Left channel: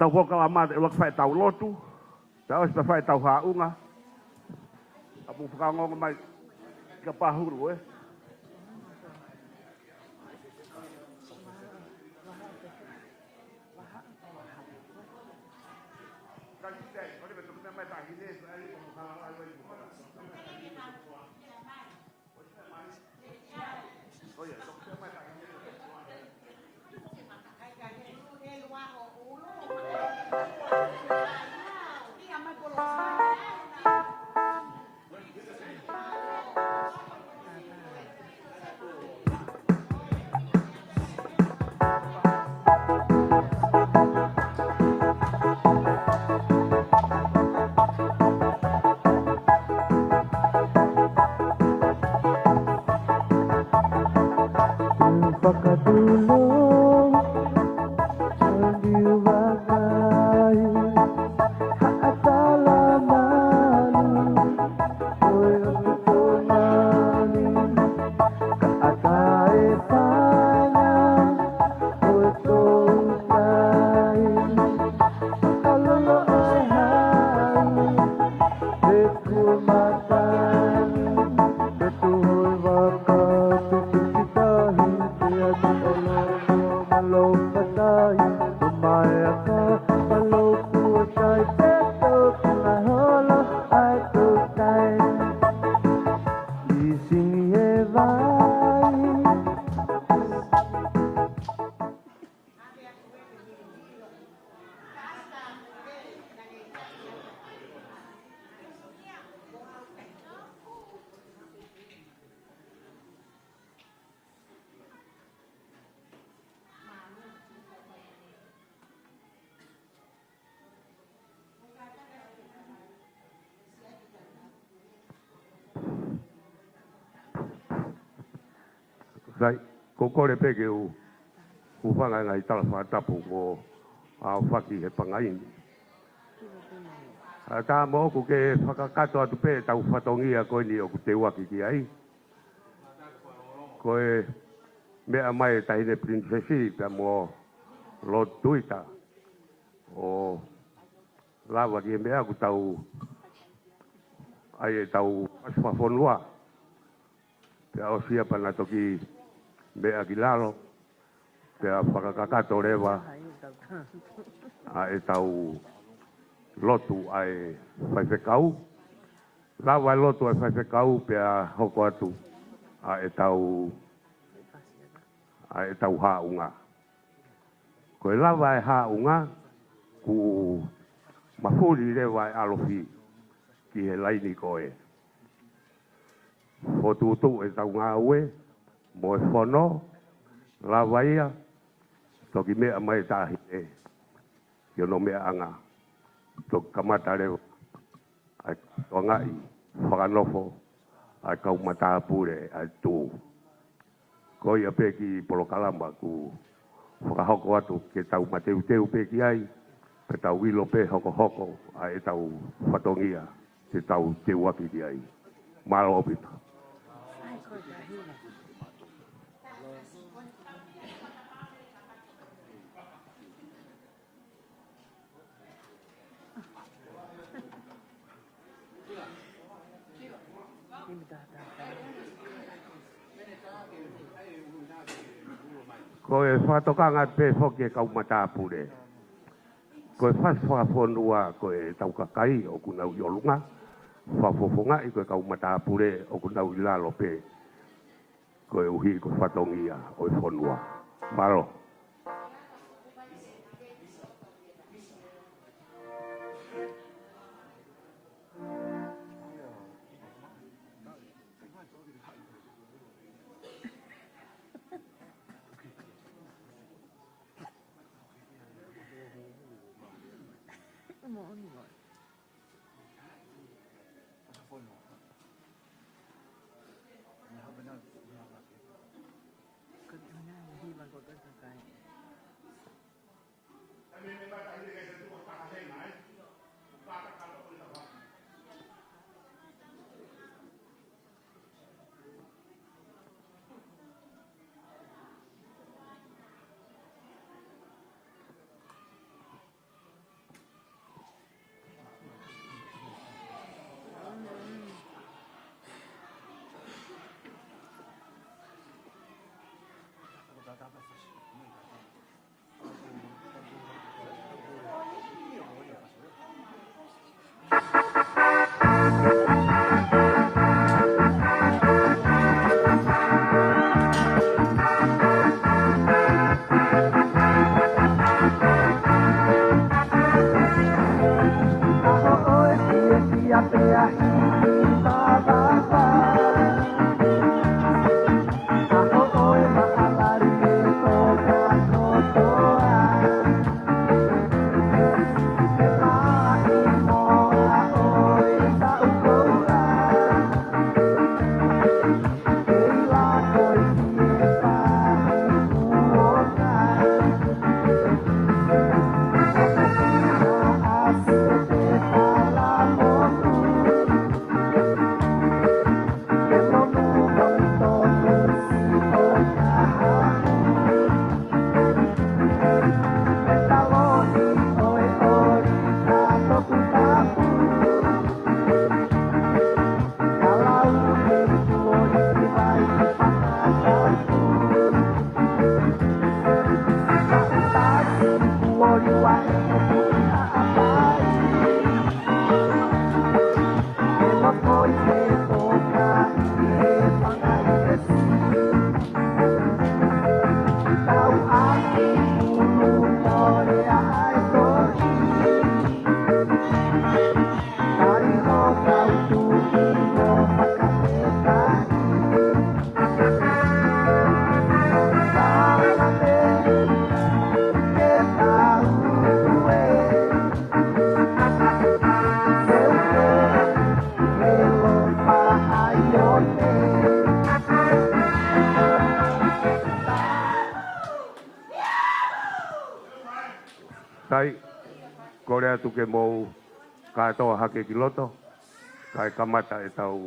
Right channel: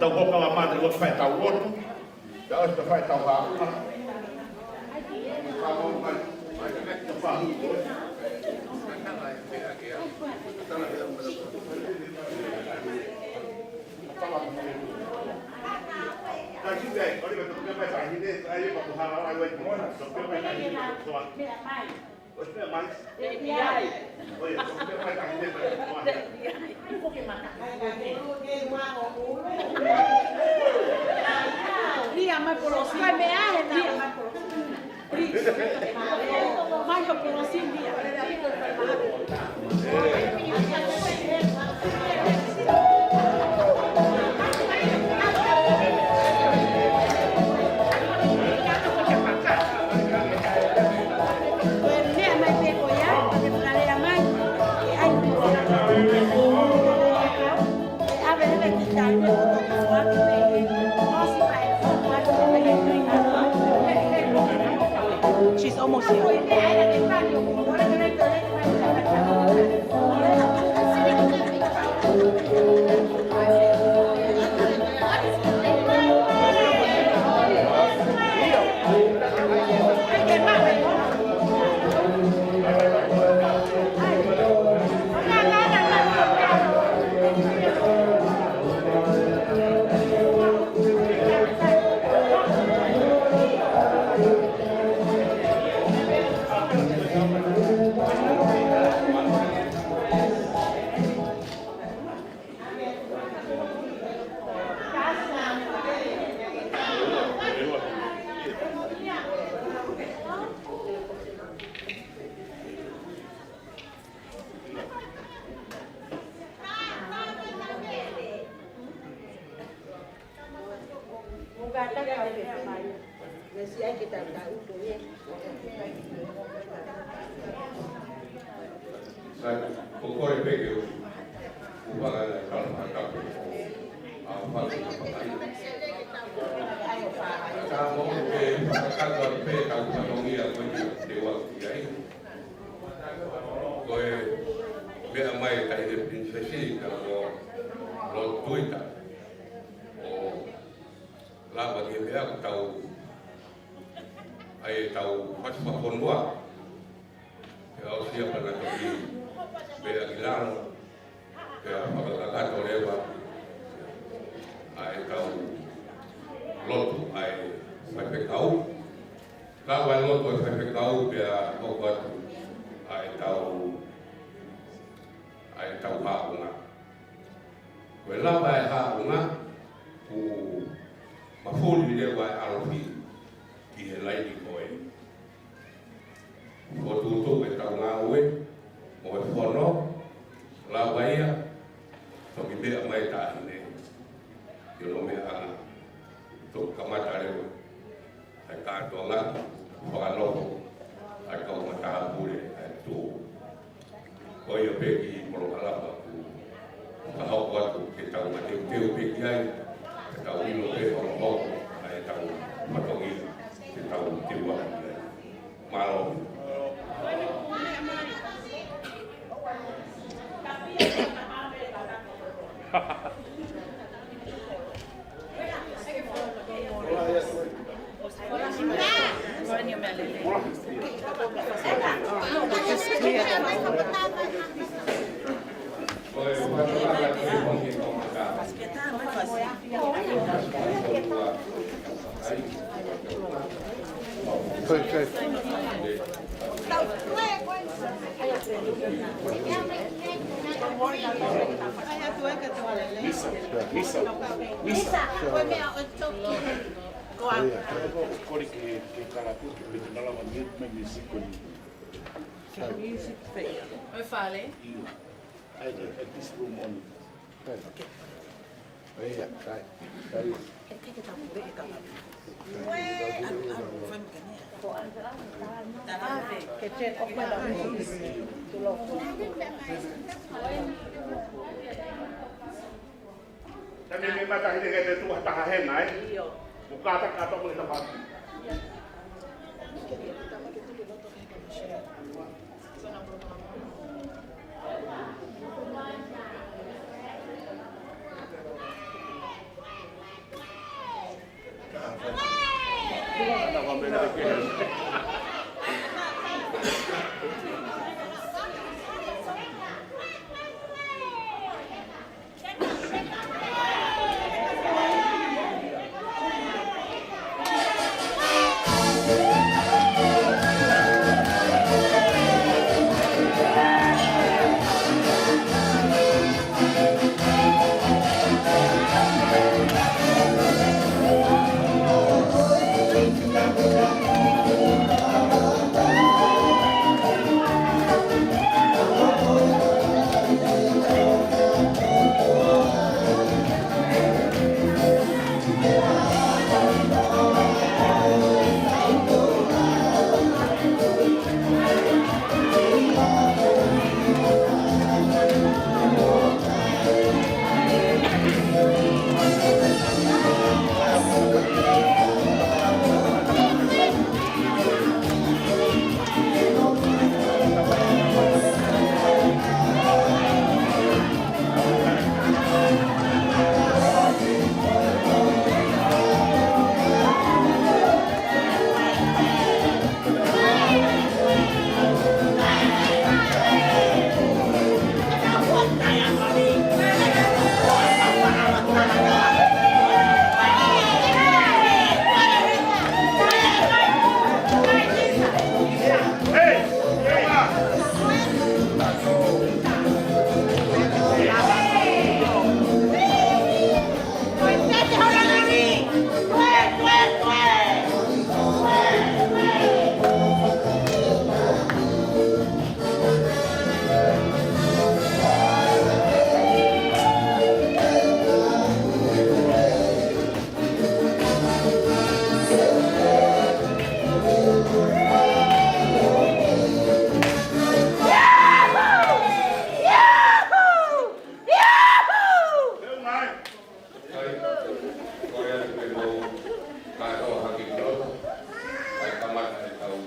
Tau hoka wa mane lo fai tau lotu. Tau es fai tau hauna. Tau mai ka pahu oi. She's almost here. Sai, kokore peke u whanga nai tala whakatapu o a whaki e whangai. Tā mo ku ke whakakato atu pē tau whatongia koe ni au te waki ki ai. Koe mea mai tahine princesi ka mo Latu Tuita o lawa ni mea ku tau ai tau whawhonua. Te au sia pana toki mea ki lalo. Te a whakakato rewa a e tau lotu ai whaiwhekau. Lawa e lotu ai whaiwhekau pe a hoko atu a e tau haunga. Ko e lawa e haunga ku mafuri rewa e alofi ki he laini koe. Ko tūtou e tau ngā ue, mo e whono, lawa ia, toki mea mai tāhine. yo no me anga to kamata leo ai ka to ngai Fakanofo ai ka Matapule ai tu ko ia pe i polokalama ku whakahoko atu ke tau mateu pe ki ai pe tau wilo pe hoko ai tau patongia ke tau te waki ki ai malo opi Koe whatokanga te hoke kau Matapule. Koe whaswa ponua koe tau kakai o kutau yolunga. Whapoponga i kau Matapule o kutau ilaro pe. Koe uhi whatongi koe ponua. Maro. Misa. Koe mea o toki. Koa. Kori ke karapu ke petunalawa music fair. Oi fale. At this room only. Okay. Tapi memang tak ada kata tu tak hahen nai. Buka tak kata boleh dapat. Tai, korea tu ke mau katoa hake kiloto, kai kamata e tau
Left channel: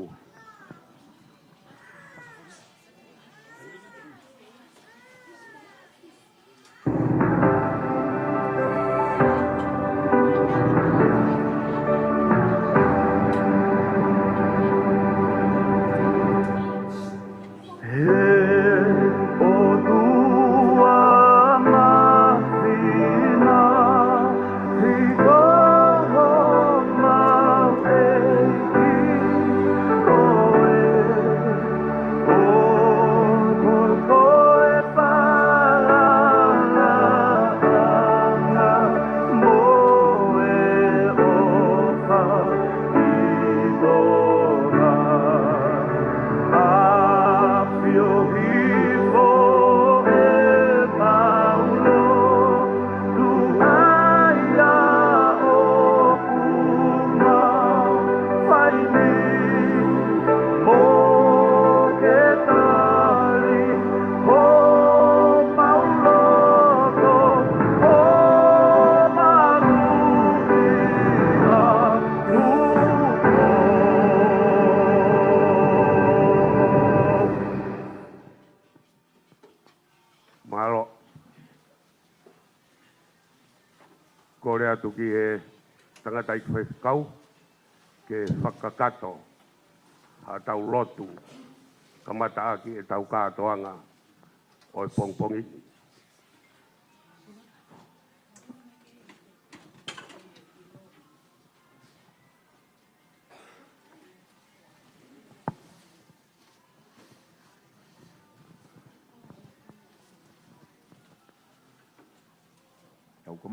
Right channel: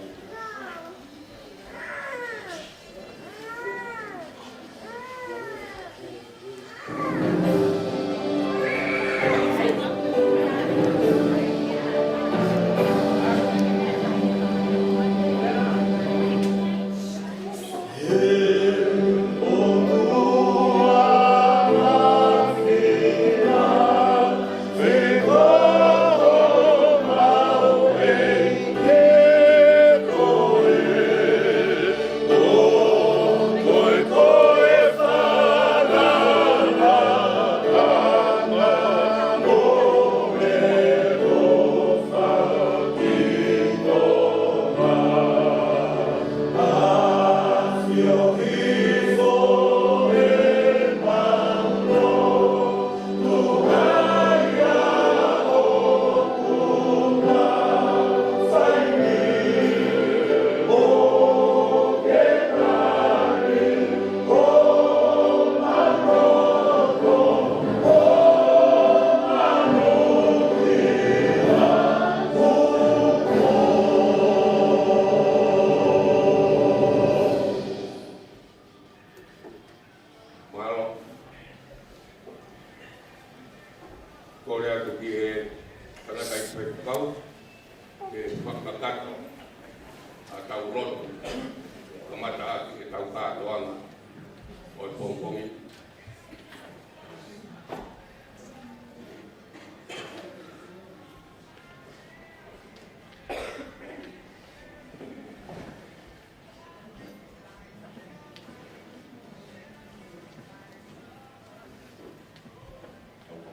Oh kore atu ki e tangata i te kau ke whakakato a tau lotu ka mata aki e tau kātoanga o e pongpongi.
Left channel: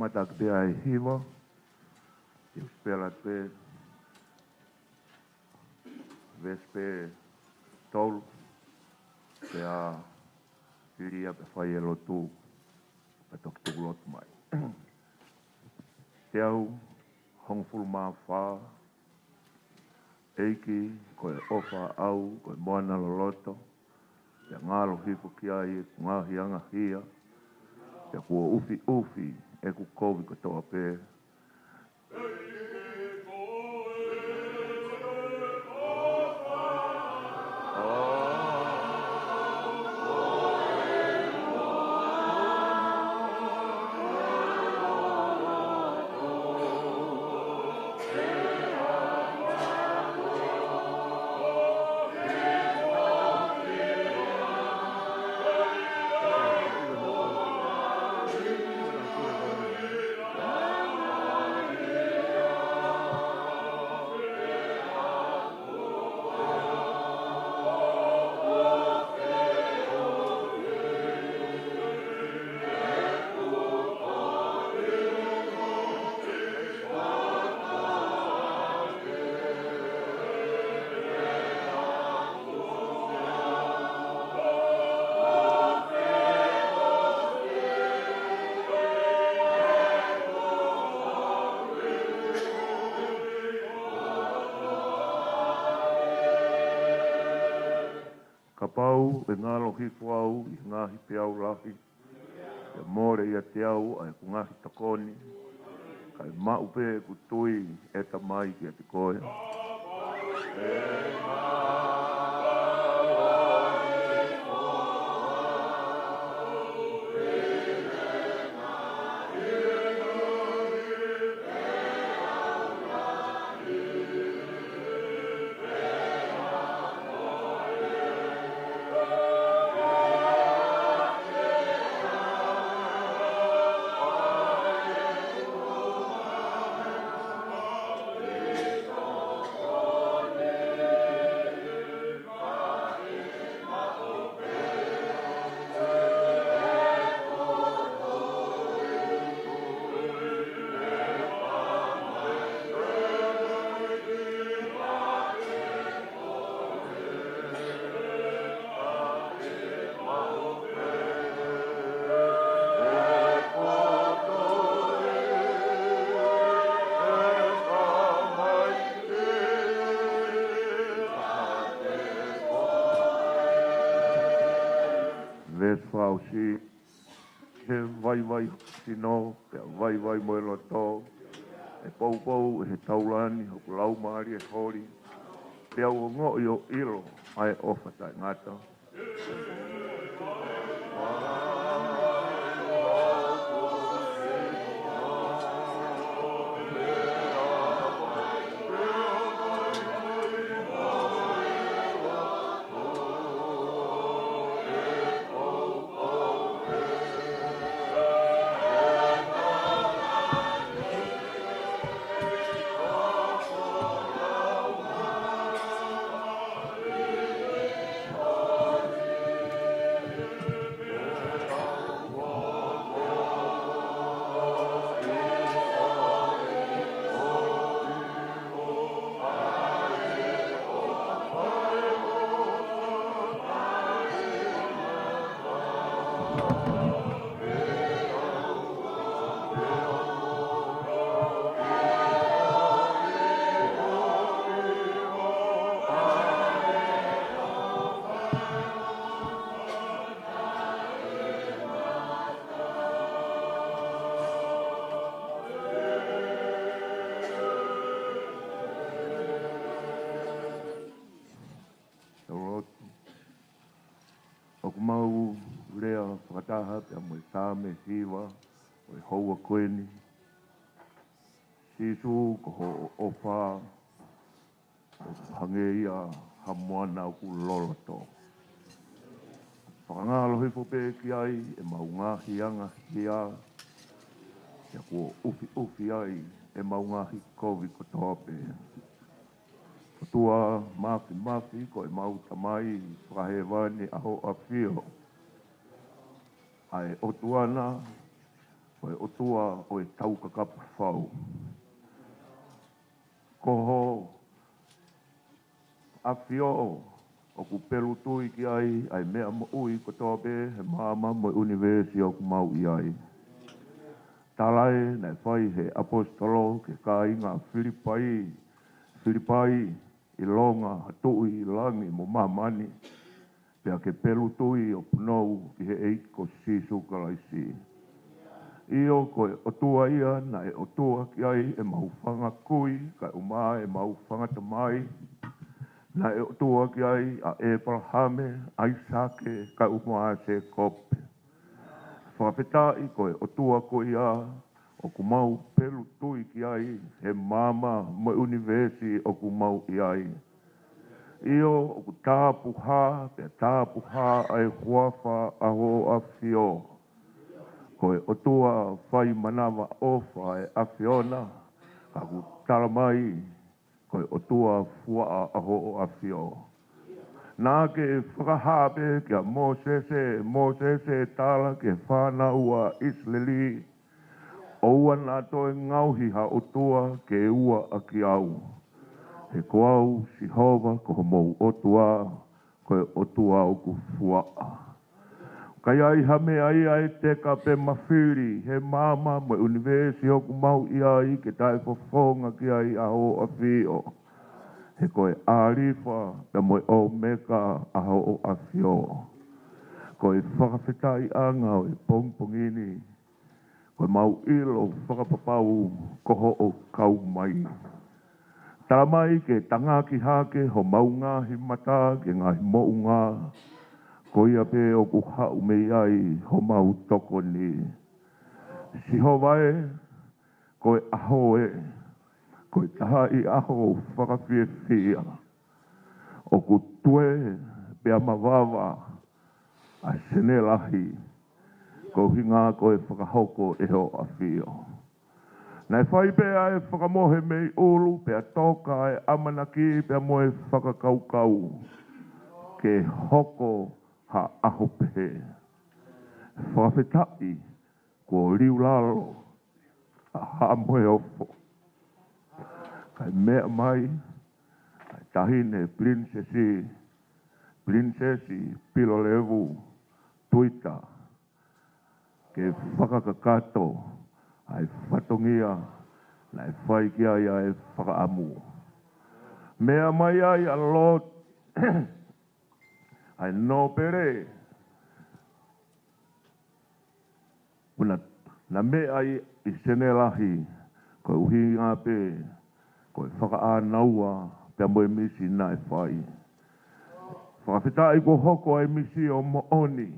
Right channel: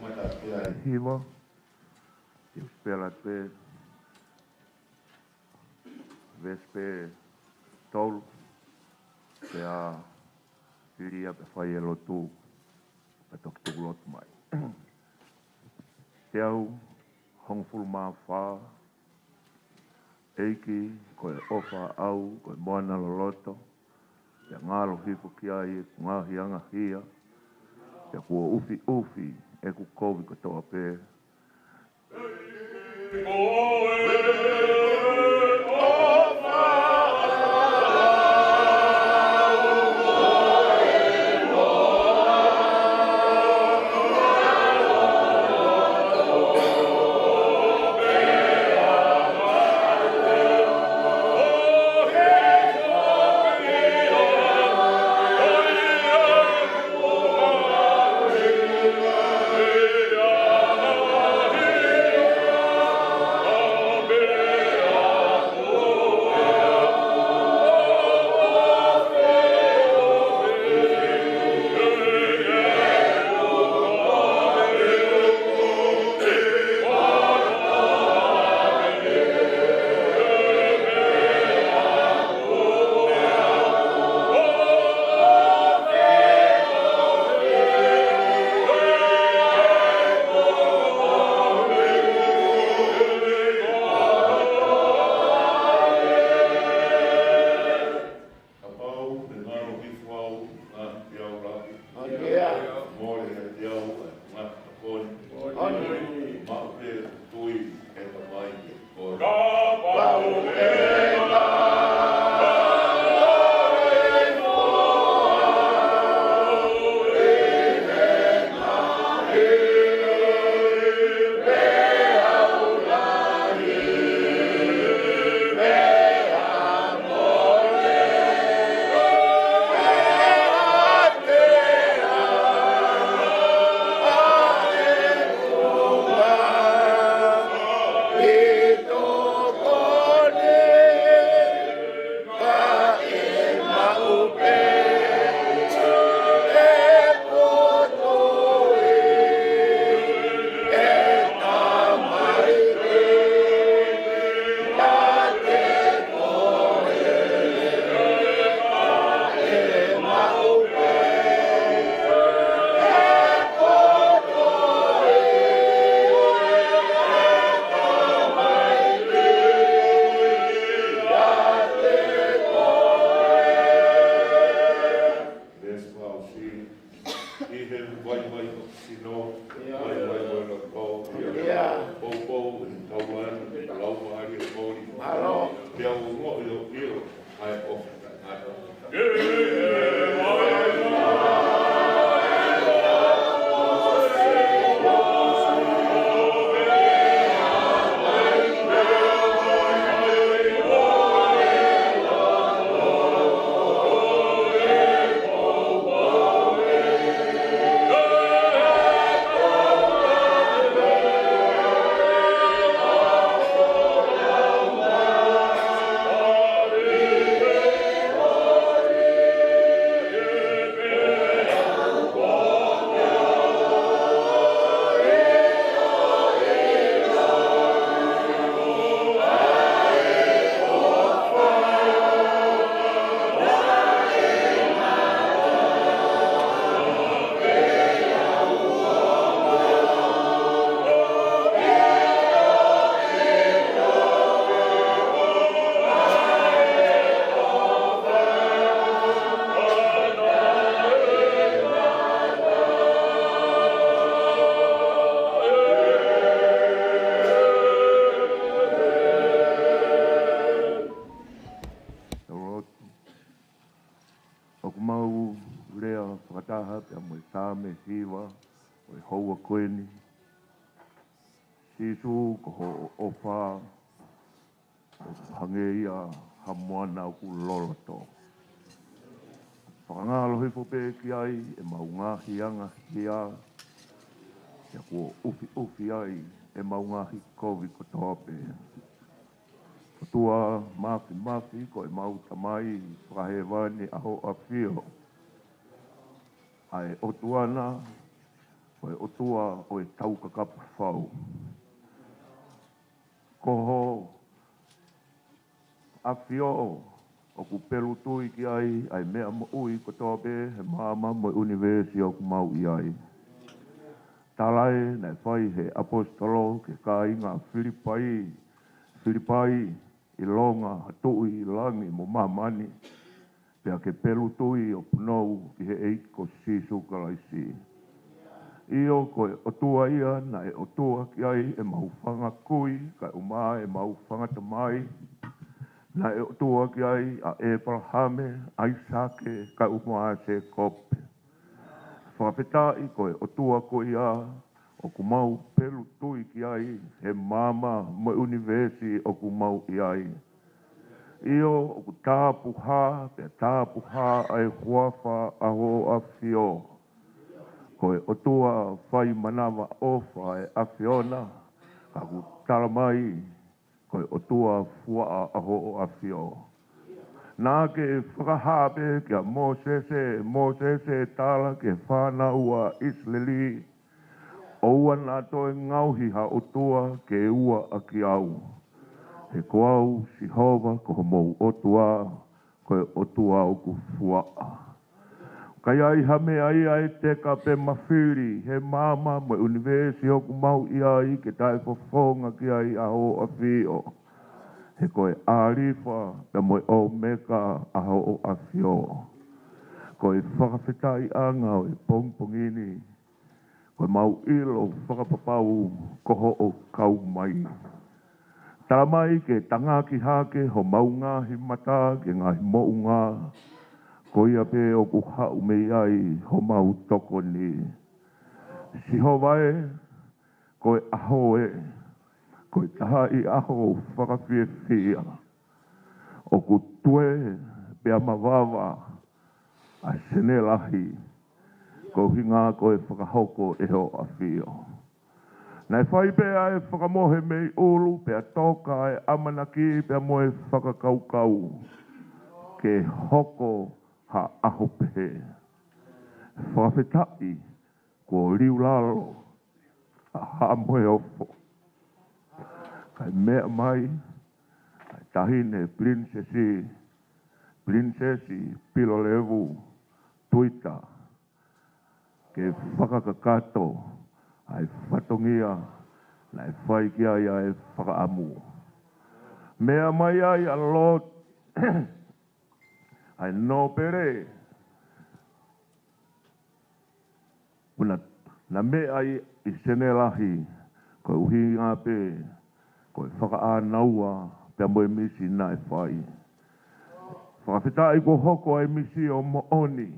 Matapule e hiwa, e spela pe, vespe tolu, pe a iria pe whai e lotu, pe toki tuku lotu mai. Te au, hongfulu maa wha, eiki, koe ofa au, koe moana loloto, te ngalo hiku ki ai, ngahi anga hia, te kua ufi ufi, e ku kovi ko toa pe. sisu ko ho ofa hangeia hamoana ku loloto. Whakangalo hifo pe ki ai e maunga hianga hia ia kua ufi ai e maunga hi COVID ko tope. Ko tua mafi ko e mau tamai whakahewani aho a whio. Ai o tuana ko e o tua o e tau kakapa whau. Koho a whio o ku pelu tui ki ai mea mo ui ko tope he mama mo universi o ku mau i ai. Talai nei whai he apostolo ke ka inga Filipai i longa hatui i langi mo mamani pea ke pelu tui o punou ki he eiko sisu kalaisi. Io ko e otua ia na e otua ki ai e maufanga kui ka uma e maufanga tamai na e otua ki ai a Abrahame, Isake ka uma se kope. Whakapeta i ko e otua ko ia o ku mau pelu tui ki ai he mama mo universi o ku mau i ai. Io o ku tāpuha, pe tāpuha ai huafa aho a whio. Ko e otua whai manawa ofa e a whiona, ka ku taramai, ko e otua fua aho a whio. Nā ke whakahape kia Mosese tala ke whanau a Israeli, oua nā toi ngauhi ha otua ke ua a ki au. He koau si hova ko mou otua, ko e otua o ku fuaa. Kai ai hame ai te ka pe Mafili, he mama mo universi o ku mau i ai ke tae fofonga ki ai aho a whio. He koe arifa pe mo o meka aho a whio. Koe whakawhetai anga o e pongpongini, koe mau ilo whakapapau koho o kau mai. Tamai ke tangaki hake ho maunga hi mata ke ngahi mounga. Ko ia pe o ku hau mei ai ho mau toko ni. Si ho vai, ko e aho e. Ko e taha i aho whakawhia whia. O ku tue pe amawava a senelahi. Ko hinga ko e whakahoko e ho a whio. Nei whai pea e whakamohe mei ulu, pea toka e amanaki, pea moe whakakaukau. Ke hoko ha aho pehe. Whawhetai, ko riu lalo, a ha moe ofo. Kai mea mai, kai tahine Princesi Pilolevu Tuita. Ke whakakakato, ai whatongia, nai whai ki ai ai whakaamu. Mea mai ai a lot, ai no pere. Una, na mea ai i senelahi, koe uhi ngā pe, koe whakaanaua, pia moe misi nai whai. Whakawhetai ko hoko ai misi o mooni,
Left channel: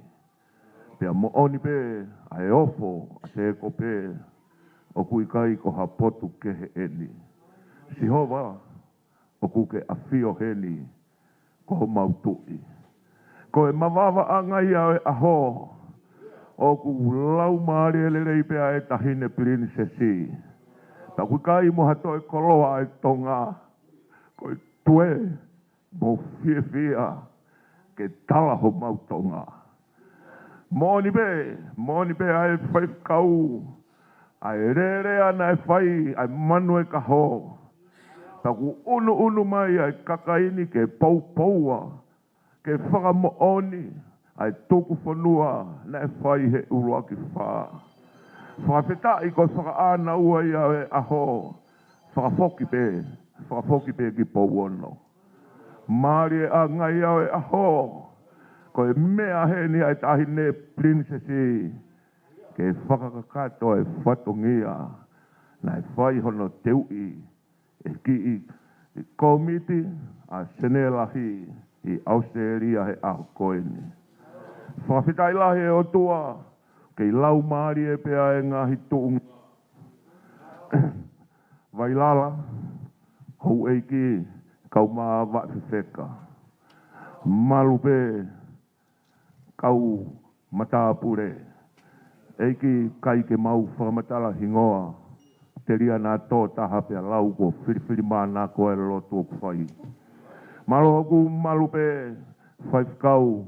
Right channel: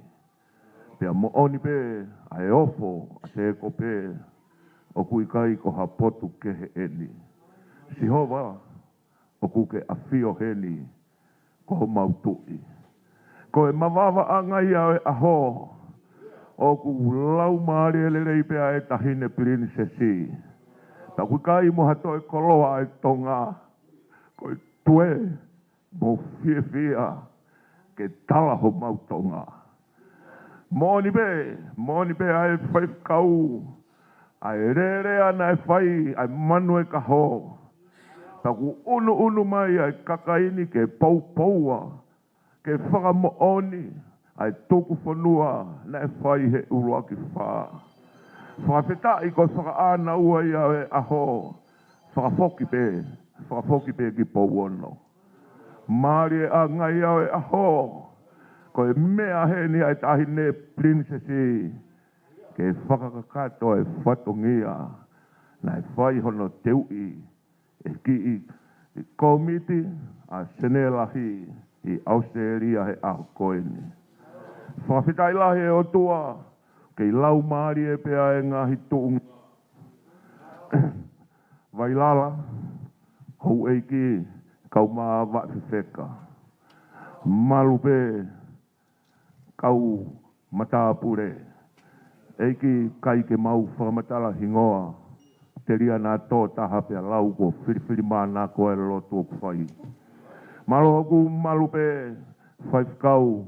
pia mooni pe, ai ofo, a se ko pe, o kui kai ko ha potu ke he eni. Si hova, o kuke a whio heni, ko ho mautui. Ko e mawawa angai au e aho, o ku lau maari ele rei pea e tahine princesi. Ta kui kai mo hato e koloa e tonga, ko e tue, mo whia, ke tala ho mautonga. Moni be ai whai kau, ai rere ana e whai, ai manu e kaho. Taku unu mai ai kakaini ke paupaua, ke whakamooni, ai tuku whanua, na e whai he urua ki wha. Whakawhetai ko whakaana ua ia e aho, whakafoki pe ki pauono. Māri e a ngai au e aho, ko e mea he ni ai tahine princesi, ke whakakakato e whatongia, na e whai hono teui, e ki i komiti a senelahi i Australia he aho koeni. Whakawhetai lahi e o tua, kei lau maari e pea e ngahi tuung. whakailala, hou eiki, kau maa wa'whewheka. Malupe, kau Matapule. Eiki kai ke mau whakamatala hingoa. Te ria nā tō taha pia lau ko whiriwhiri mana ko e lotu o kwhai. Malo hoku malupe whaifkau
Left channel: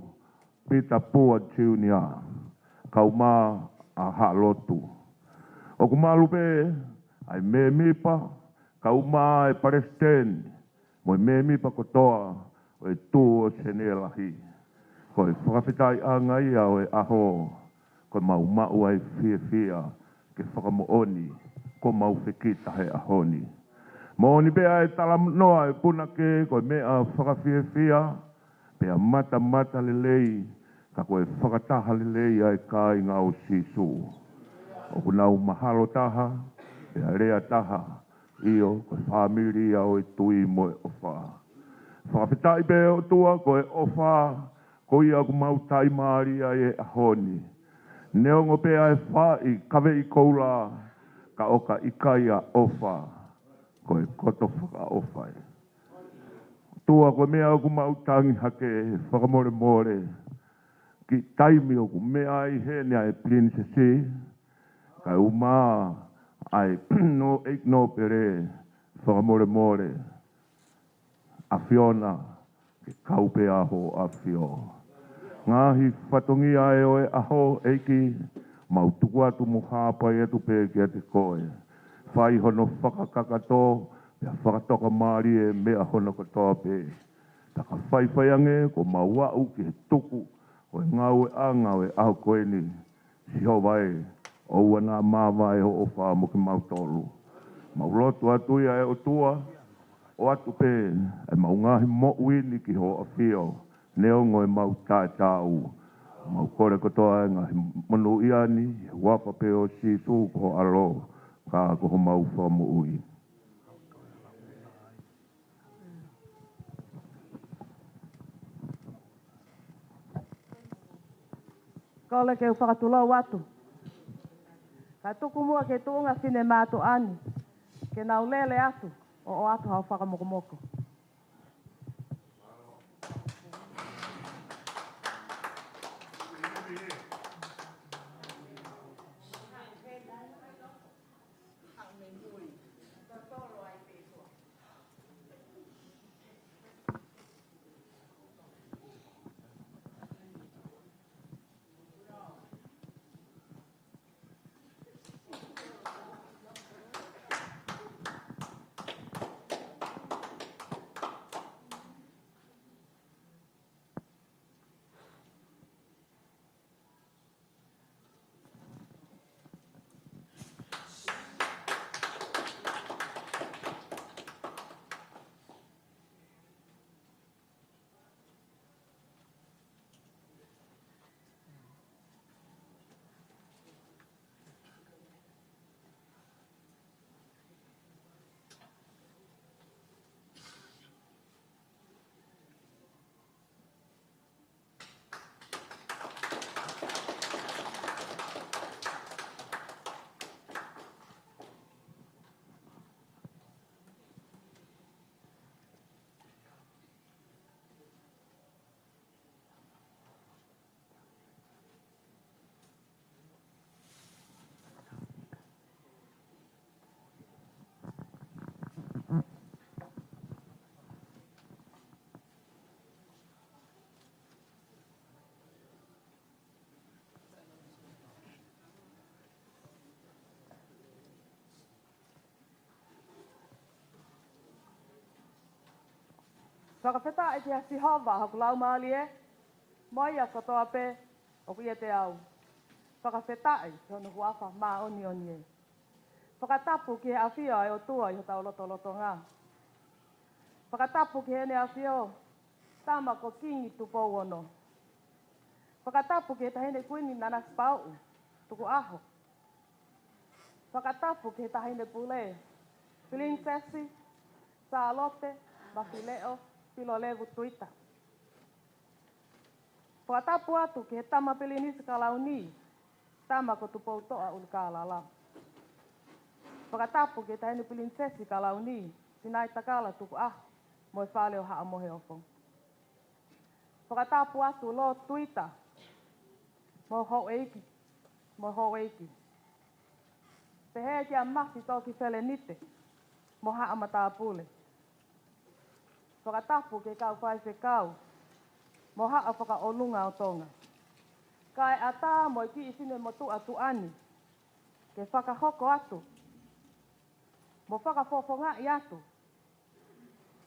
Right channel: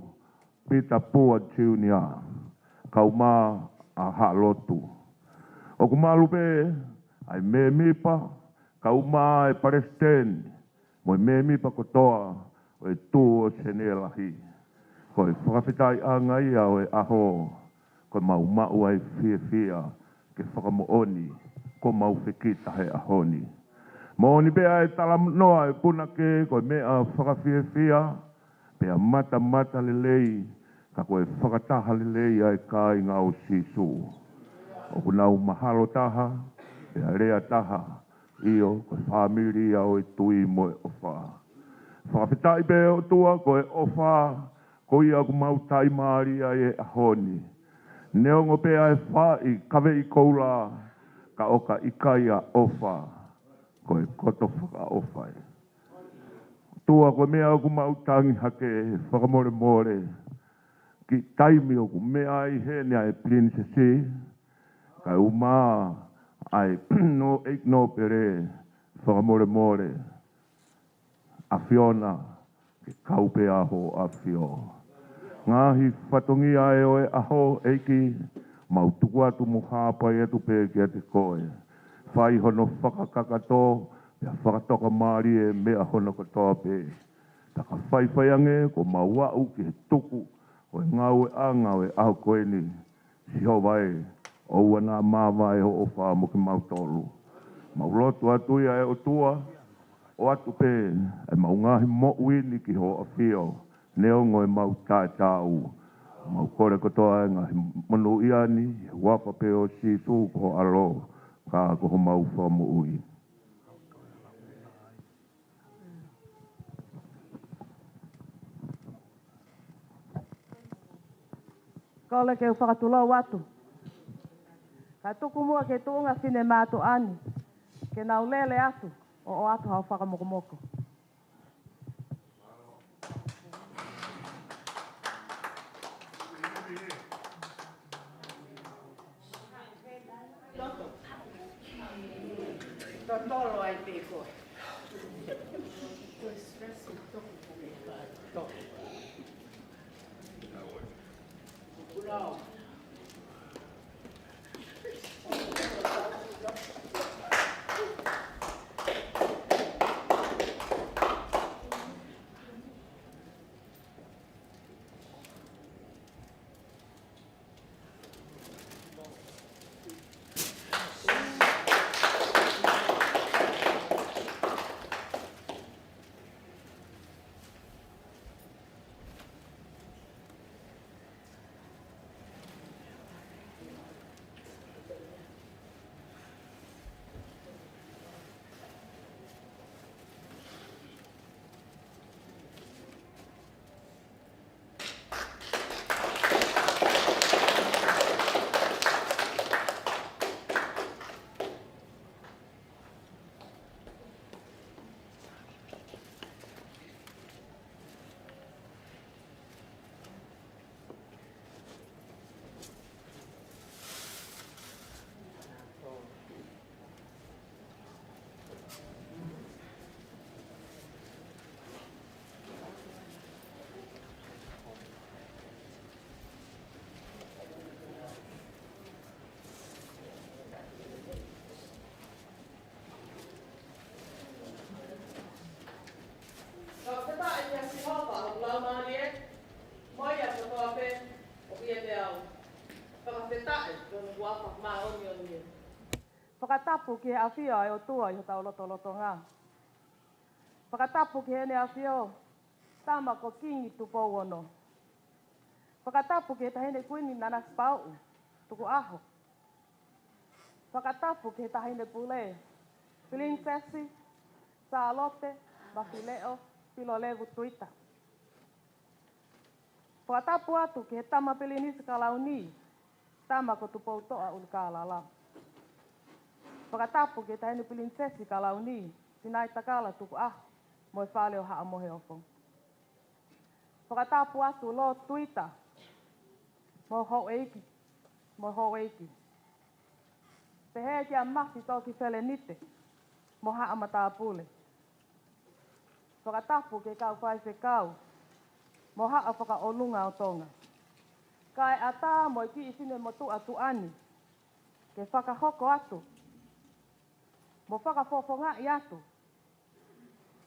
Pita Pua Junior. Kau mā a ha lotu. Oku malupe ai me mipa kau mā e paresten. Mo me mipa kotoa o e tū o senelahi. Ko e whakawhitai a ngai au e aho. Ko mau mau ai fia ke whakamooni. Ko mau whikita he ahoni. Mooni bea e tala noa e puna ke ko mea whakawhia. Pea mata lelei. Ka koe whakataha lelei ai kai ngā o sisu. O kunau mahalo taha. Pea rea taha. Io koe Famili au e tui mo e ofa. Whakawhitai be o tua koe ofa. Ko ia ku mau tai maari ai e ahoni. Neongo pea e whai kawe i koula. Ka oka ikaia ofa. Koe koto whaka ofai. Tua koe mea o ku mau tangi hake whakamore more. Ki taimi o ku mea ai hene ai princessi. Ka uma ai no eik no pere whakamore more. A Fiona ke kaupe aho a Fio. Ngahi whatongi ai o e aho eiki. Mau tuku atu mo hāpai atu pē ki ate koe. Whai hono whakakakato, pia whakatoka maari e mea hono katoa pē. Taka whai ange ko mau wau ki he tuku, o e ngau e anga o e aho koe ni. Siho vai, o ua nā māwai ho o wha mo ki mau tolu. Mau lotu atu ia e o tua, o atu pē, e mau ngahi mo uini ki ho a Fio, neongo e mau tāi tāu. Mau kore kotoa e ngahi monu iani, wapa pe o si su ko alo, ka ko mau whamu ui. Kole ke whakatulau atu. Ka tuku mua ke tuunga sine mātu ani, ke nau lele atu, o atu hau whakamokomoko. Tolo ai piko. Ouau. Whakawheta e te hasi hova haku lau maali e, moi a kotoa pe, o kia te au. Whakawheta e, kona huapa maa oni e. Whakatapu ki he awhia e o tua i ho tau loto ngā. Whakatapu ki he ne awhia o, tama ko kingi tupou ono. Whakatapu ki he tahine kuini nanas pau, tuku aho. Whakatapu ki he tahine pule, Princessi, Salote Mafile'o Pilolevu Tuita. Whakatapu atu ki he tama pilinisi ka lau ni, tama ko tupou toa uli ka lala. Whakatapu ke tahini prinsesi ka launi, sinai takala tuku Mafile'o Pilolevu. Whakatapu atu lo Tuita, mo eiki. Pehe kia mafi toki whelenite, mo Matapule. Whakatapu ke kau whaiwhekau, mo whakaolunga o tonga. Kai ata mo ki isine mo tu atu ani, ke whakahoko atu, mo whakafofonga i atu.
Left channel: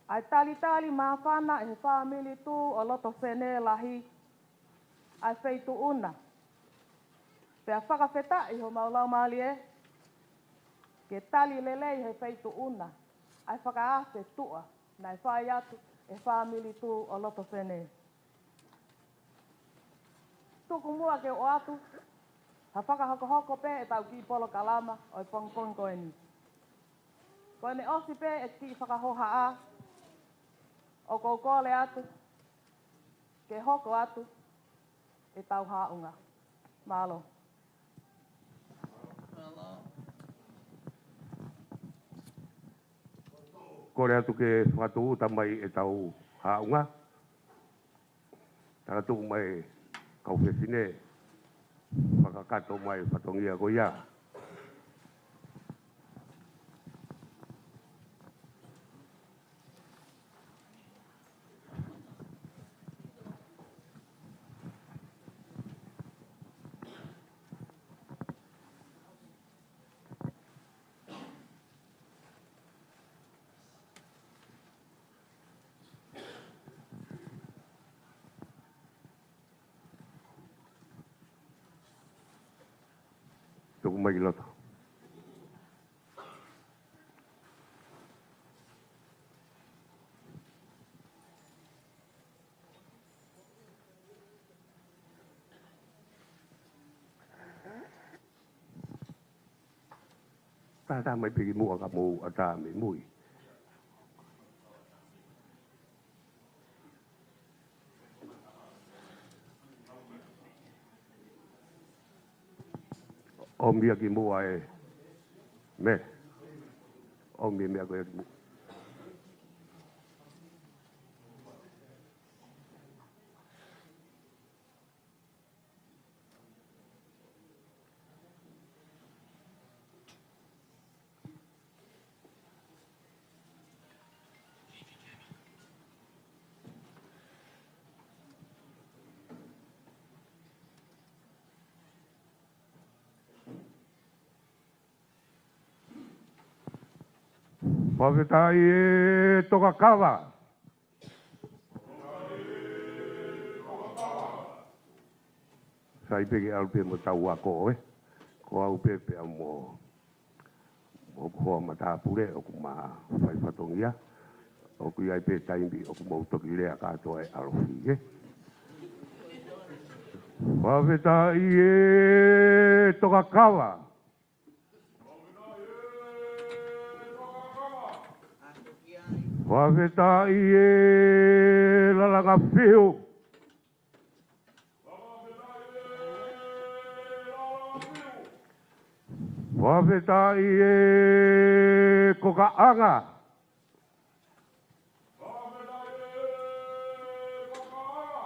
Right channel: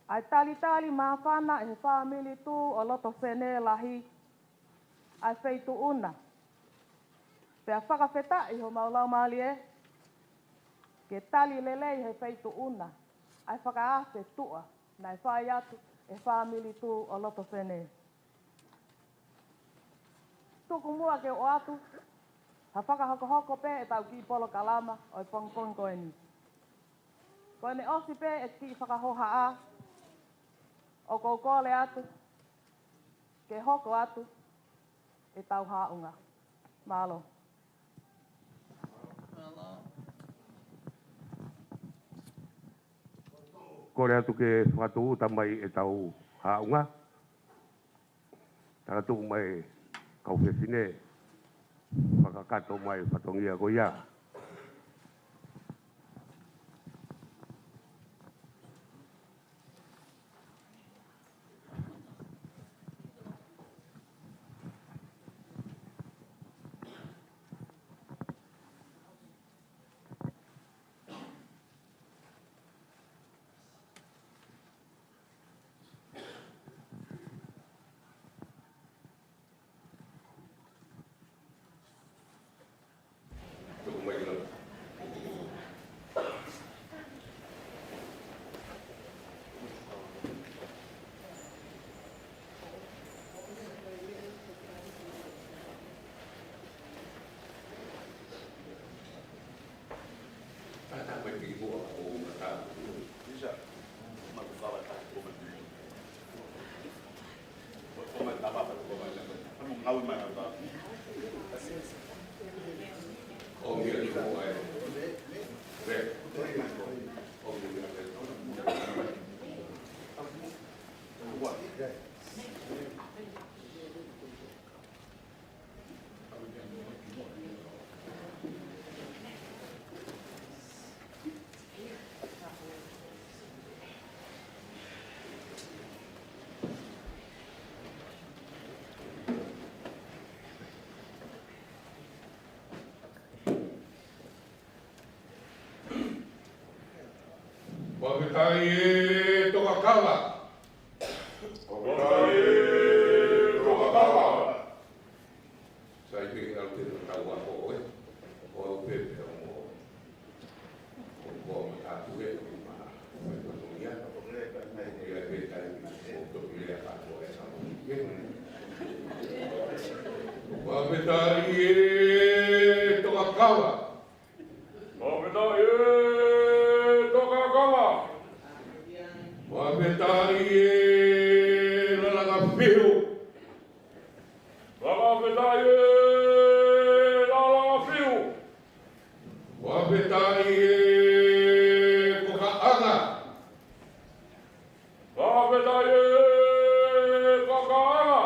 Ai tali mawhana e Famili tu o loto whene lahi, ai wheitu una. Pea whakawheta i ho maulau maali ke tali lelei he wheitu una, ai whakaafe tua, nai whai atu e Famili tu o loto whene. Tuku mua ke o atu, ha whakahoko pe e tau ki polo kalama o i pongpong koe ni. Koe ne osi pe e ki whakahoha a, o koukole atu, ke hoko atu, e tau haunga. Malo. Kore atu ke whakatuuta mai e tau haunga. Takatuku mai kauwhesine, whakakato mai whatongia ko ia. Tuku mai loto. Ta mai pigi mua ka mu ka ta mi mui. Om dia ki mua e. Ne. Om dia me ko. Whakitai e toka kawa. Sai pegi alpe mo tau ako ko au pepe mo o ko Matapule o kuma fai patongia o ku ai pe tai o mo to ile ka to e alfi Whakitai e toka kawa. Whaketai e lalaka whiu. Whaketai e lalaka whiu. Whaketai e kokaanga. Whaketai e kokaanga.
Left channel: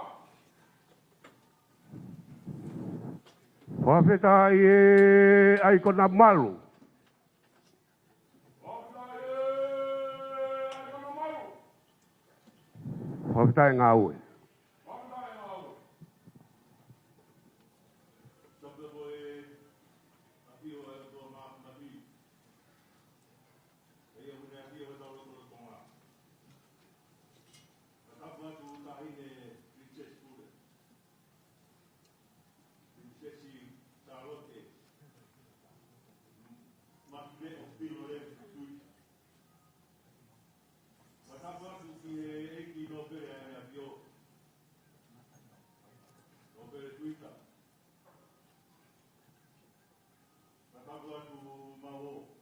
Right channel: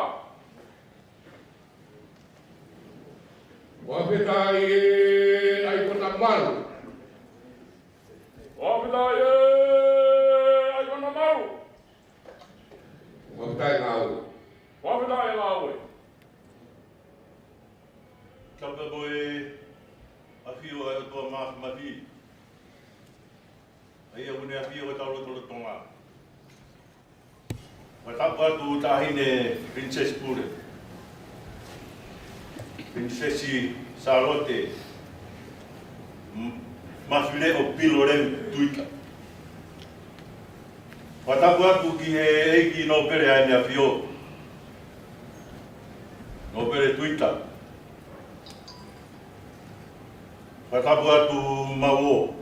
Whaketai e aikona malu. Whaketai e Whaketai ngāue. Whaketai ngāue. Tapa koe awhio e toa mahi. Aia hune awhio e tau roto tonga. Wa tapa atu tahine Princess Pure. Princesi Salote Mafile'o Pilolevu Tuita. Watapu atu ki he eiki no pere aine a whio. No pere Tuita. Watapu atu Ouau.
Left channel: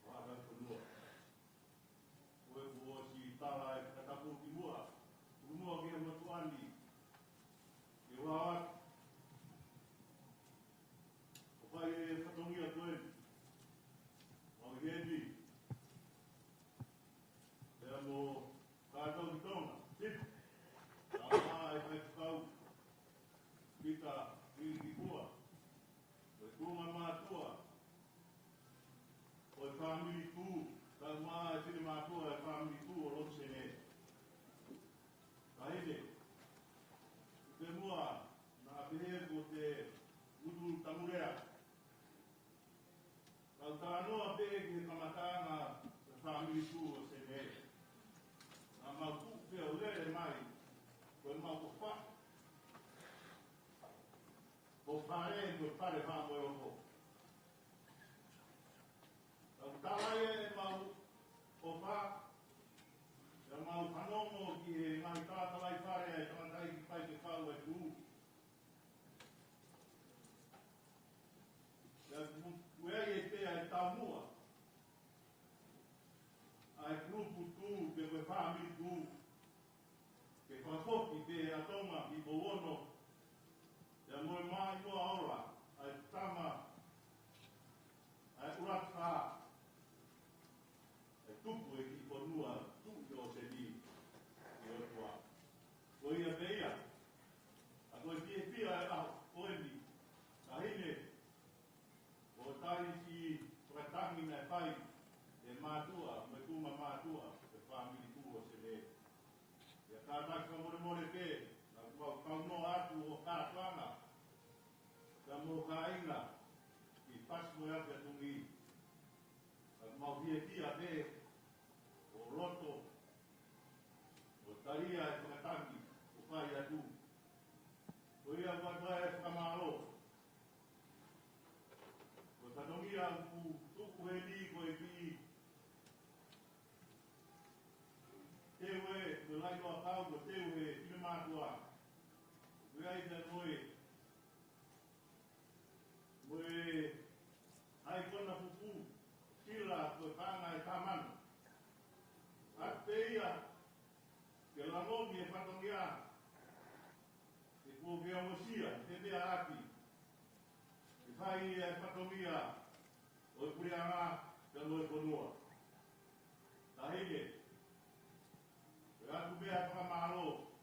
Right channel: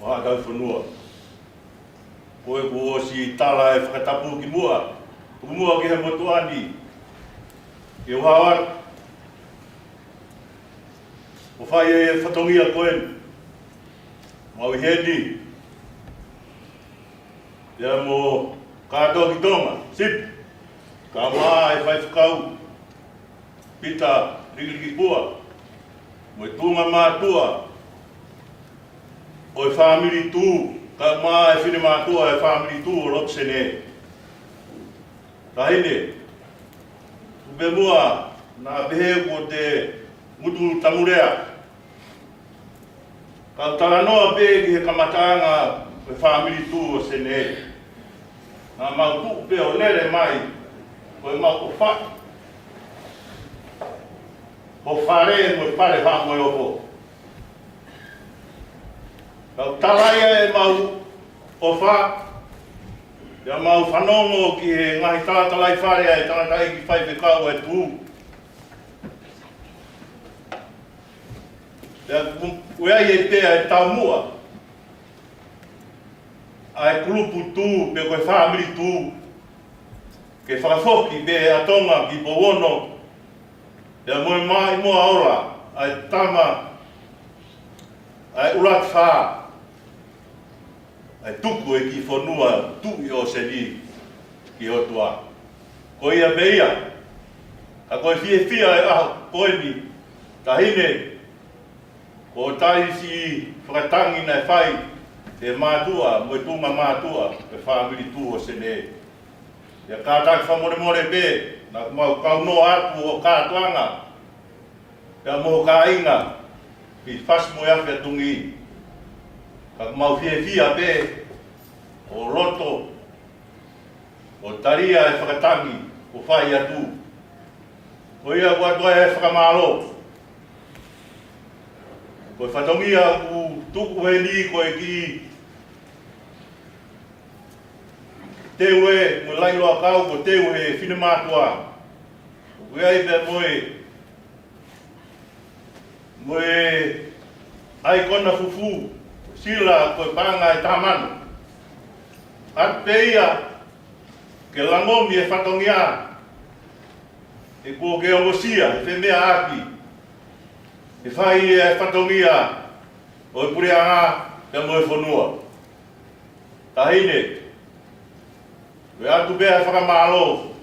Wahakau whanua. Koe ko si tala e whakatapu ki mua. Mua ki he motuani. Ke whawar. O whai e whatongia koen. mau hedi. Ia mo kato ki tonga, sip. Ka maa e whai whakau. Pita riki pua. Mo tunga mātua. O e Famili tū. Ka maa e whine mātua e Famili tū o Lotsene. Tahine. Ube mua na behe ko te mutu tamurea. Ka taranoa be ki he kamatanga e Famili tū o Sene. Na mau tu pe o lere mai. Ko e mau ko wha. Ho whare mo pare wha mo opo. Kau talaia e mau o wha. Ia mau whanongo ki he ngahi talatalai wharea e tangata ki whai pe kau e tū. Ia uai e pēa e tau mua. Ai klupu tū pe koe Famili tū. Ke whakafoki be atonga ki Powono. Ia Moimoi moa ora. Ai tama. Ai ulat wha. Ai tuku e ki whanua tui o seni ki hotua. Ko ia beia. Ka koe fia e aho koeni. Tahine. Ko taisi whakatangi nei whai. Te mātua, mo tunga mātua. Ke Famili tū o sene. Ia kātaki whamore be. Na mau kauno atu o kātuanga. Ia mo ka inga. Ki whasmo e awhia tungi. Ka mau fia be, o roto, o taria e whakatangi, o whai atu. Ko ia watua e whakamalo. Ko e whatongia u tuku he ni ko e ki teu e, mo lailoa kau ko teu he whine mātua. Ko ia ipe moe ai kona fufu. Sila koe panga e tamanu. At peia, ke langomi e whatongia. E kua ke ongosia, e whemea aki. E whai e whatongia, o e pureanga, te moe whanua. Tahine, koe atu bea whakamalo.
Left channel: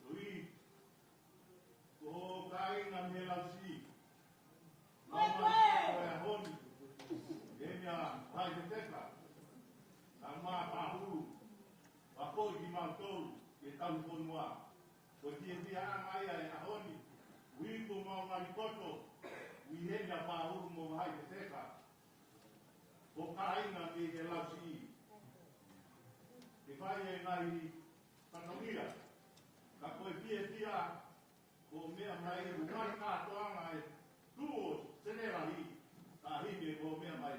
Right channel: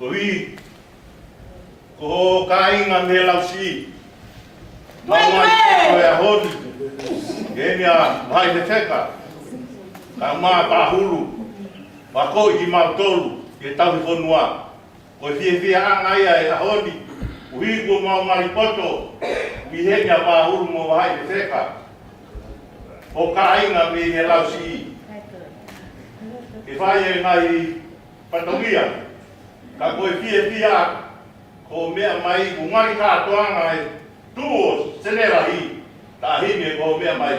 Ko hi, ko ho ka inga me lausi. Mamai koe a honi. Kenia mai te teka. Ka maa pahulu. Wako i mau tolu. Ke tau i whanua. Ko fie angaia e ahoni. Uhigo mau maripoto. Mihenya pahulu mo mai te teka. O ka inga me he lausi. Ke whai e ngai patongia. Ka koe fie ko mea mai ungari kātoanga e tuo senerahi. Tahine ko mea mai.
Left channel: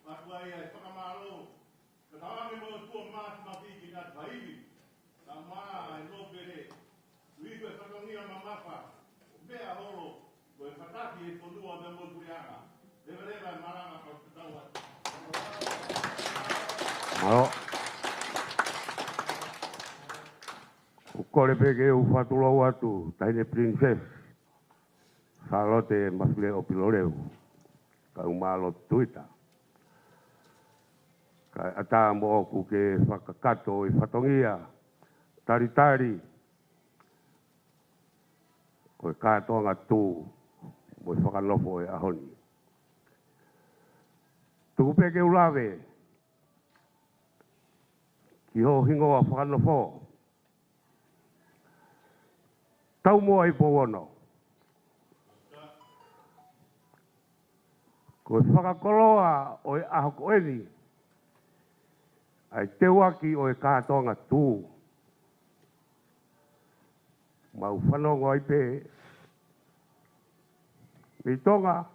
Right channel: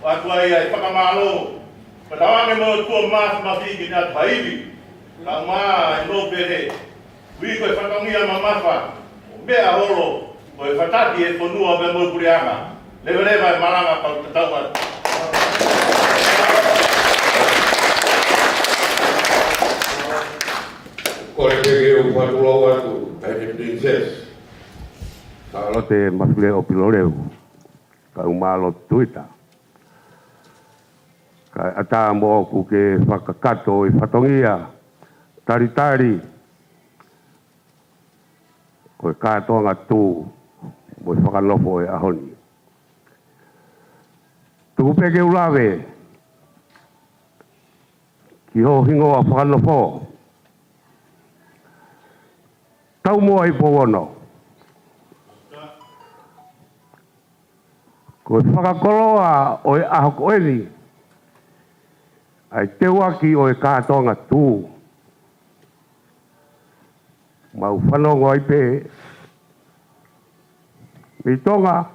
Watua ia e whakamalo. Patawange mo tua mafi ki nea tuhaiwi. Ka maa e no pere. Ui koe whatongia mamafa. Mea horo. Koe whatati e whanua me mo kurianga. Lewa e maranga pau tatauan. Kore peke o whakulau atu. Haine princess. Salote Mafile'o Pilolevu. Ka Mafile'o Tuita. Ka ata mo ku ke whakakato i whatongia. Tari. Ko e kātonga tū. Mo i Fakanofo e ahoni. Tuku peke ulawe. Ki ho hingoa Fakanofo. Tau moa i Powono. Ko e whakakoloa o e aho koeni. Ai te waki o e kātonga tū. Mau whanongo ai pē. Mi tonga.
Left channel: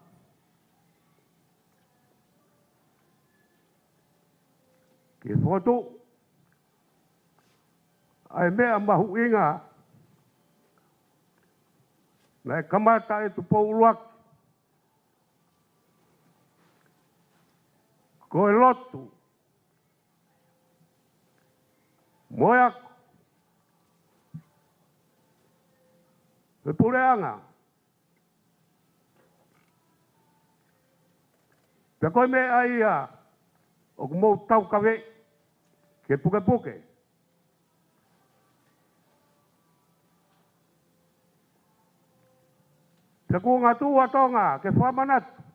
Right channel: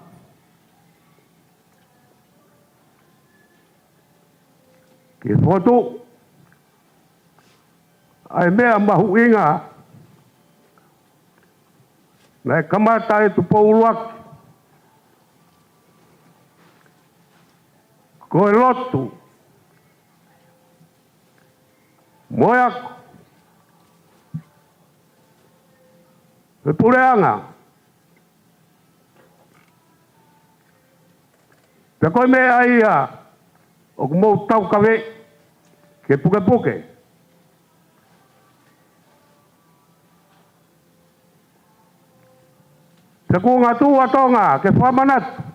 Ke whotu. Ai mea mahu inga. Nai kamata e tu pouruaki. Ko e lotu. Moiako. E pureanga. Pea koe me aia o kumou tau kawe ke puke puke. Pea kua ngā tū atonga ke whamanatu.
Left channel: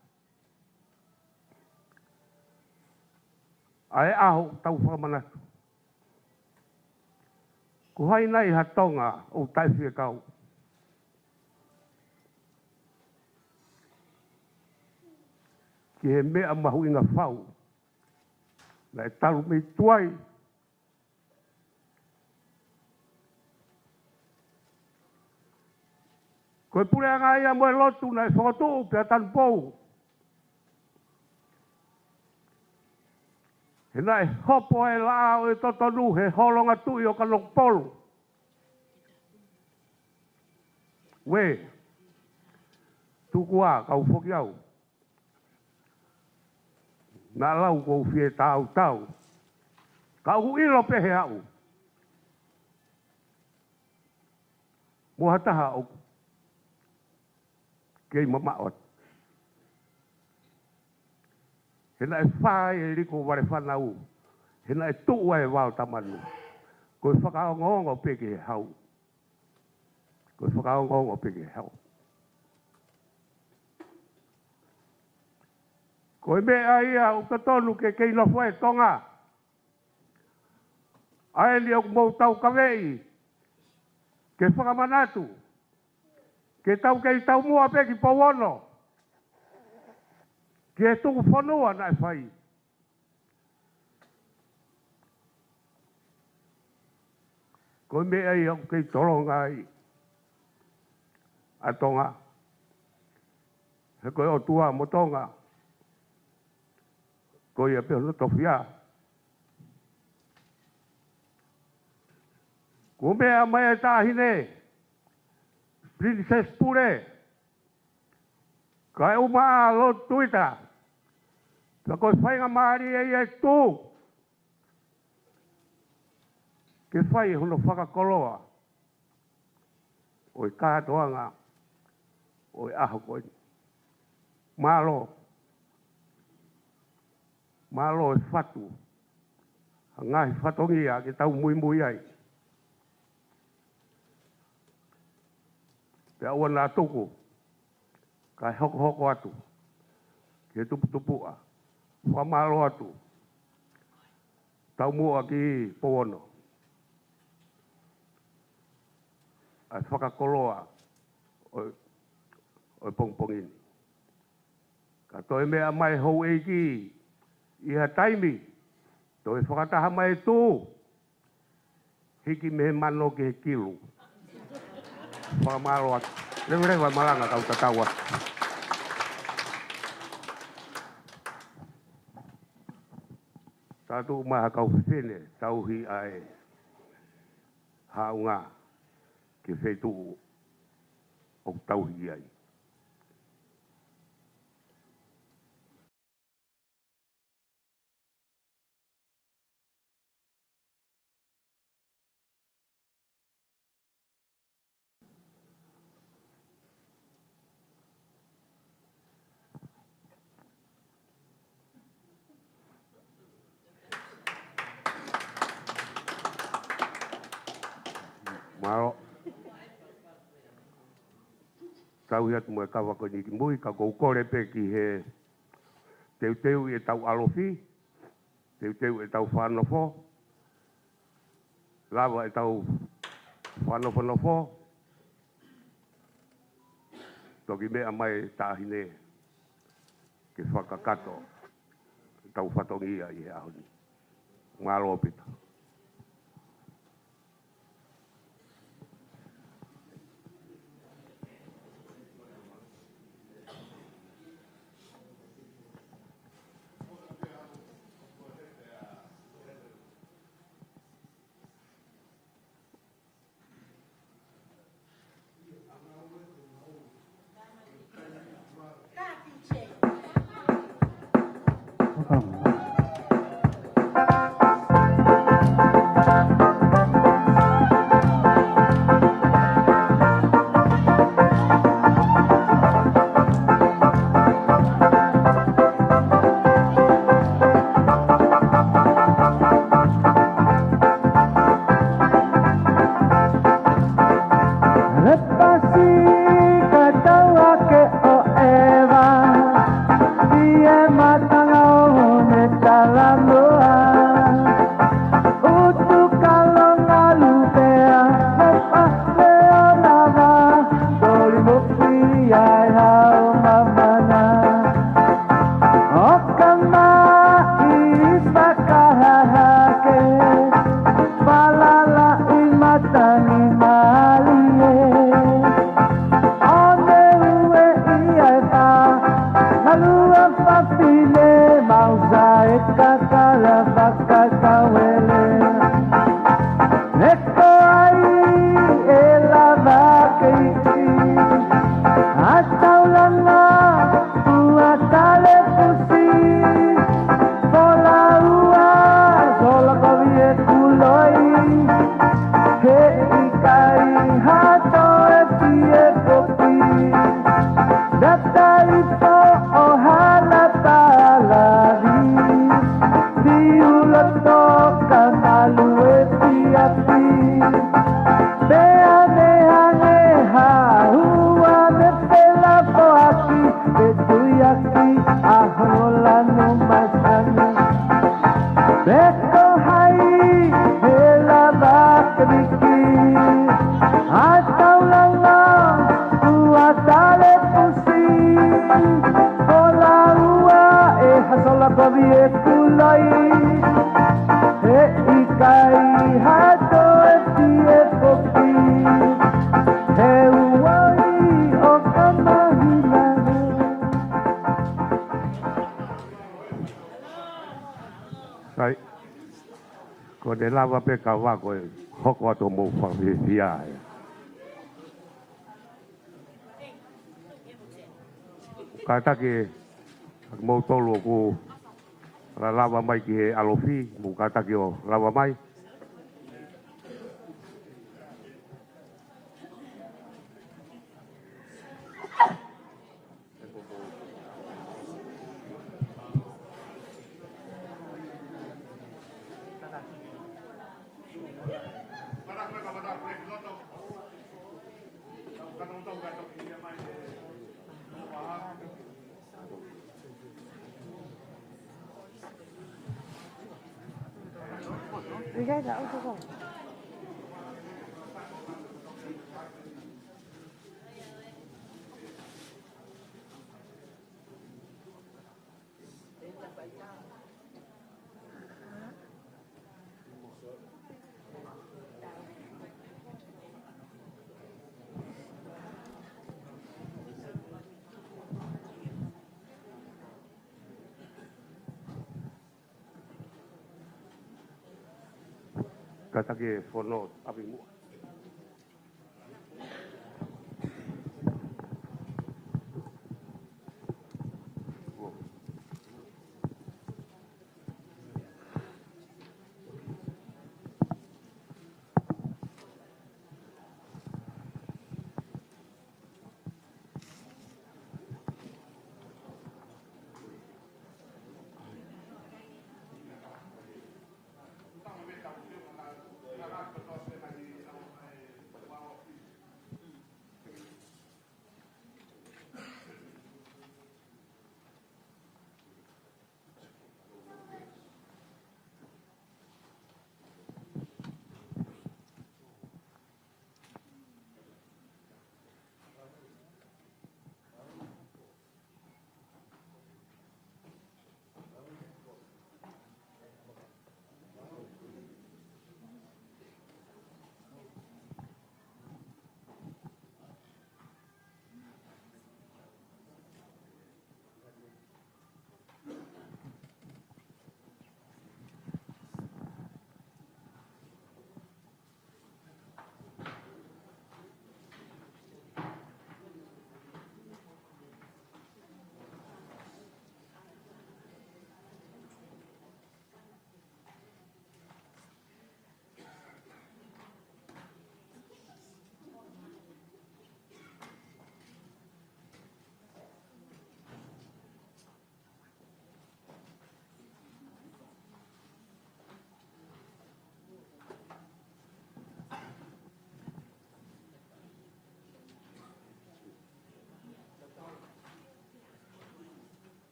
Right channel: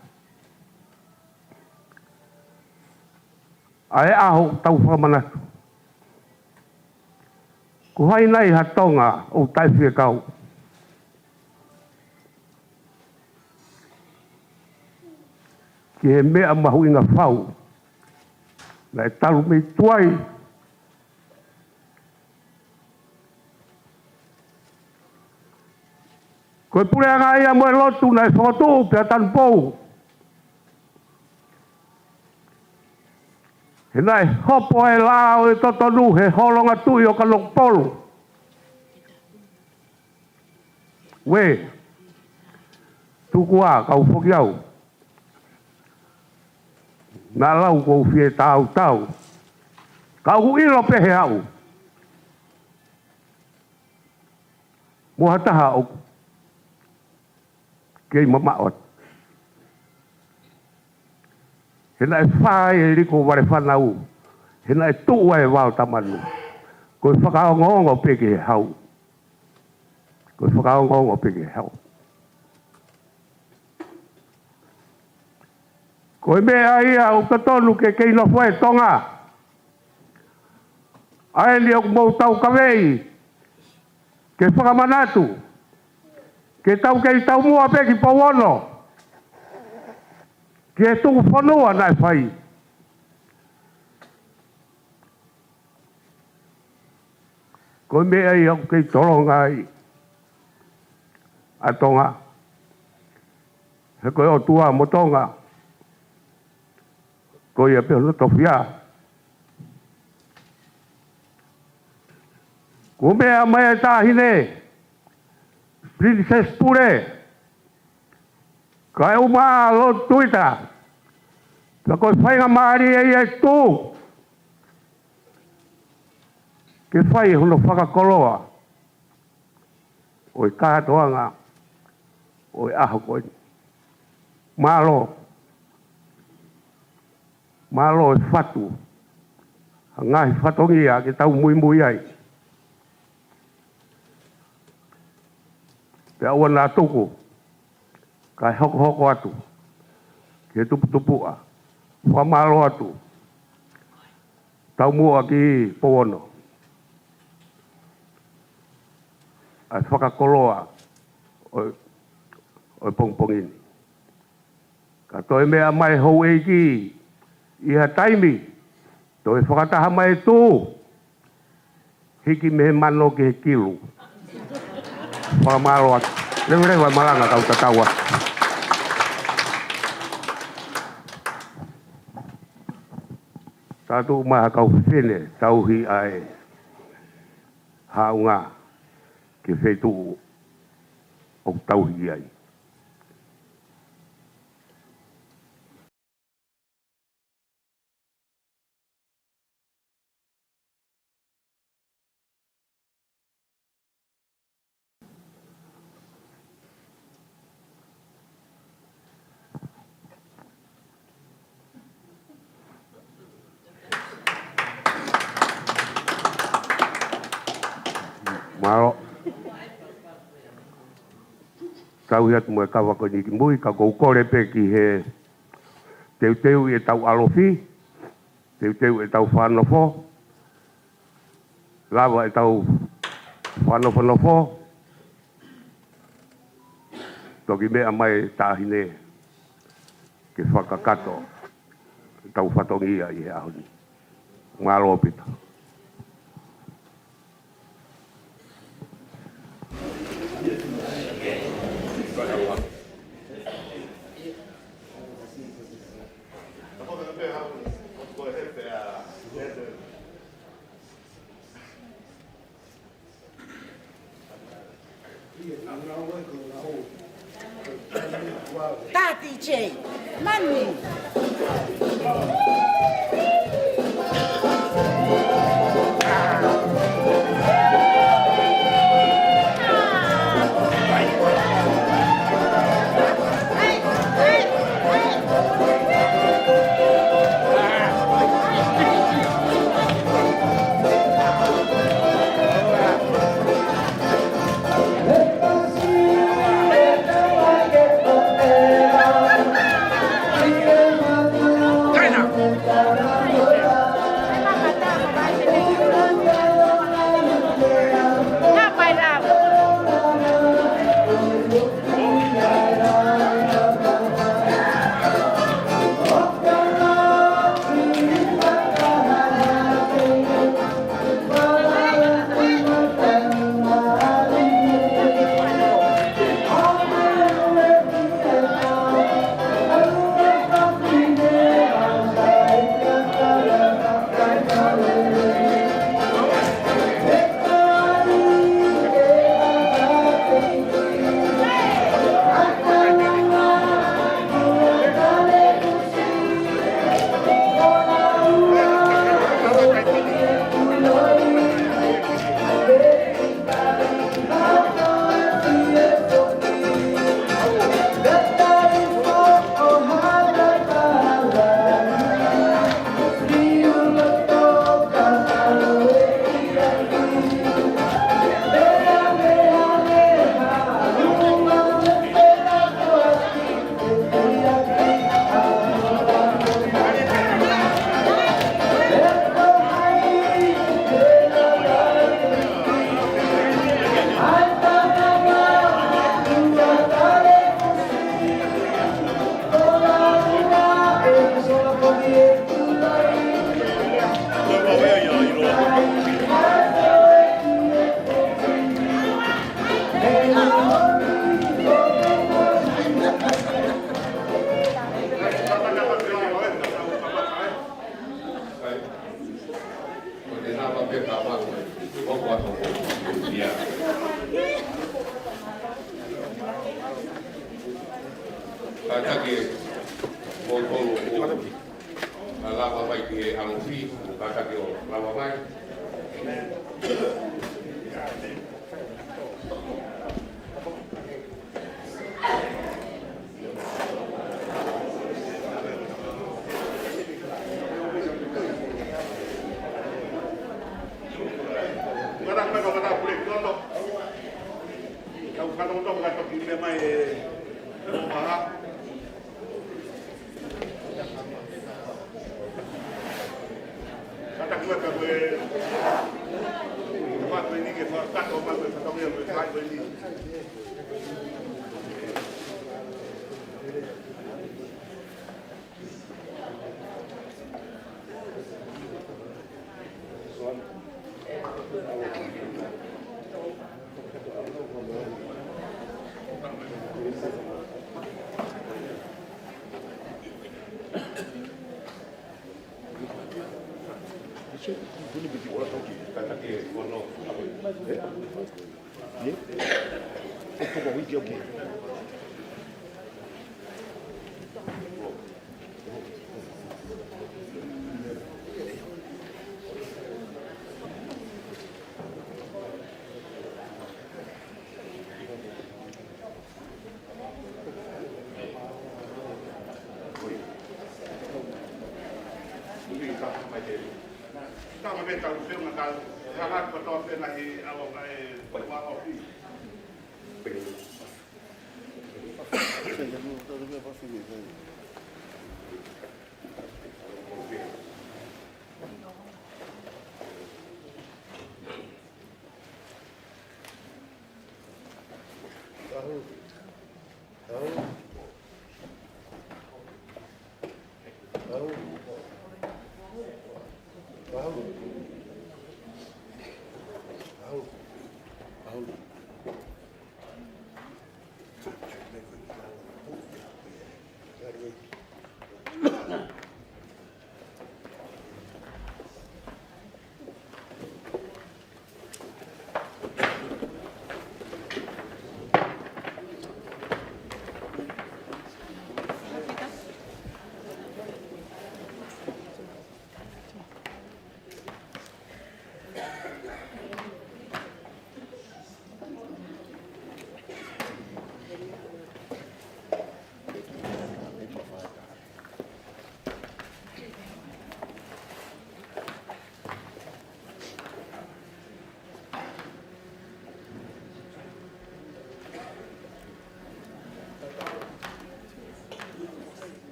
Ae aho tau whamanatu. Ko hai nei hatonga o taiwhia kau. Ki he mea mahu inga whau. Na e talu mei tuai. Koe pureanga ia moe lotu na e whakatu pia tanu pou. He nai hopo e lao e totonu he holonga tui o ka lokpolu. We, tuku a kau whoki au. Nā lau kou fie tau tau. Kau hu ilo pehe au. Mua taha au. Kei mamaot. He nai whae e riko ware whanau. He nai tua e wau tamanu. Koe whakaongongo peke he hau. Koe whakaongongo peke he hau. Koe mea ia o katonu ke kei no whae tonga. Ae ni o kumou tau kawei. Ke whakamanatu. Ke tau kei tau mua peki pauono. Ke tungu whanua nai whai. Koe mea ia o kei toronga i. A tonga. He koe o tua mo tonga. Koe ia peo no tofia. Koe mea mai e tāhine. Princess Pure. Kai uma lo Tuita. Ka koe whainga maari e tū. Ke whai hono whakakoloa. Oi kātoanga. Oi aho koe. Malo. Malo e whatu. Ngahi whatongia ke tau mui mui ai. Te aua nā tuku. Kai hoko hoko atu. Ke tupu tupua. Whamalo atu. Tau mua ki powono. Ai whakakoloa. Oi pongpongini. Ka toi mea mai hou eiki. Iha taimi. Toi whakataha mai tū. Hiki me mano ke he kilu. Whamalo atu. Rewa malanga kau tatawa. Tatu maha kau whine tauhi ai haunga ke whetu o tauhi ai. Maro. Tau hiatu mo e kawa ko ni ki mui, ka kou kore pe ki he teu e tau alofi, teu e tau Fakanofo, lava e tau Fakanofo, toki mea mai tāhine ke whakakato, tau whatongia i he ahoni. Maro pita. Tati J, Manu. Sai, ko de lava pe kawa ko hoko ato mo pia. Kata ke mo tolo ko na lava mai ke alofi, mo kata ke o lava mai. Kata ke kono.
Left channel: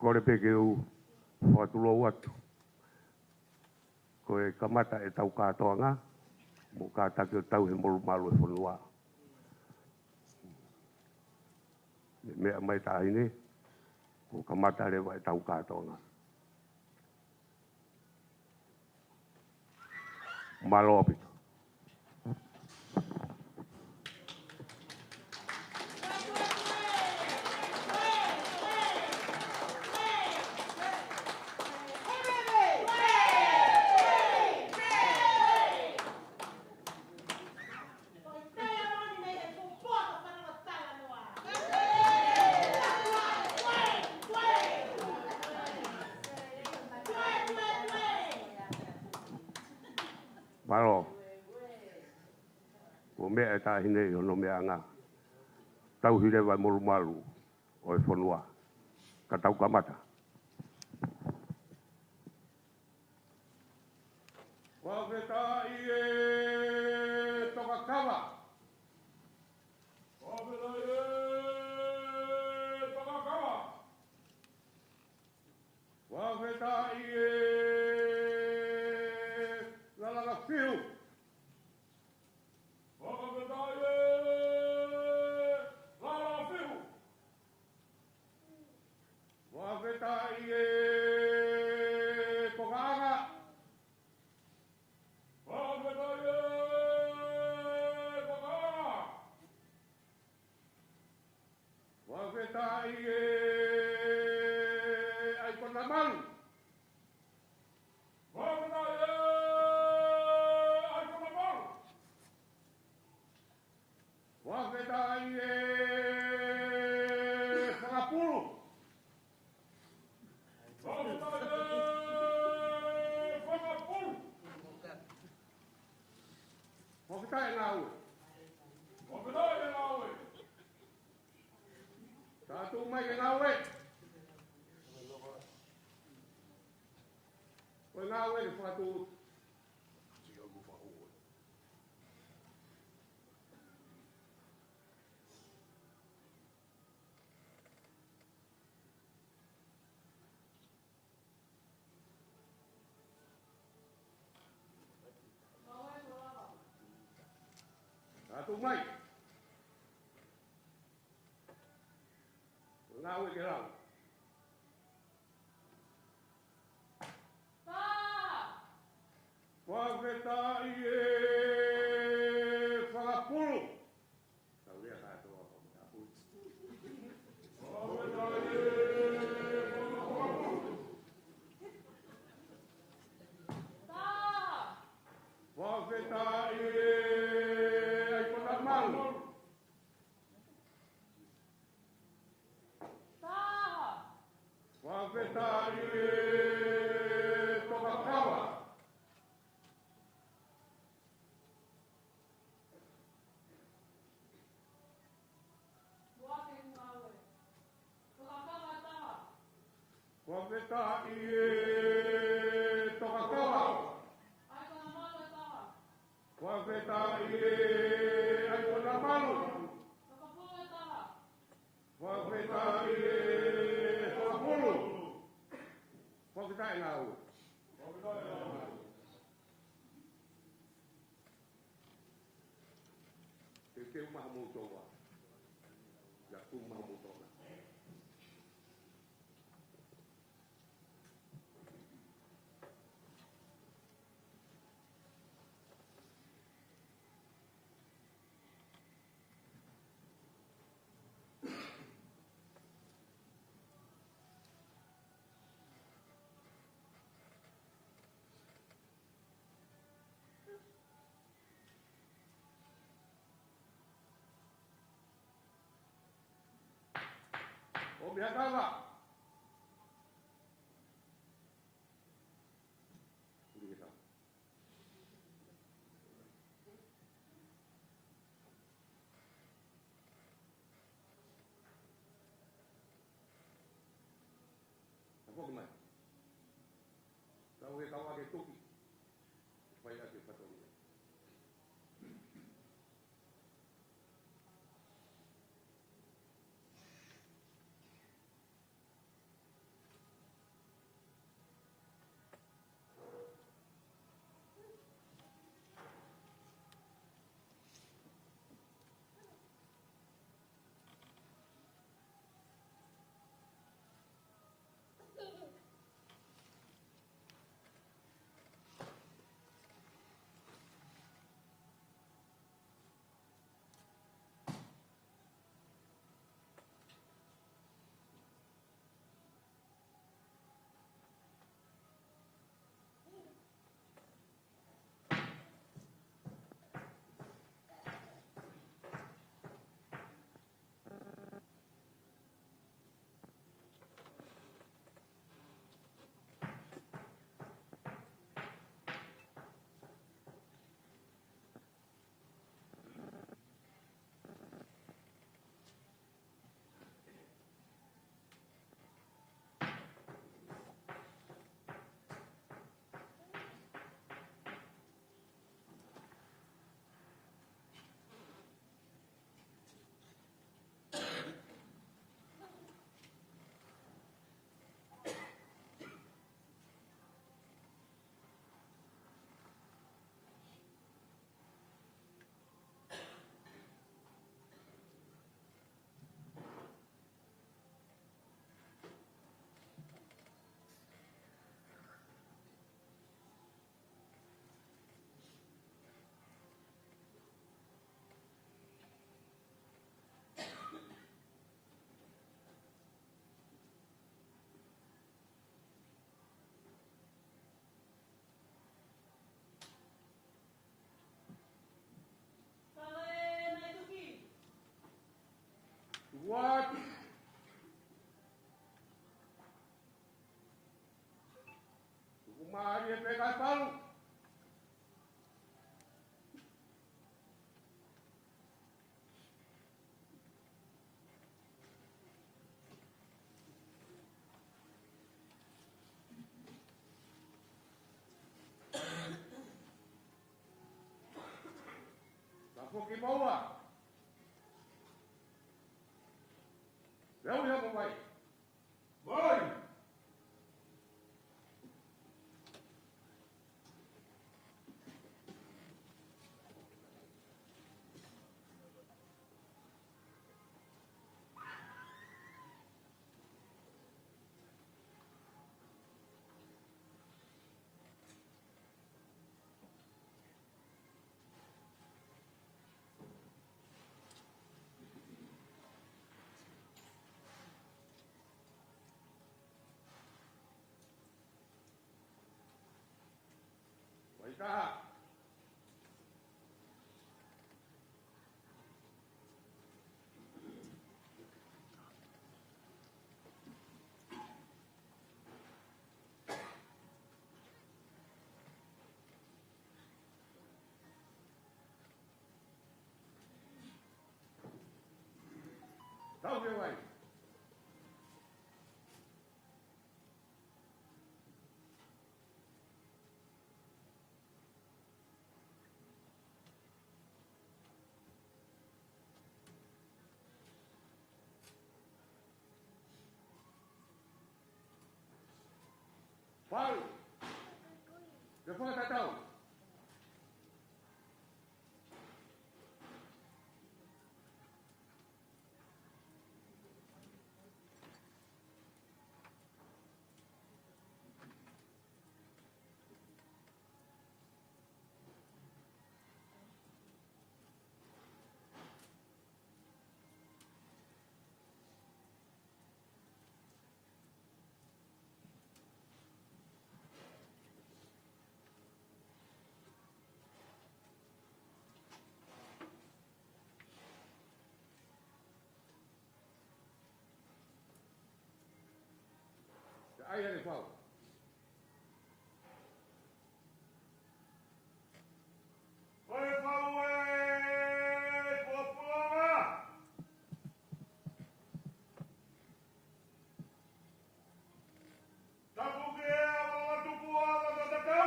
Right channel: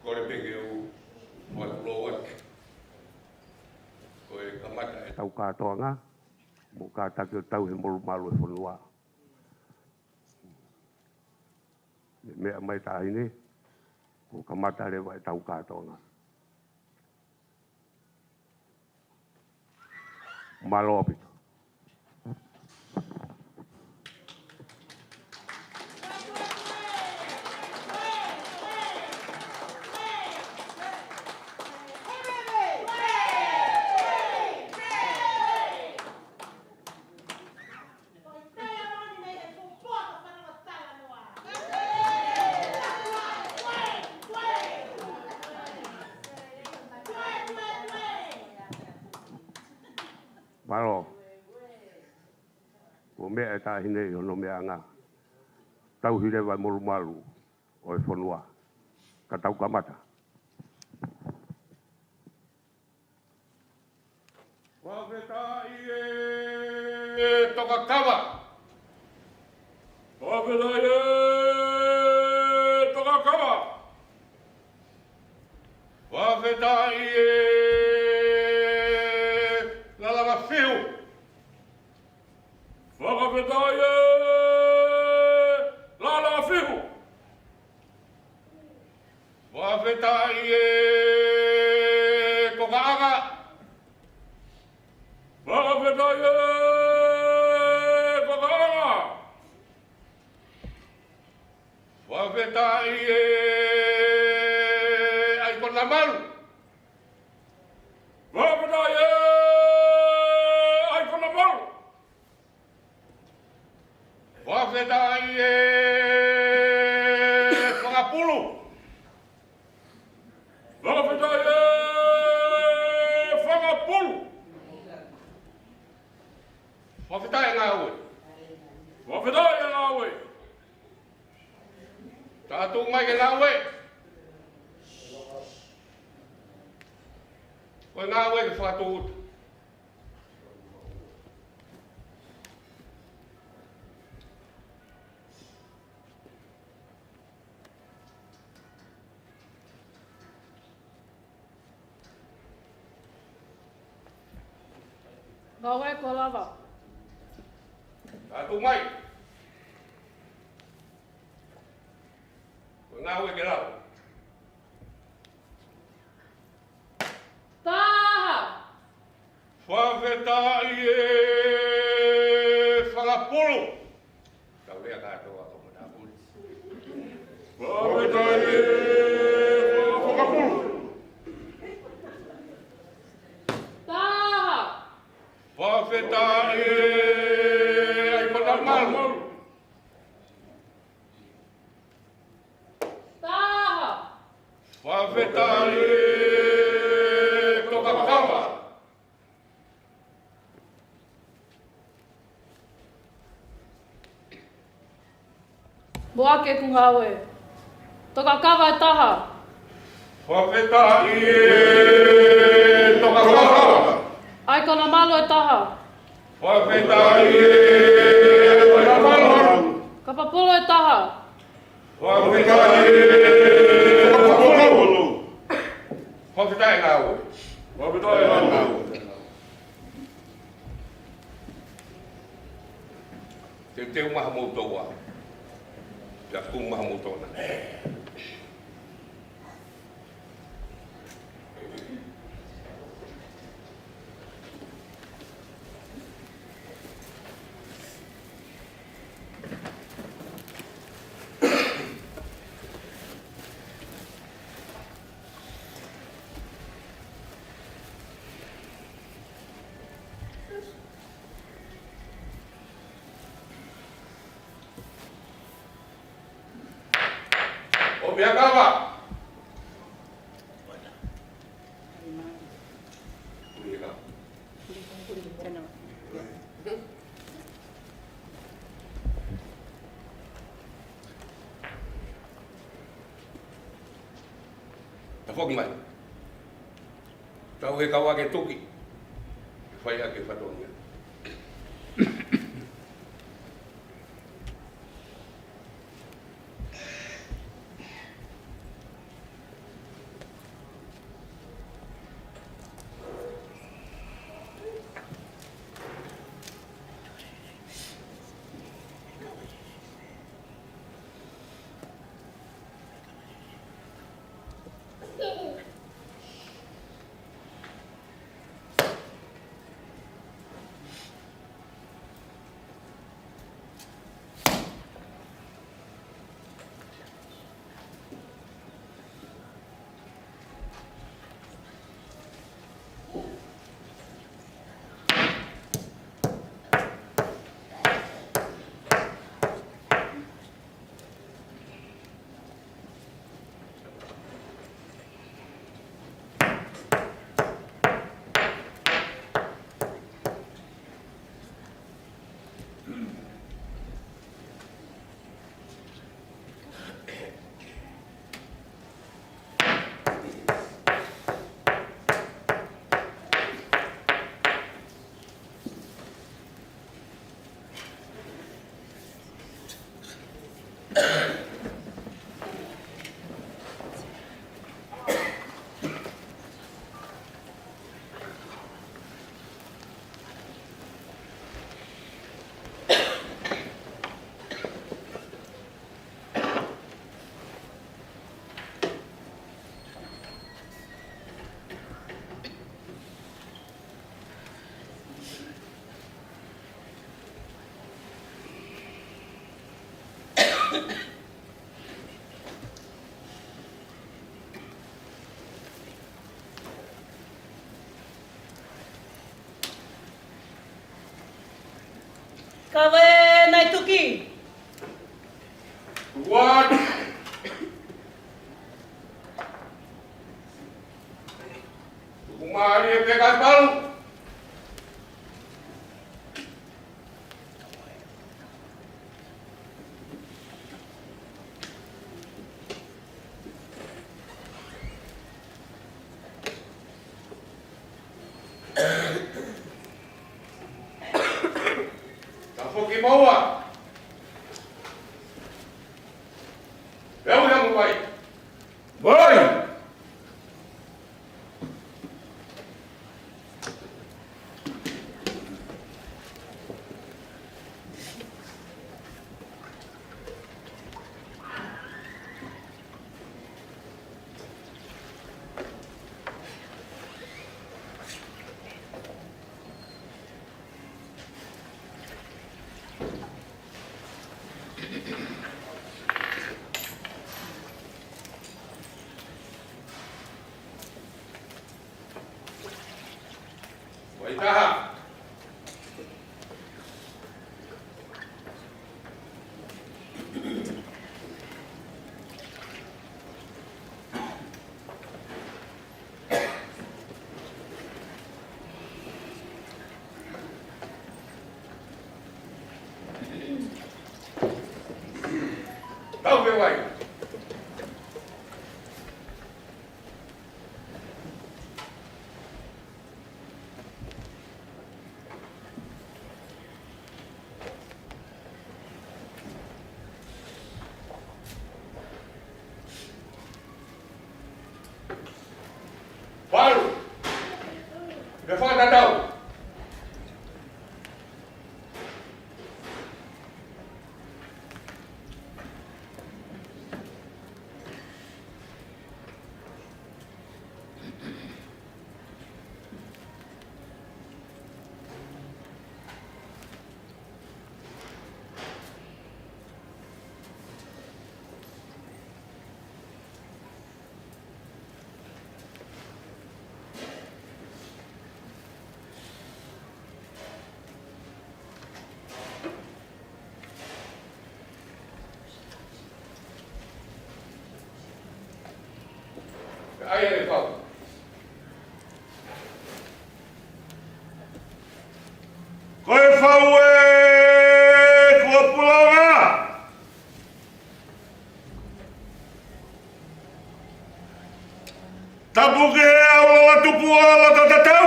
Ko le pekeu o atulo wake. Ko e kamata e tau katoa ngā. Mo kātake o tau he molu malu e whanua. Mea mai tāhine. Ko kamata rewa e tau katoa ngā. Malo opito. Malo. Ko mea e tāhine i hono mea ngā. Tau hire vai molu malu o e whanua. Ka tau kamata. Wawhetai e toka kawa. Wawhetai e toka kawa. Wawhetai e Ngawe ko lava. Latu mai. Ko ngawe ke lau. Taha. Whawhetai e whangapulu. Kau lea katoa ko Matapule. Whawhetai e whangapulu. Wawhetai e ai panamalu. Taha. Wawhetai e toka kawa. Moake ku ngawe. Toka kawa e taha. Wawhetai e toka kawa. Ai kona malo e taha. Wawhetai e panamalu. Kapapolo e taha. Wawhetai e whangapulu. Wawhetai ngawe. Wawhetai ngawe. Te umaha moutoa. Ja umaha moutona. pia kava. Fogi mai. Tau he kawa ke tuki. Fai ake whatongia. Kawe nai tuki. What? Kumari pegas balu. Moimoi. Eu yang Moimoi. Moi. Itaha. Kau bewai. Baru. Defa tak tahu. Tapu ke au Latu puala tatatau.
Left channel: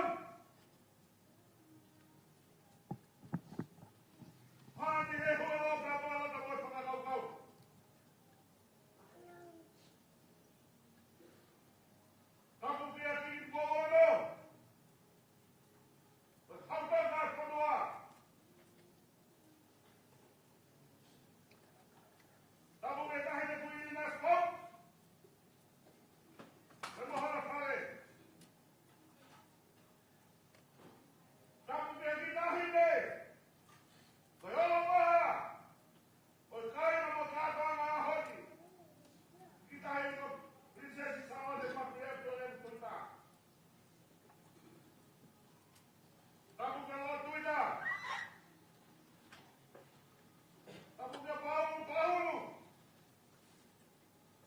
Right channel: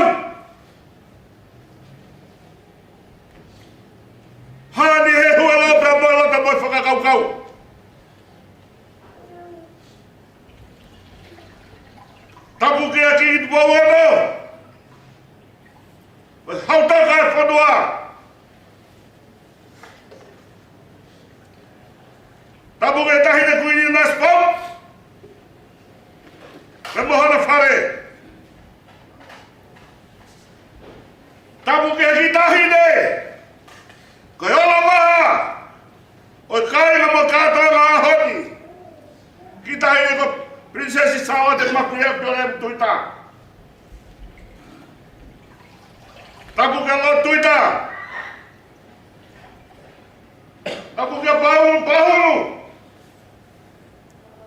Hani he hua lo pramola ta moi whakakaukau. Tapu ke aki i tupua wano. Hautaka e whanua. Tapu ke tahine kuini na spam. Me mohana whare. Tapu ke aki tahine. Koe ola maha. Oi kai na mo katoa ngā ahoni. Ki tahine ko Princesi Salote Mafile'o Pilolevu Tuita. Tapu ke lo Tuita. Tapu ke Paula.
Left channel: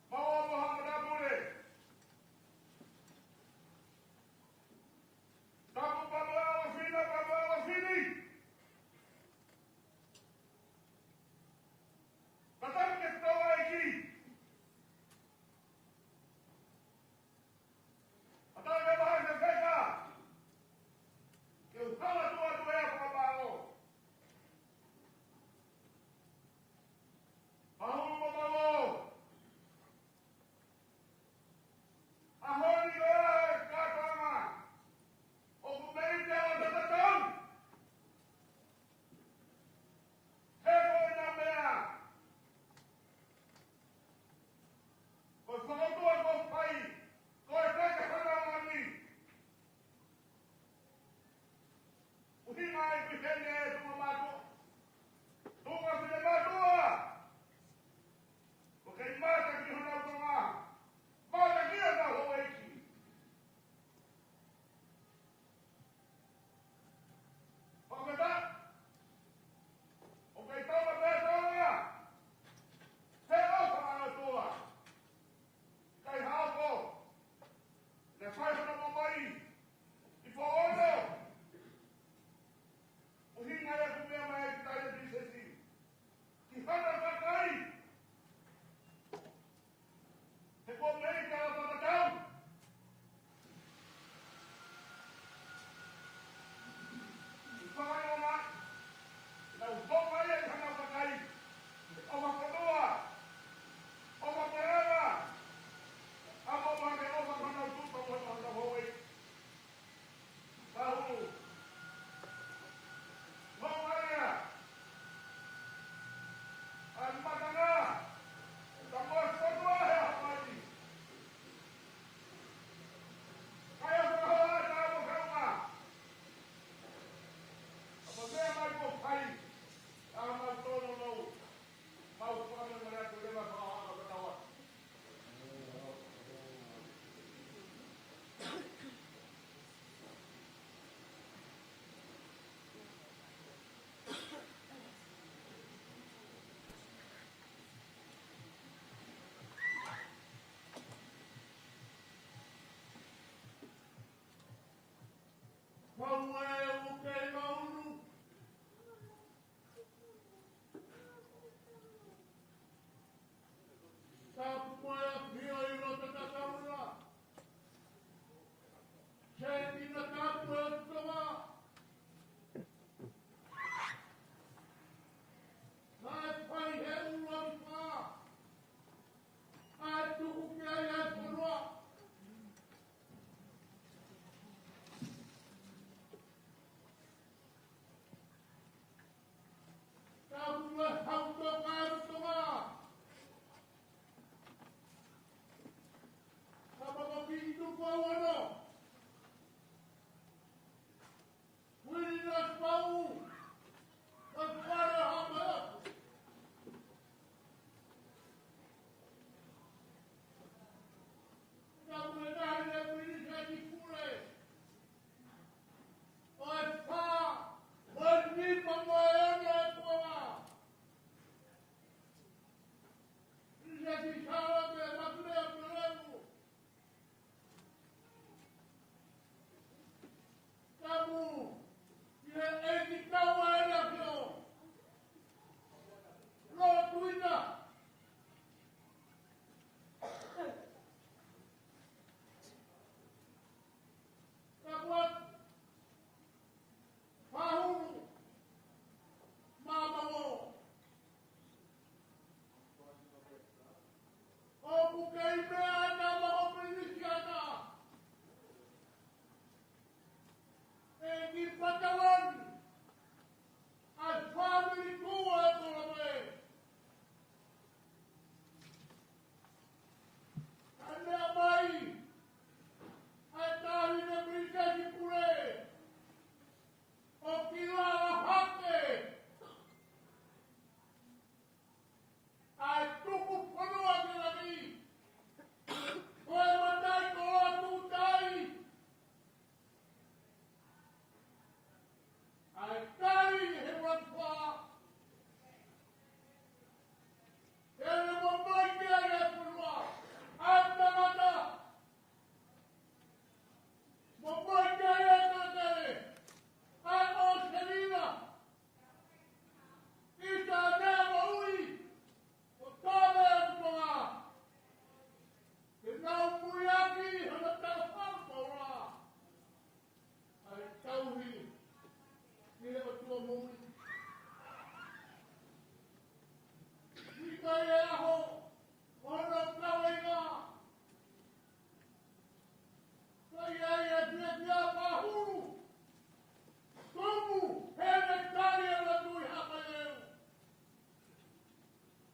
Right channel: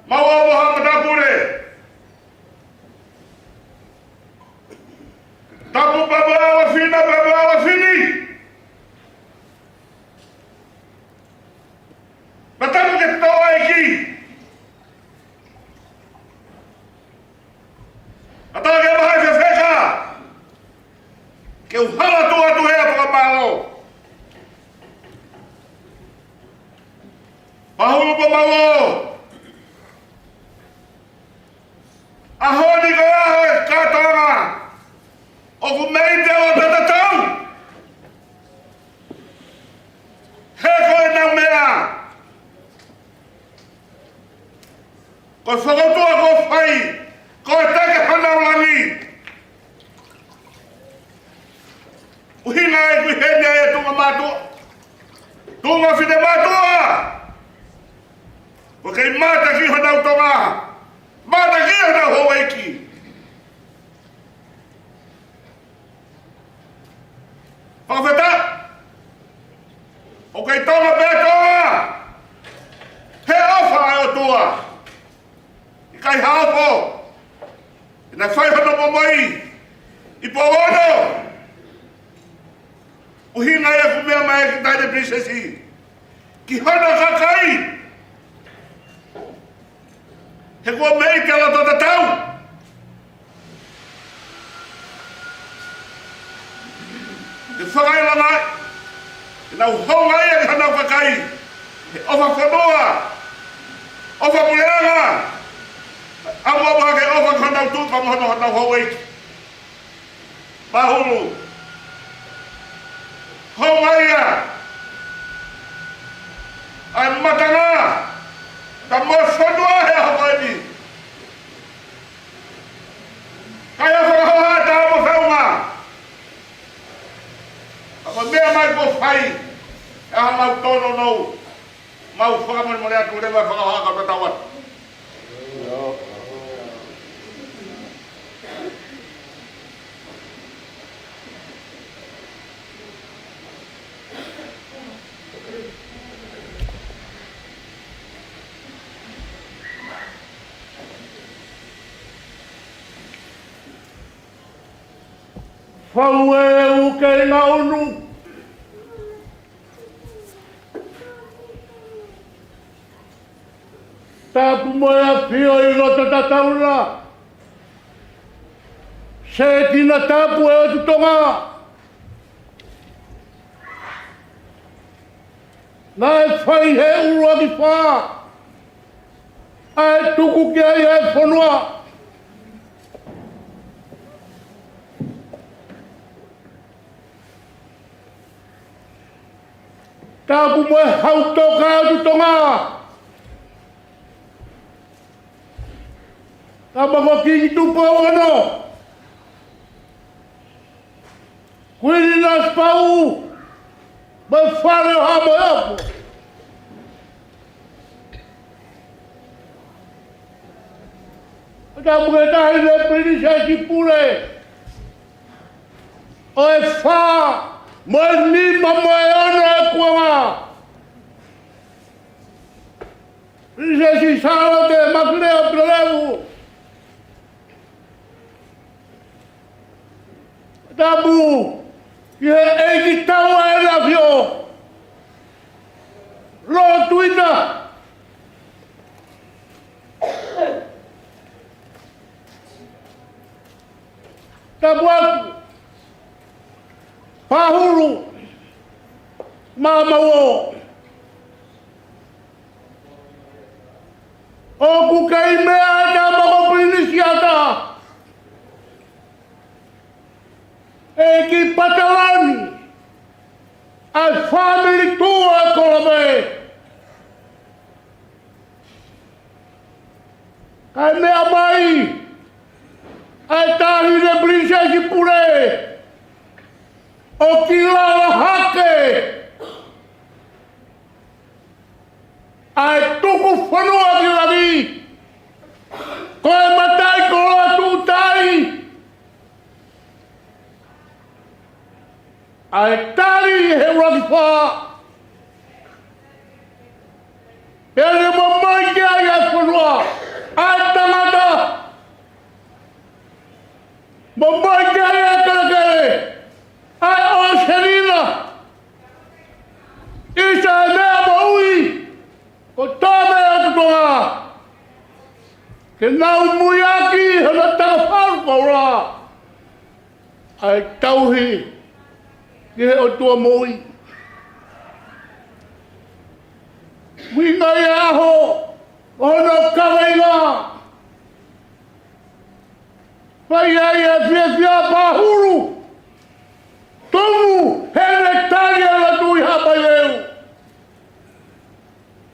Ouau Matapule. Tapu babala fini. Matapu ke toa iki. Atau ke bahai fefeka. Ke uhala tua tuhea pamalo. Pahulu pamalo. Ahoni ko aho katonga. O kumeite o tatatau. He koe nau mea. Ko whakautua ko whai. Ko take whanau langi. Uhina e kui henya e tunga matua. Tunga whine matua. Ko kei mata ki whanau tonga. Mata ki whanau howeiki. Whakawheta. O kei tonga pētoa. He ofa ai o tua. I kai haopo. Na whai hono Moimoi. I Paula. Uhina e kumea mai ki taine princesi. Ki hana kakai. He kua mei te ala tota tau. Te whakai langai. Te nau honga ia ki hanau kakai. He ofa whanua. Ofa puleanga. Awa wake ofa hanau tu pa mohono hanau haueiki. Pahulu. Honga ia. Ai matanga. Ta mo whanua he hawaini. Kaya whakahoa ta amo whaunga. Ako mea mai ko whai. E ha mau tono nou. Mau whakamani mo rea tu rewa whakahoa ka tatawat. Whaueu kei ngā unu. Tapu moe a whio I rota tataura. Se tina tapu e o tutonga. Nā e whai he urua ki whā. Ai tuku ki ai e whanua. Tapu moe hautoka e tutonga. Ta mako kingi tupu au ano. Kuini nas pau. Ma whare o hamo e apo. Tapu ke tahi le princesi pule. O e wha. Moe nima moe ono e kuanga. Princesi Salote Mafile'o Pilolevu. Tapu, ki he eiki taua e la fio. Lo Tuita. Tabuatu. Pahuru. Mamao. O kay mea na mga pinisiata. E ki patalani. Ai famili tua kolabe. Kai mea mai. Ai tahi de prinsesi pure. O ki lala hake. Ai tuku whanua ki lavi. Koe matai ko Latu tai. Ai tari he whakiwha. Ele Moimoi ki ai ai whanua. Ai tangata. Moimoi ki ai ai karakere. Ai o Serina. Isa e mea maui. Ko tome atu tonga. Ke nau muiaki hana tanga wharu kaura. Ai tauhi. Ke he o tua moi. Winga i aho. Hono kawainga. Pai ai e whiawhia pahuru. Tongu hene talia Latu i hapai leu.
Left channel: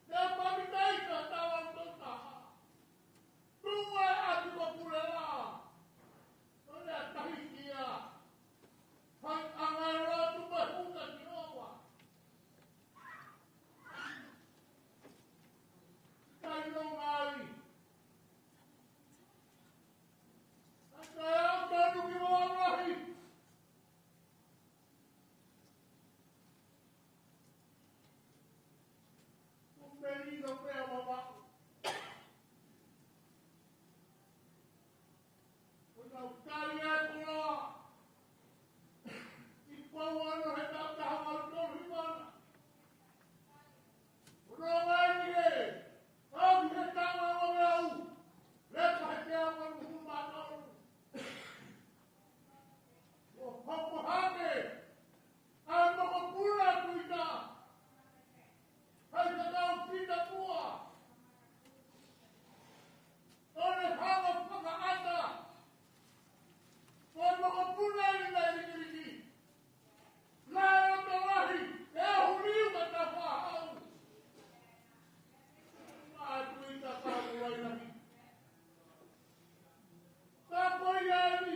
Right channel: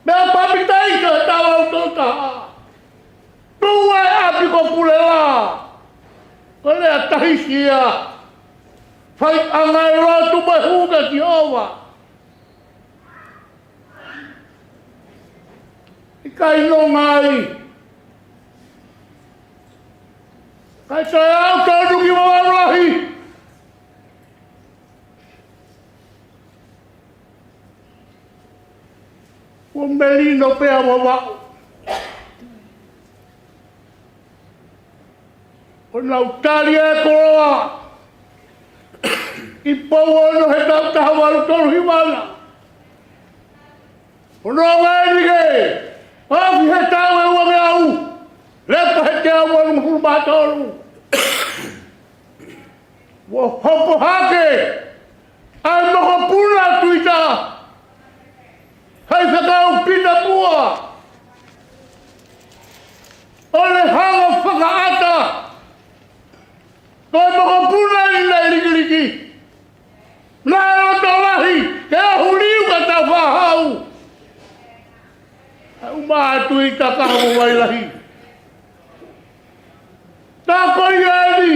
Mea papitai ka tawa utota. Tua e api ko pule la. Kole a tahisia. Fai angai Latu mai huga ki owa. Ikai no ngai. Kai sai au tau ki mawarahi. O melino pea wawau. O nautari e koroa. I pau ono he tau tahawaru tolu himana. O nonga e nige. Afi he tau e wange au. Lepa he te awaru hurma tolu. Wo hopo hake. Ai moko puna tuita. Hai whakau pita pua. Ole hanga whakaata. Koe moko puna i nei rikiriki. Nai roto lahi, ke ahu liu ka tau whahau. Au mātu i ta kahamu wai lahi. Tā koi eri,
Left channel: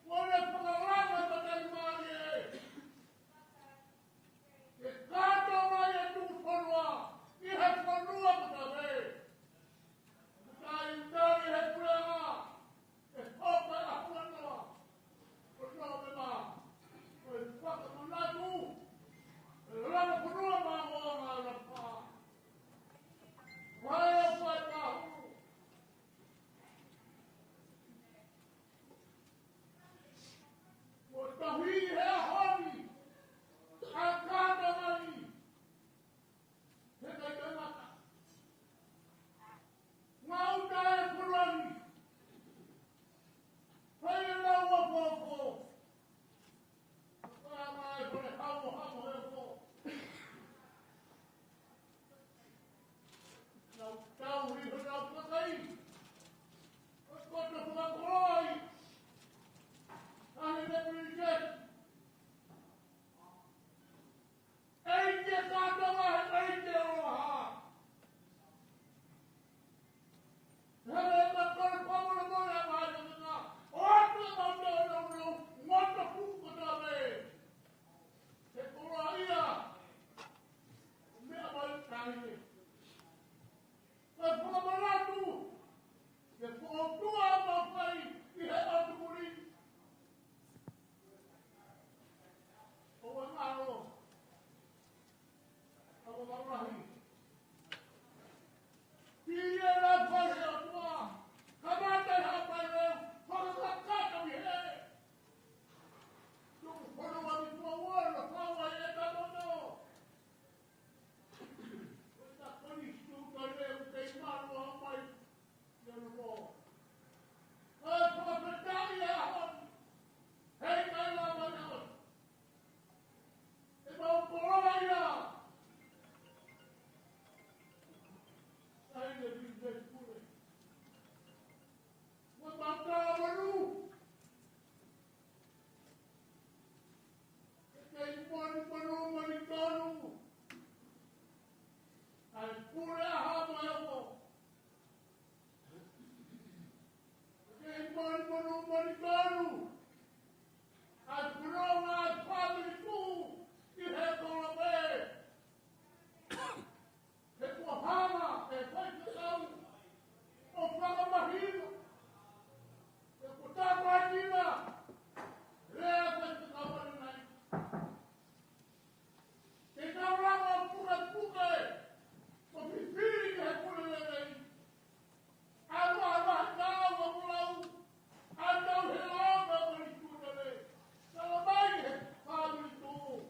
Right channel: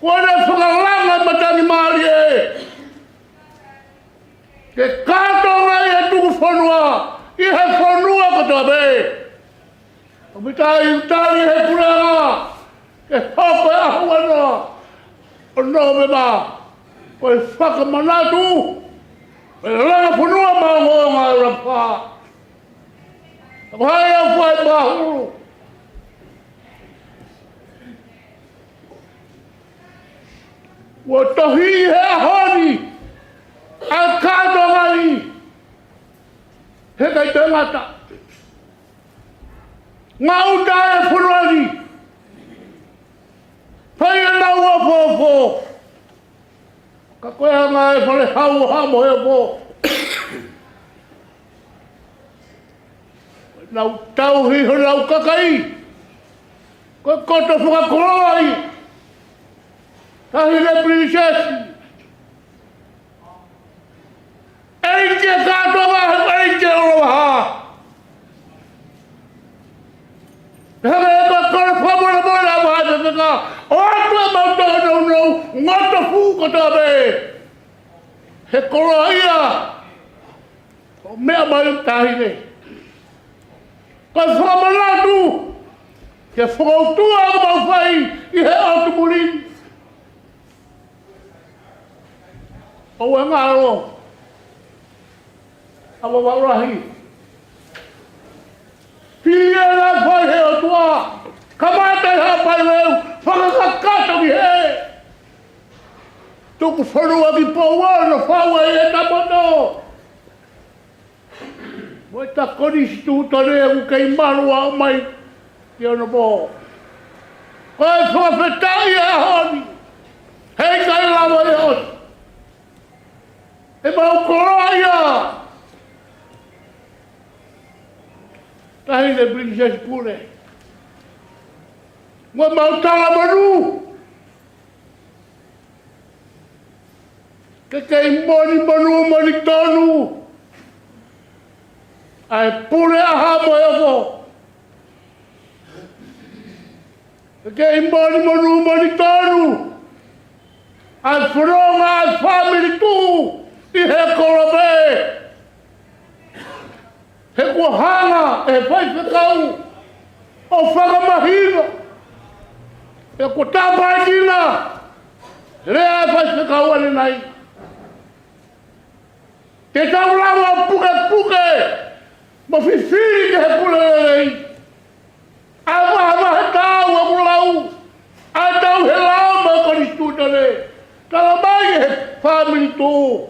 kone whakalanga matani maari e. Ke kato ngai e tuku whanua, i he whanua kata be. O mitai utari he puranga, ke hoko e ahu ana. O no me ma, koe whakamanatu, e langa whanua maungo ngai rapa. Ako hai au whai mahuru. Wa tohi he ahoni, a kato ngai, he kai te ngata. Ngā uta e whanurani, pai e nau a fōfō. Ka koe hanga e whale hau hamo he fō. Nau tauhi ho nau kakai, koe koto whakakoroi, tahi le prinsesi. Eike kātoa he eike oroha. Hanga e ka kore whamora mora waha te ka. O atua mautoa nou ngota fūkota be. He koroa ia. O mea mai tahi ne. Ka whamanatu. Ke whakautua o mawhai i he autumulini. O e ngaro. Awa warahi. Pia la whai he o tua. Kamata ha pai leu. Whakakakato ki he. Tuku whanua ki Paula no whaua i e tamono. Mo ta konisi tūtare u kei marua o mai. Ki ono po. Koe whakawhetai e honi. Hei kai lawa e os. E mau koroa ia. Tahi le Princess Pule. Mua mau tala manu. Ke kei moni tonu. Ai pule aha mo e fo. Ke kei moni tonu. Ai whanonga ai Famili tu. I he korobe. He kua hanga e whai whakau. O whakamahina. E kua tāpaikina. Rea e whai whakau ane nei. Te tau lawa puke. Ma whiwhiri ke he pule rei. A waha he tau a mulau. A tau he lau ma koni stutare. Tala mai he Famili tu.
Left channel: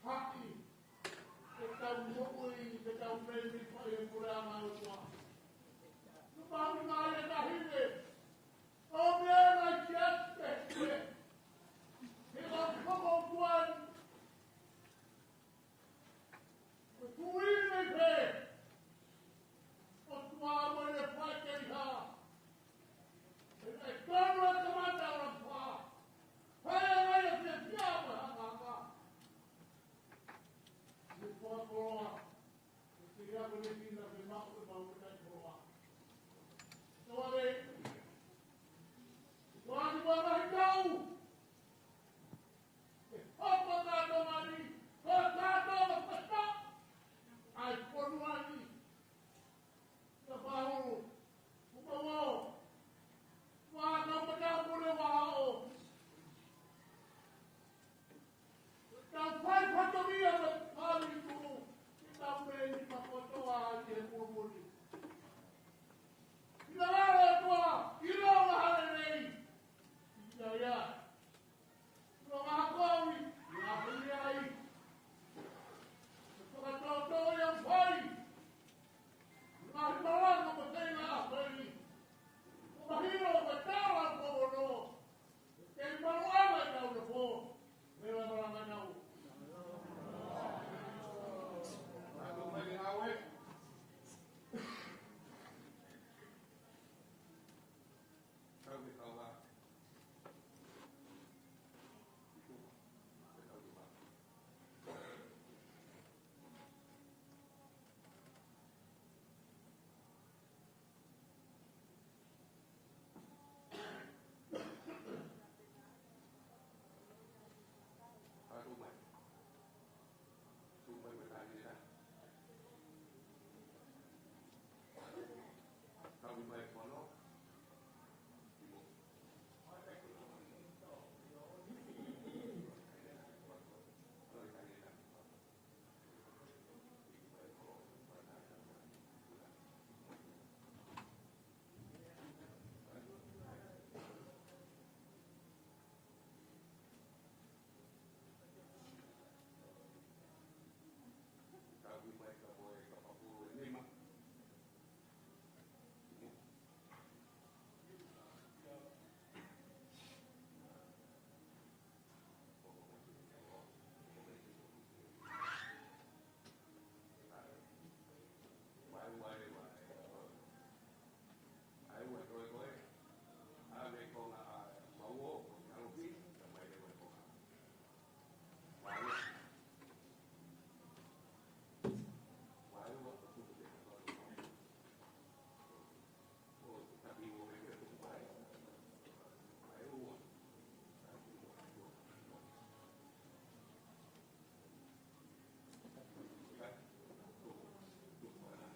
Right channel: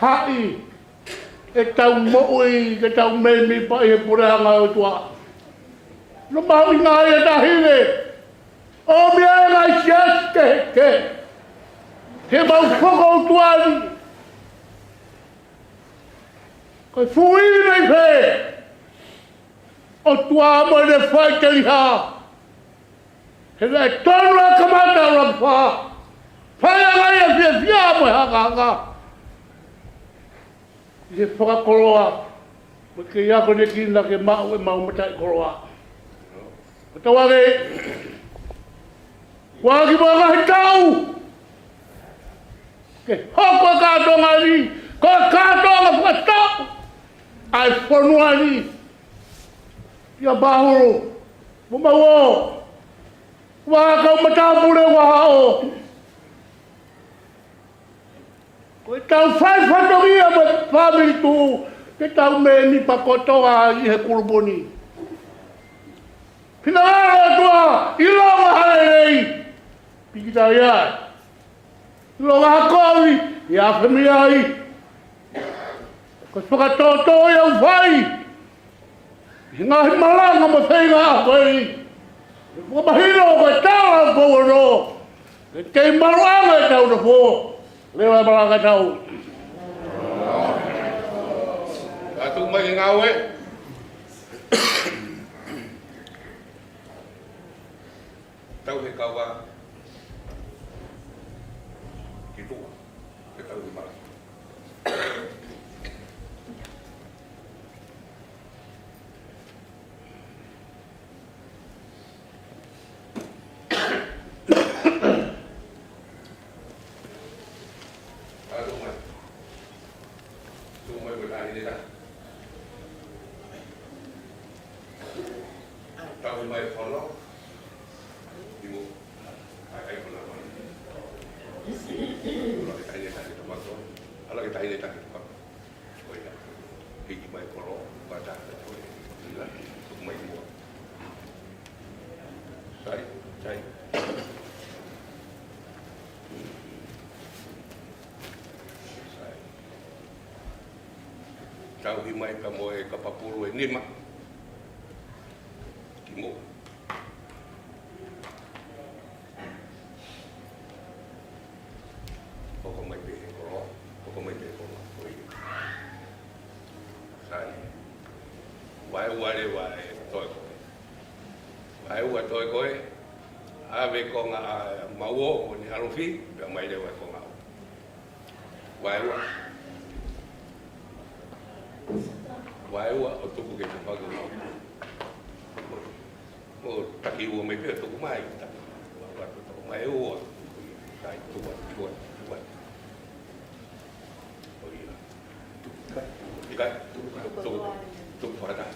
Hai. E tau mo'i, ke tau meimi pa i he purehanga o tua. No mau i ngā e tahine. O mea e ngai sias ke. He mau whaka o tuari. Koe fui nei pē. O tua mo ne whai te liha. He nei tonu a kamata o rampa. Whai a ngai a fia mo e hanga. He whakakoroa. Mo ke iako ne kina ke mau e mau matai koroa. O tawage. Waki mo ngahi tau. Ke hoko kātonga ni. Ko kātonga whakatau. Ai whanua ni. Ia bahuru. Mo mau. Waka o Matapule waha o. Koe tau whai whanongia ma Famili tu. Ke tau me ni pakotoa i he kuruponi. Pina ara tua. I longa hale rei. Pikita iai. I longa hakovi. I awhemi ai. Ko whakatoto i au whai. I ngahi malanga ma whenga a koe. Ko mahino koe tāra koe no. Ke kei maruanga e tau na fō. Lewa e malanga tau. Latu mai ki ngau e. Tau he kawa. Ki tua. Ke tau he mara. Tau hi mai ka moe ka papuru e nima. Timo. Koko mai pe he koroa. Koko mai pe he koroa. Koi. Sai. Wai ware wai toi koe. Wai ua toi koe. Ave ko ngā mauo o ni harufi. Pea mai le wai ko ngā. Wai ua. Wai ua o tuku ke te whaku ngau. Mo taki ua mai pia tuku mai. Mai ua. Sai tua. Ikai. Tuku whakata.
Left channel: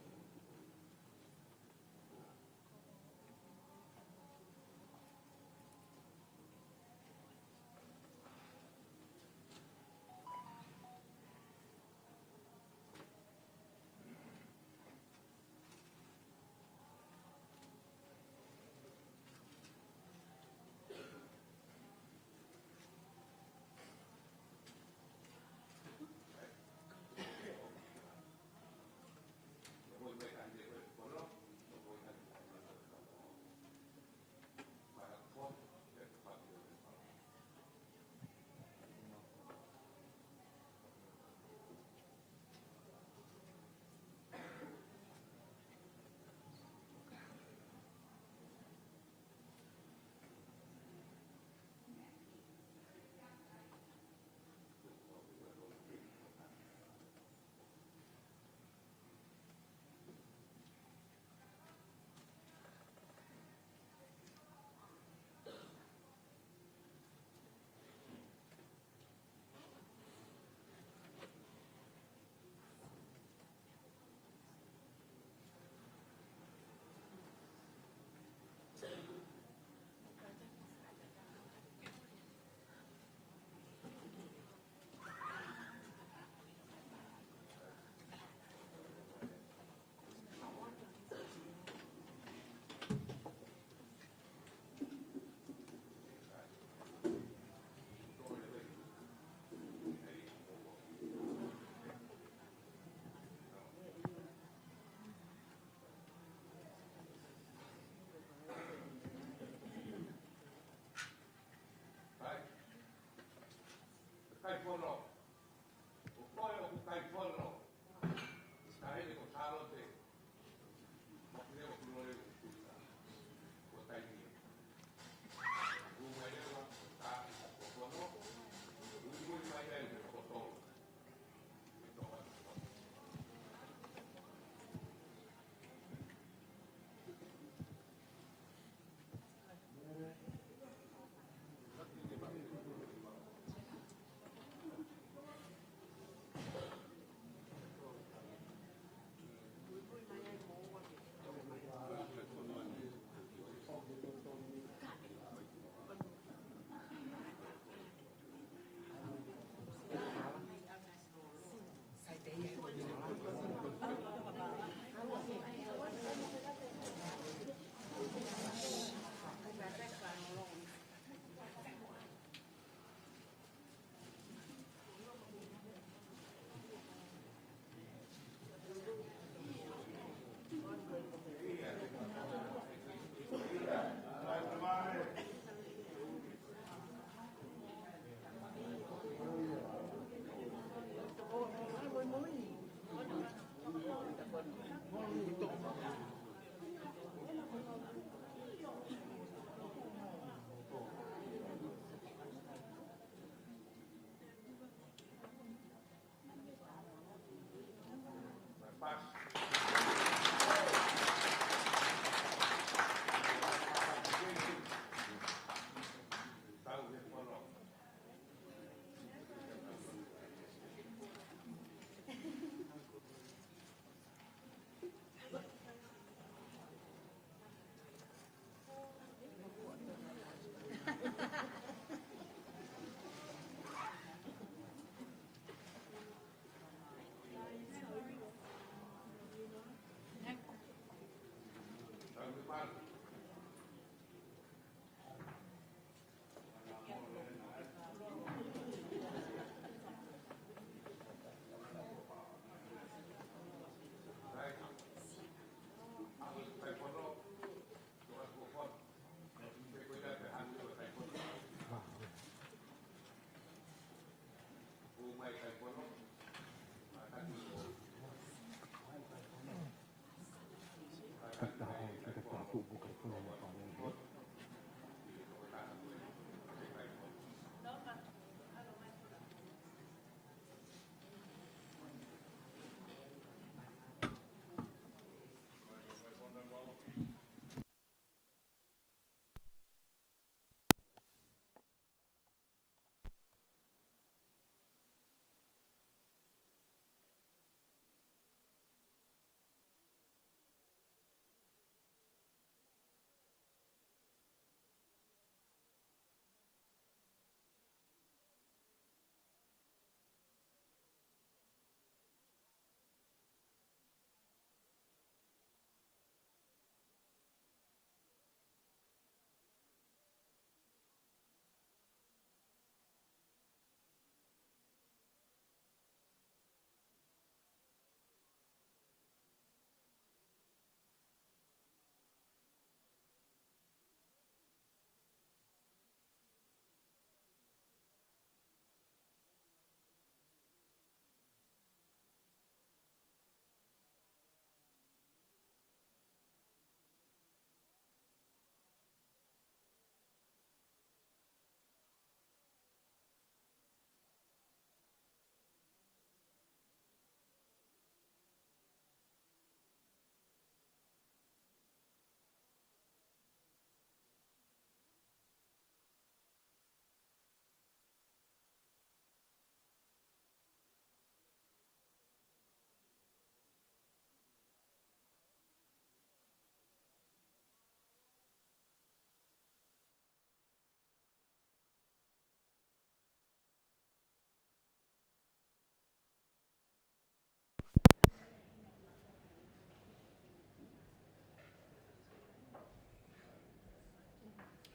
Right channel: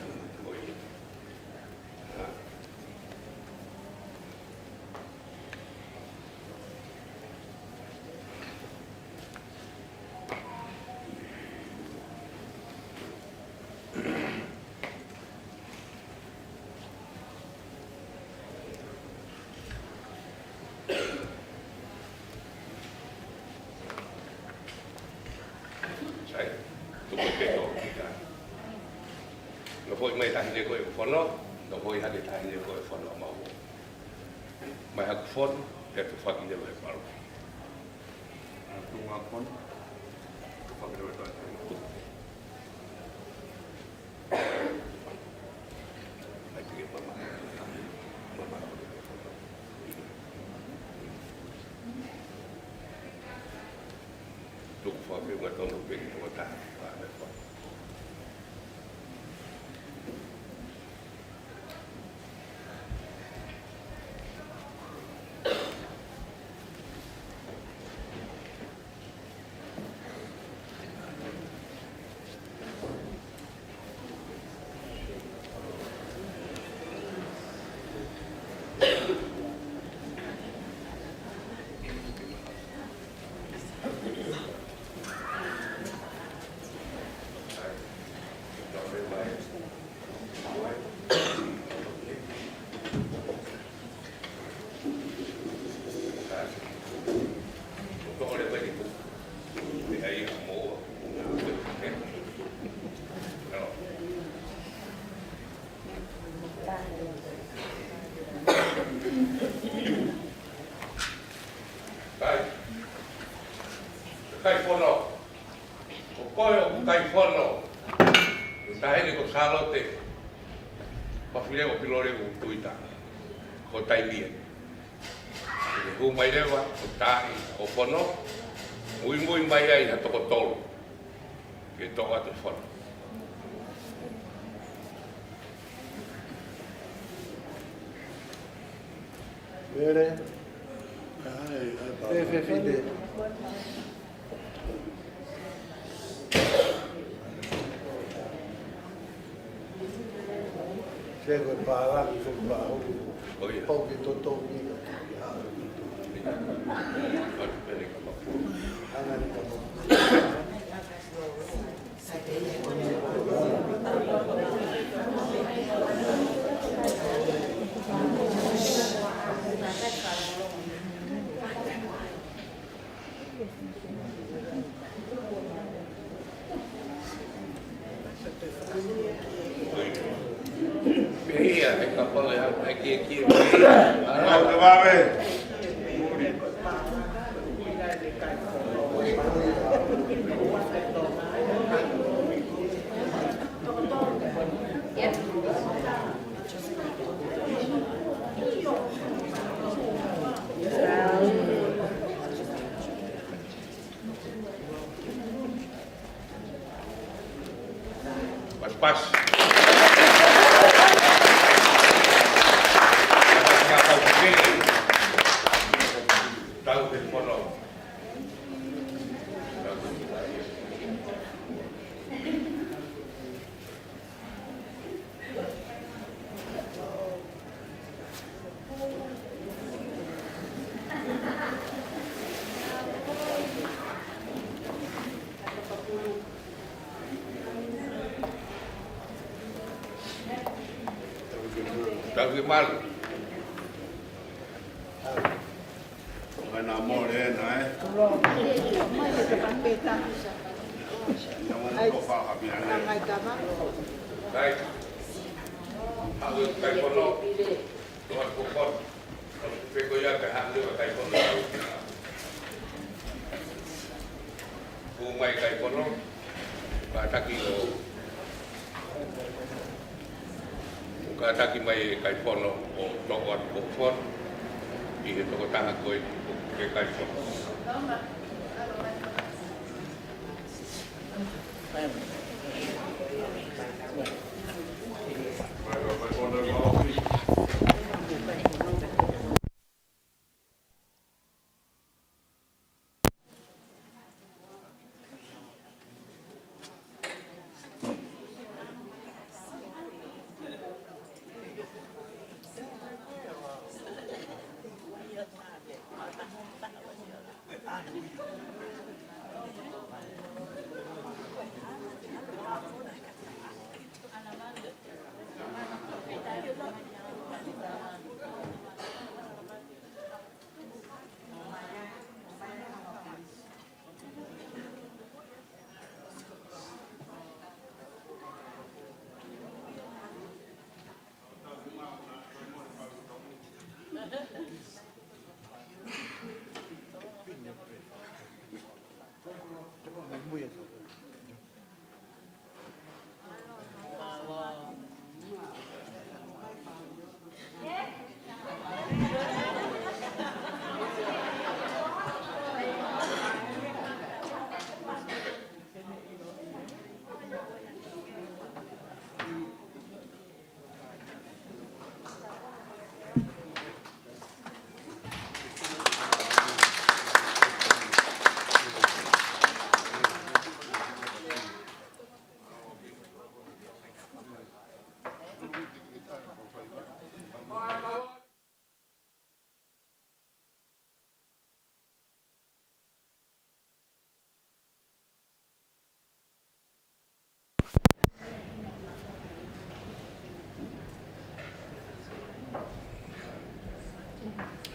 Foi mai tahi de koe whono, no hoi hake tahi de koe whono mau. Mai haku whono, te tu whaki de koe paru. Salote Mafile'o Pilolevu Tuita ko taimia. Moimoi lewa o tai o fono. Moimoi mai ai na toko tolu. Ke toko atu fono. Vere. Ai, Chego para que foi para o pão que tô vindo. Pas. Tahu di fono. Tahu mal. Ana more na Baik. Aku kai fono. Tuan pokok. Peko ya ke hak dia kai fono. Umai kai fono. Bataki lo. Bataki mai kai fono o tokon pokok. Ihe toko taha koe ke kai fono.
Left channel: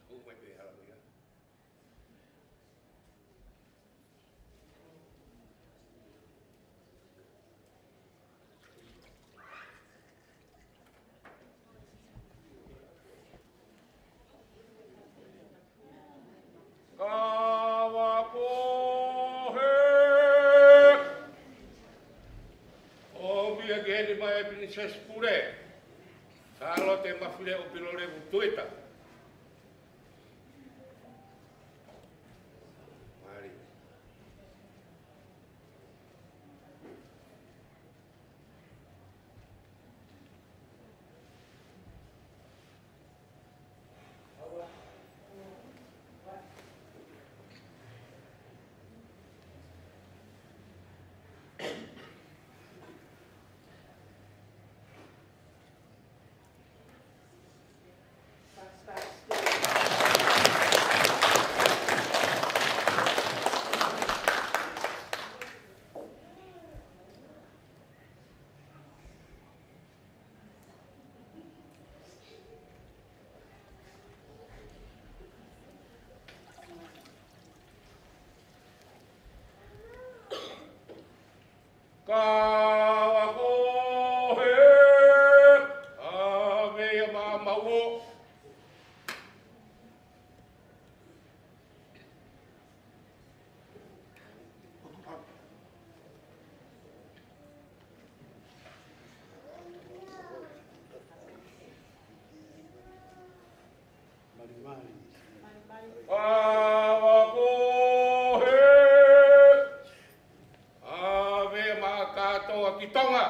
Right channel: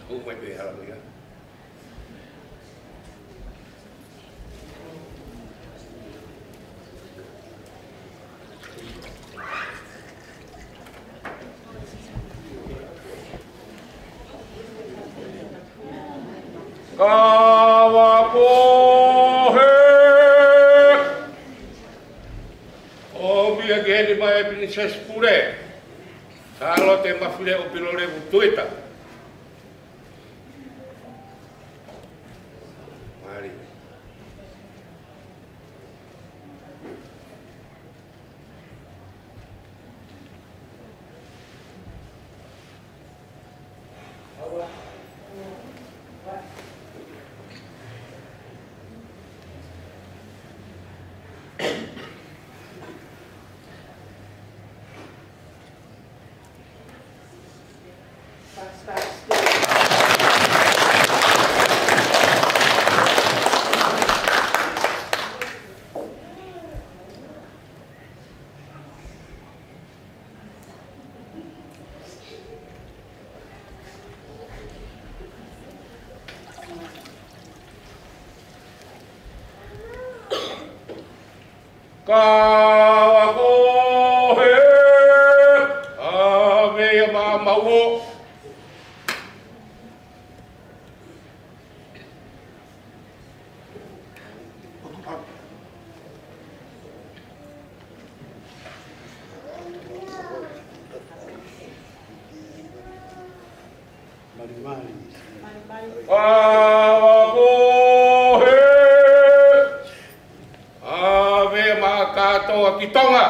Moimoi pe halamu ya. Kawapohe Omia geni mai Princess Pure Salote Mafile'o Pilolevu Tuita. Mari. Kawapohe ave ya mamau. Kawapohe ave makatoa kitonga.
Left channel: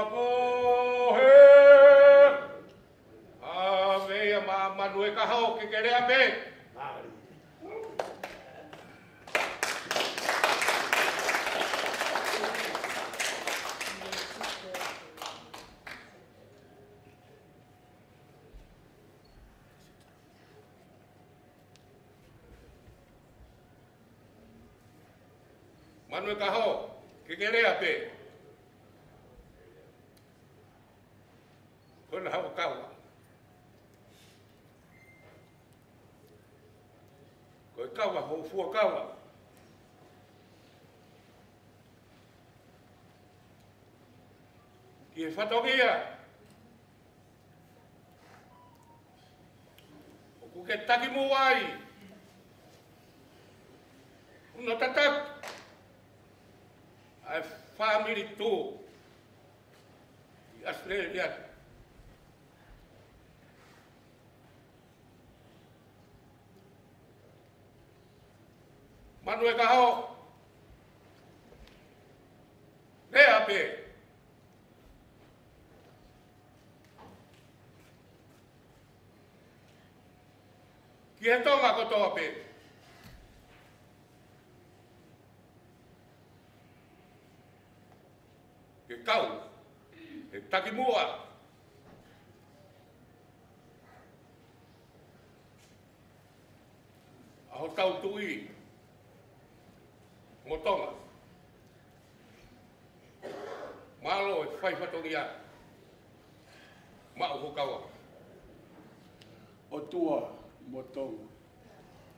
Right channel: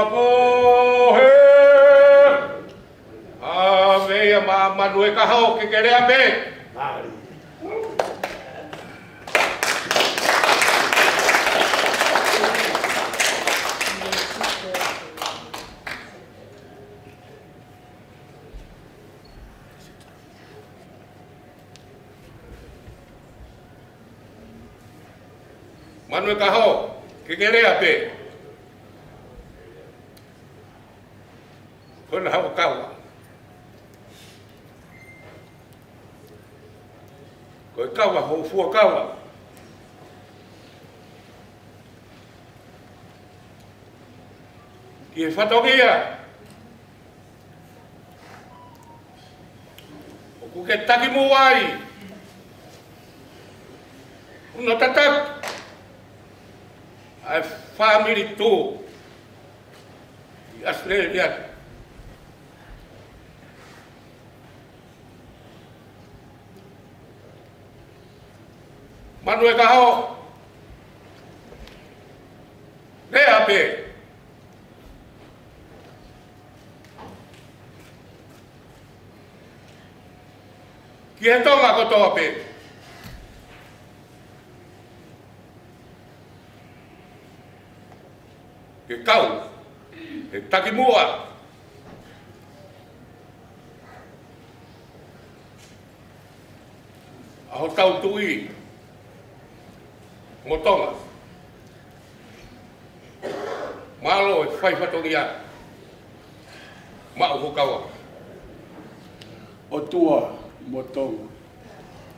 Kawapohe ave ya mamanue kahau kekere abe. Manue kahau kekere abe. Kona hau kawa. Koe kawa hou fua kawa. Ki e whatongia. O ku ke taki mo ai. Uno tatak. Ai famili tu. I Australia. Manue kahau. Ne ape. Ki he tonga ko tō ape. Ke kau. He taki mua. Aho tau tui. Motonga. Malo e whai whatongia. Mao hokawa. O tua motonga.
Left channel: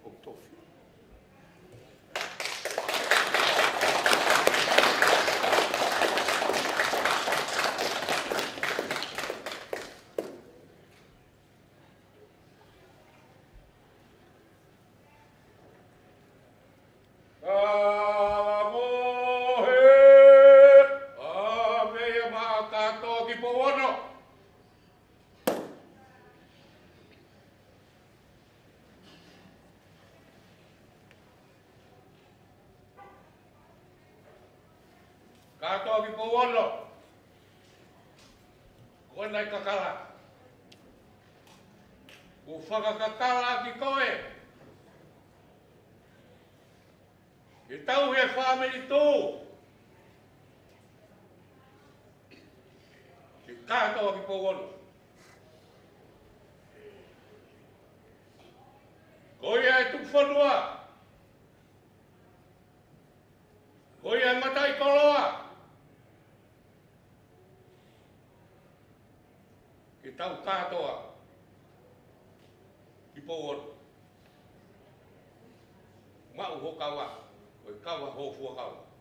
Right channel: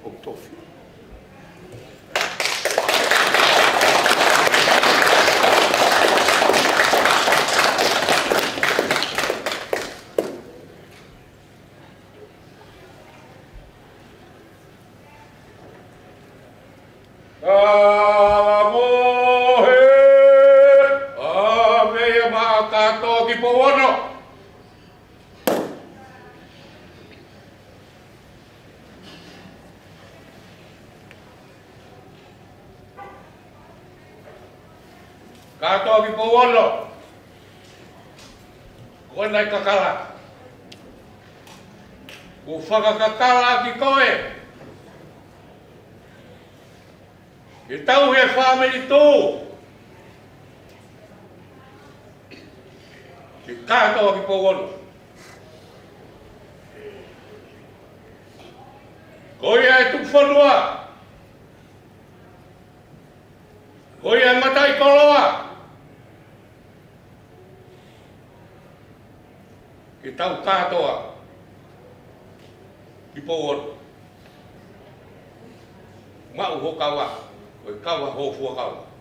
O tofi. Kato ki pouolo. Koe nai kakala. Ku whakakakala ki koe. Ke tau he Famili tō. Ke kātoa ki pōgono. Koia e tukwhanua. Koia e matai koloa. Ke tau kātoa ki pōgono. Mau ho kawa. Koe kawa ho fua kawa.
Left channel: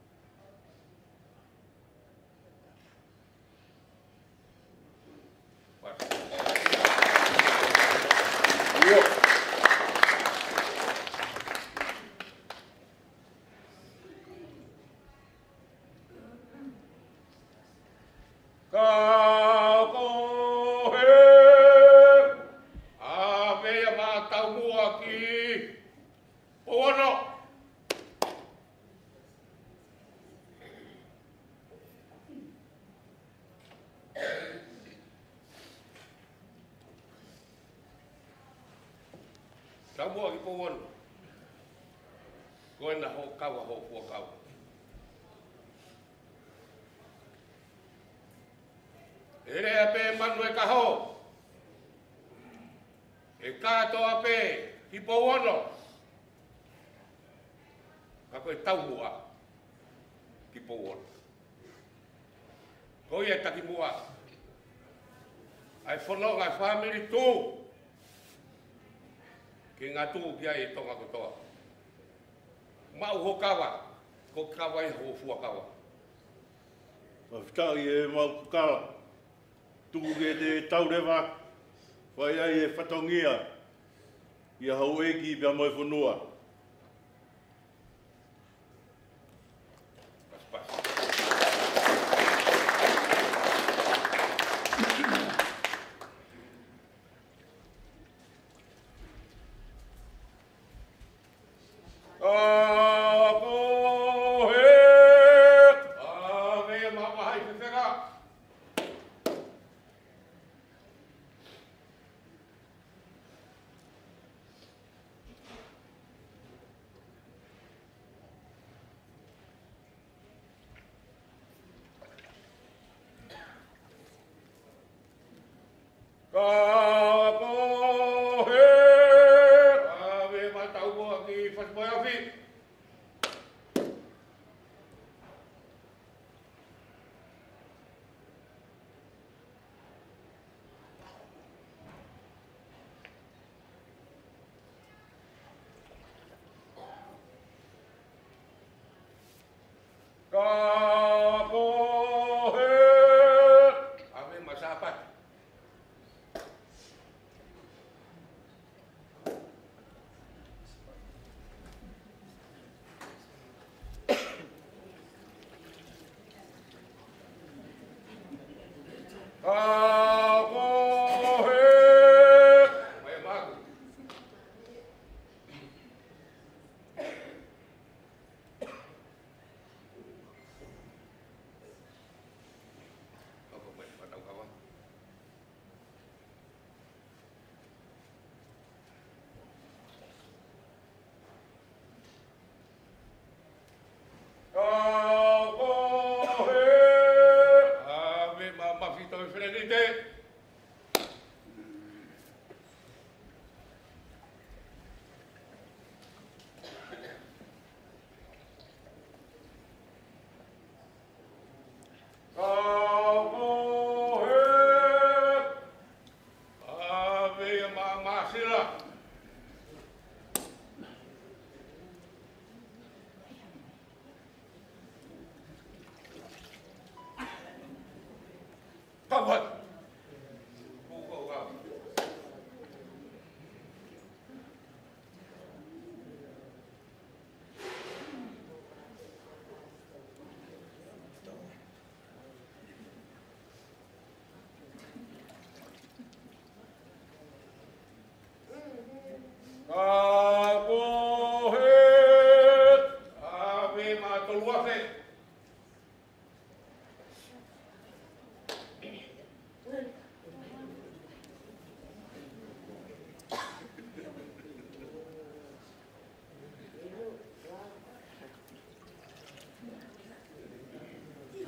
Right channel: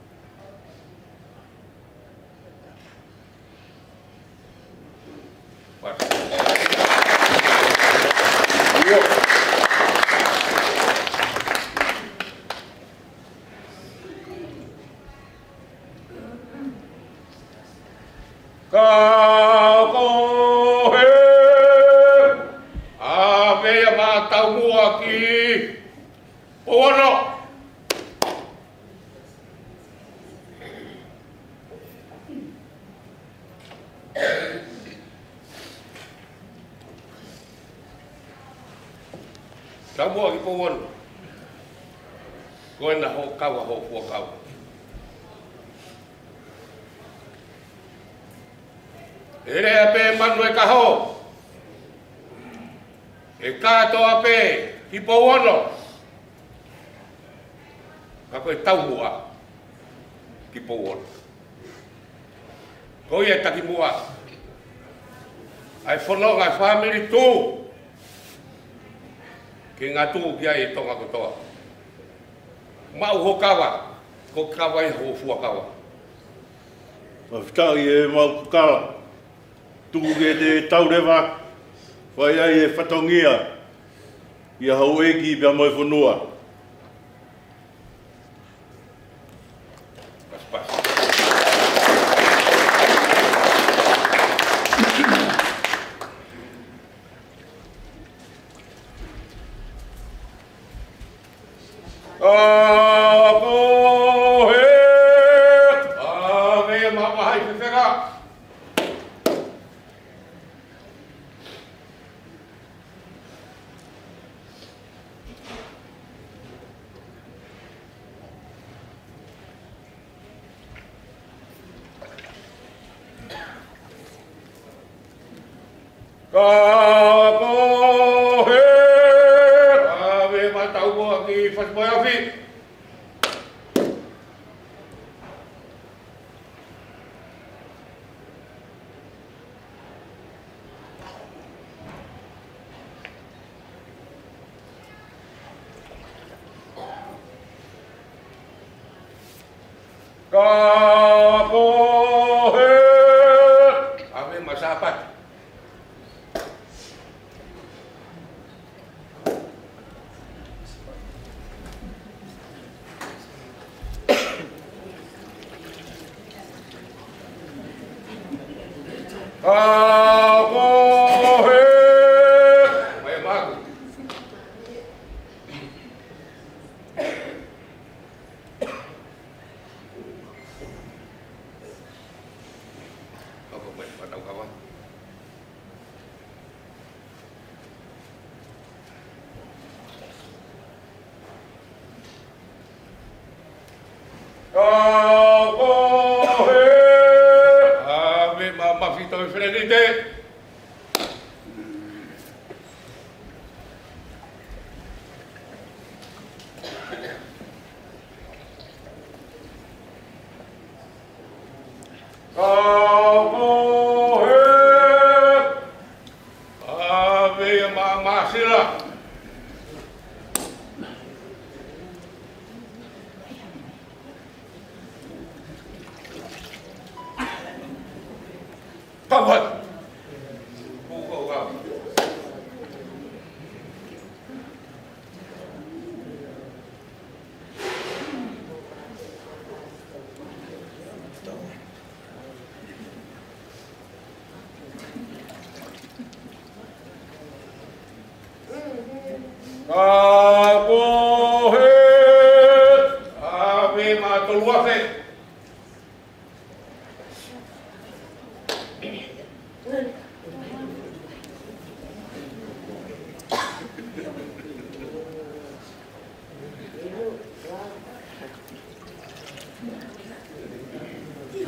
Kamu ki pawon. Koe na ho kawa ho fua kawa. Ere ape manu e kaho. E kato ape ki pawono. Kako e tauhua ki pawono. Koe e taki mua. Ai whanonga e Famili tū. Ke ngā tū ki ai tonga kotoa. Mau ho kawa, ko kawa e ho fua kawa. Mawhitau e mau kukala. Tūke te taurewa, whai ai e whatongia. Ia hau eki pia moi whanua.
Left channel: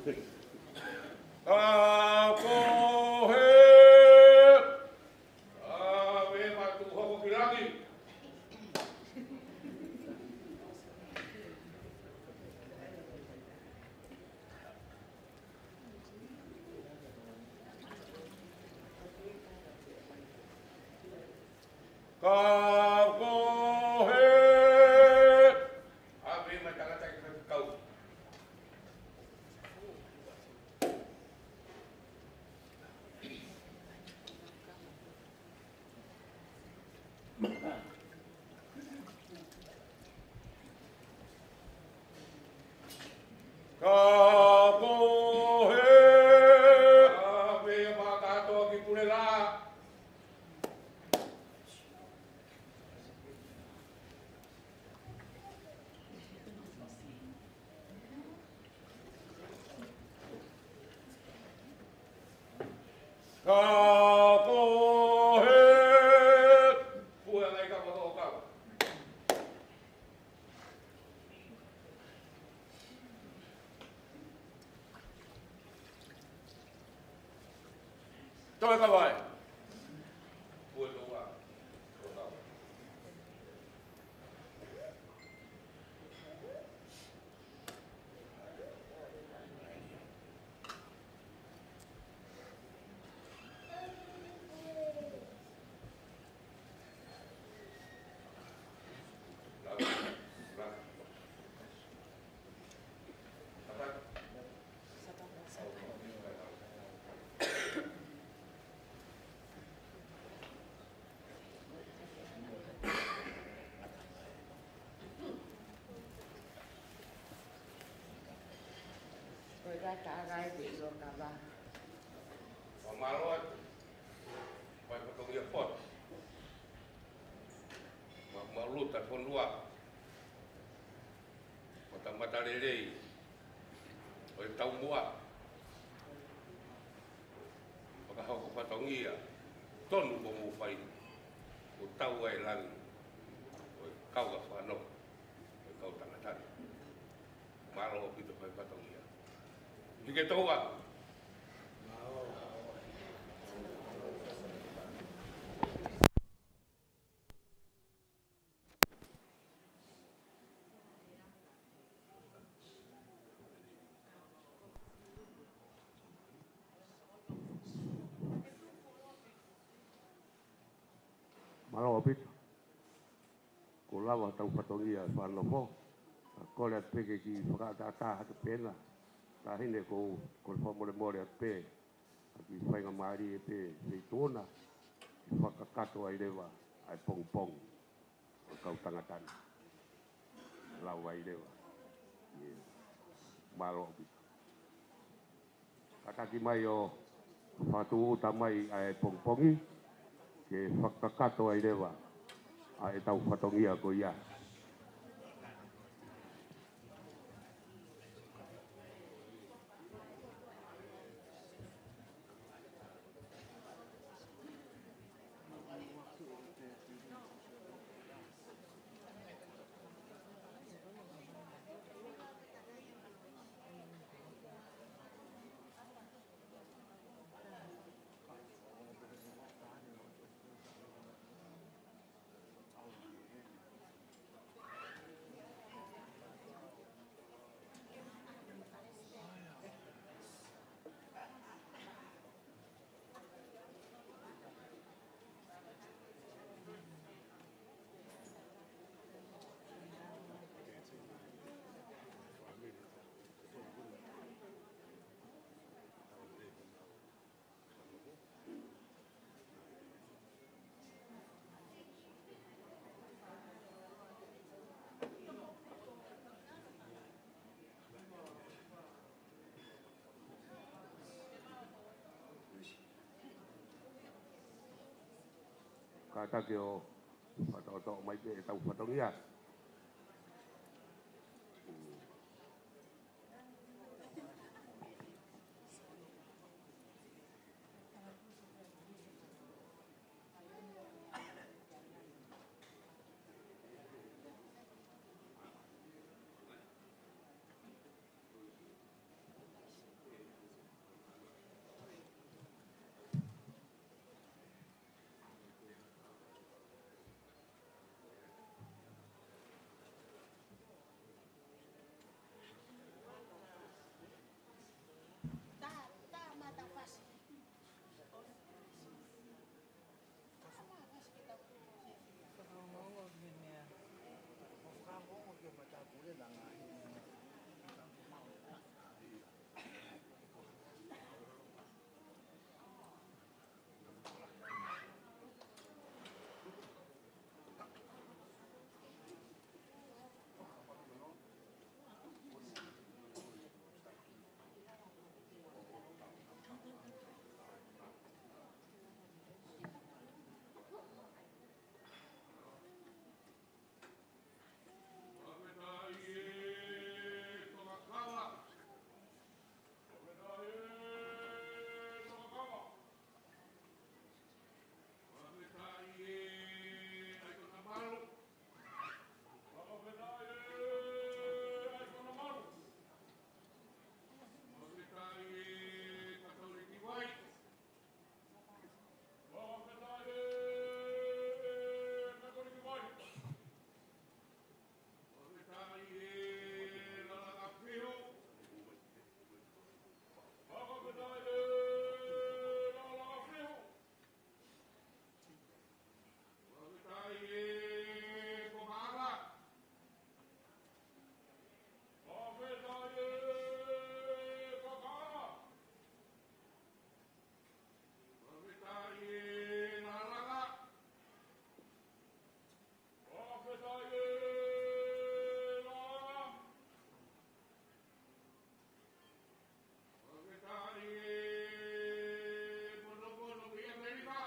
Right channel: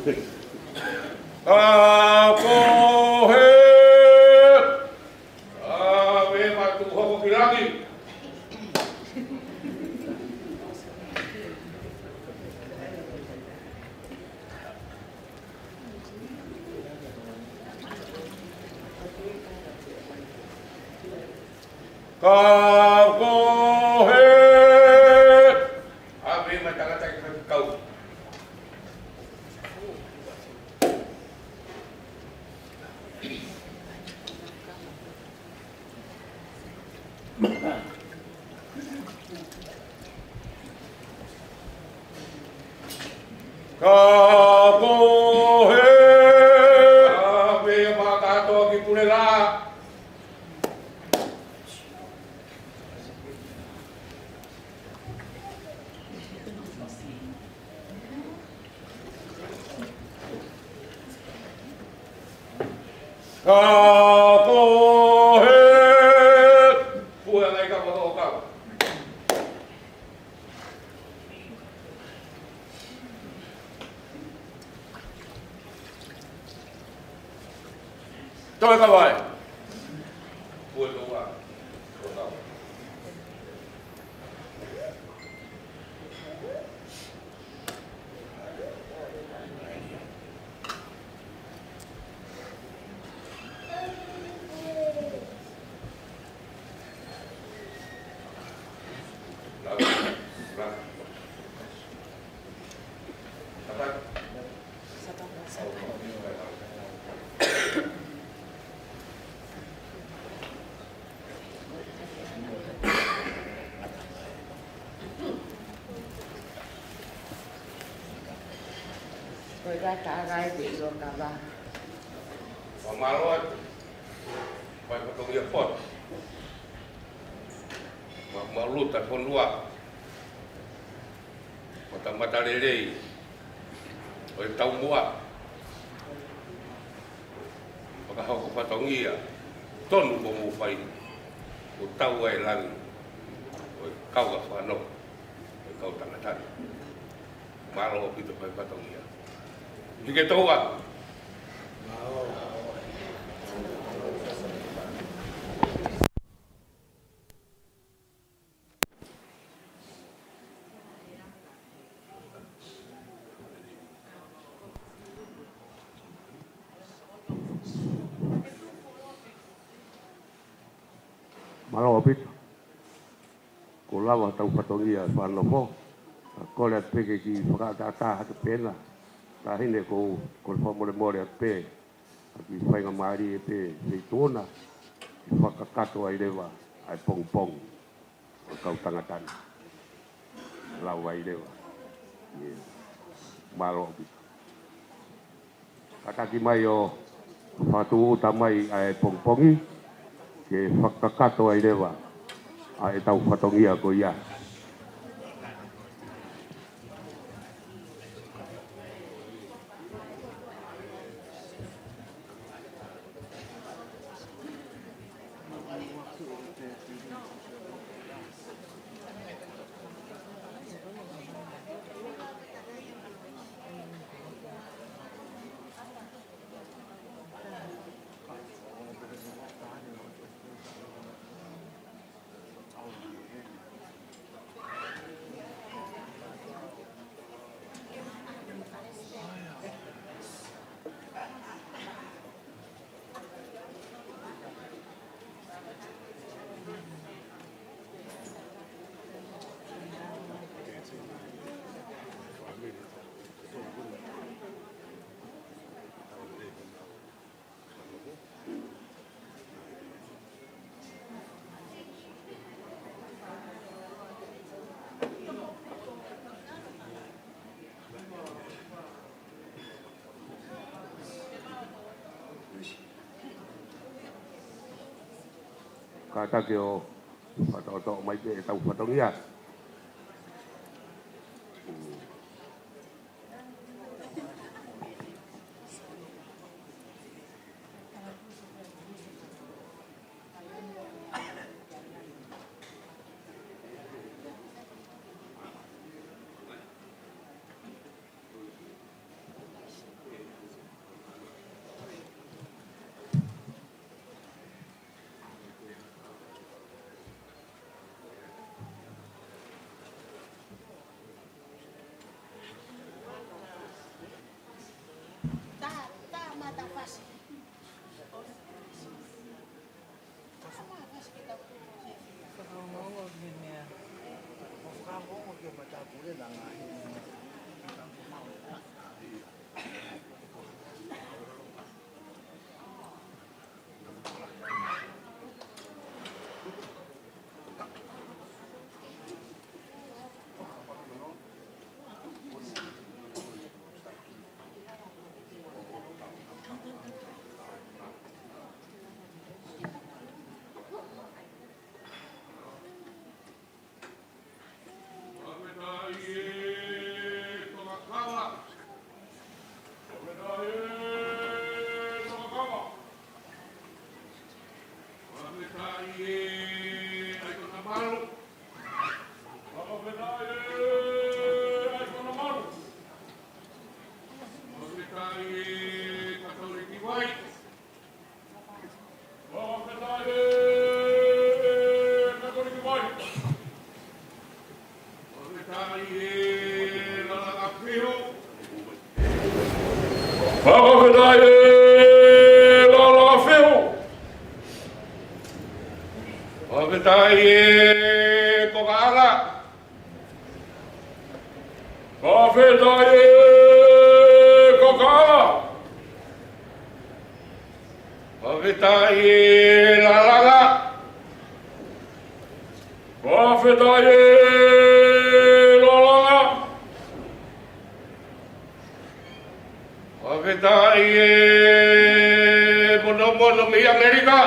Kapohe. Ave matu hoko kilagi. Kapohe. Ave matangata kau. Kapohe. Ave makato ki pulela. Kapohe. Puha ngai ka wako ka. Toi ka vai. Puha to wa. Kagai bilo kaba. Pamalot. Pai patong ia pot. Malut ta pon lua. Mata lelei. Oi tau mua. Maka hau ko patong ia. Tonu ko mu pai. Ko tau ai lan. Oi kau ka whano. Oi kau tangatan. Malo pito pai patong ia. Jika tahu apa? Malo apit. Kulawa tau patongia Fakanofo. Ko le peke ki whakatata hatu pena. Ta hine ko whamore pe. Ki whainga maari e pe se tōna. Ki whakakato ai rewa. Ai pong. O kau tangatana. Lau ai rewa. Malo apit. Kataki mai o whatu uta mai ai pongpongi. Ke whakakato ai rewa. Ai tau whatongia ko ia. Kata ke o whatoto mai te tau whatongia. Whakitai e kokanga. Whakitai e kokanga. Whakitai e lalanga. Whakitai e lolanga. Whakitai e mono mi Amerika.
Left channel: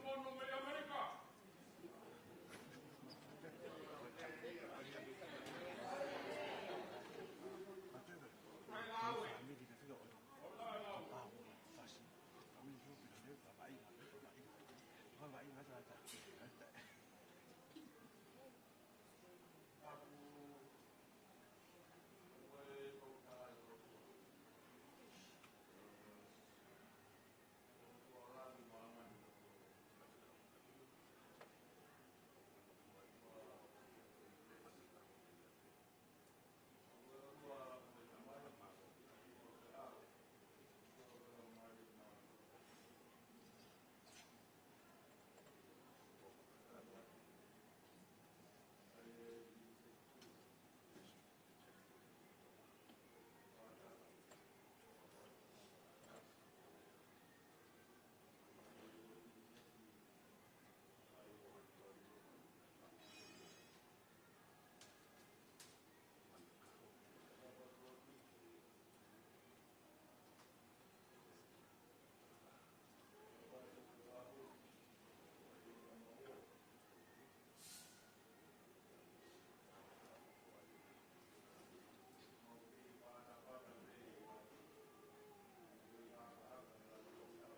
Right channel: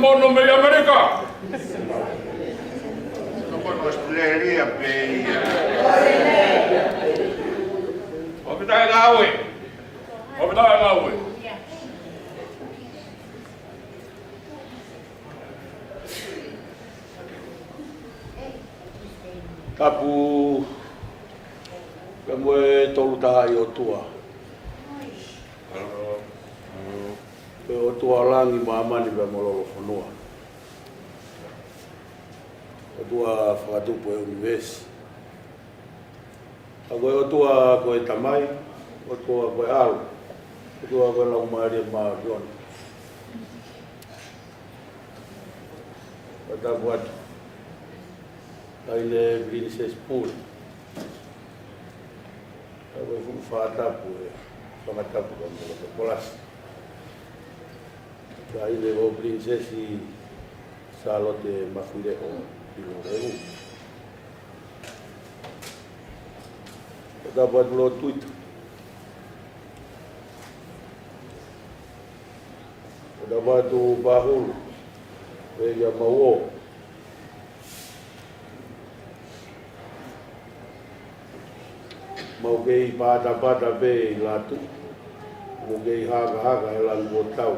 Mono me Amerika. Mono Australia peia. Opitai ngawe. Opitai ngawe. Tapu kamoe tolu taha I o tua. O tua langi maamani pe mololo whanua. O tua whakatupu e univesi. A koe o tua koe tamai, o tua koe alu, o tua koe lau maaria maa rioni. O tapu atu. Taile Princess Pool. A koe fuku whakatapu e whakatapu ka mololo polasi. Taile o Princess Salote Mafile'o Pilolevu Mafile'o Tuita Latu Paula Ouau mau kei pata pe Latu mau kei haka e langu o tau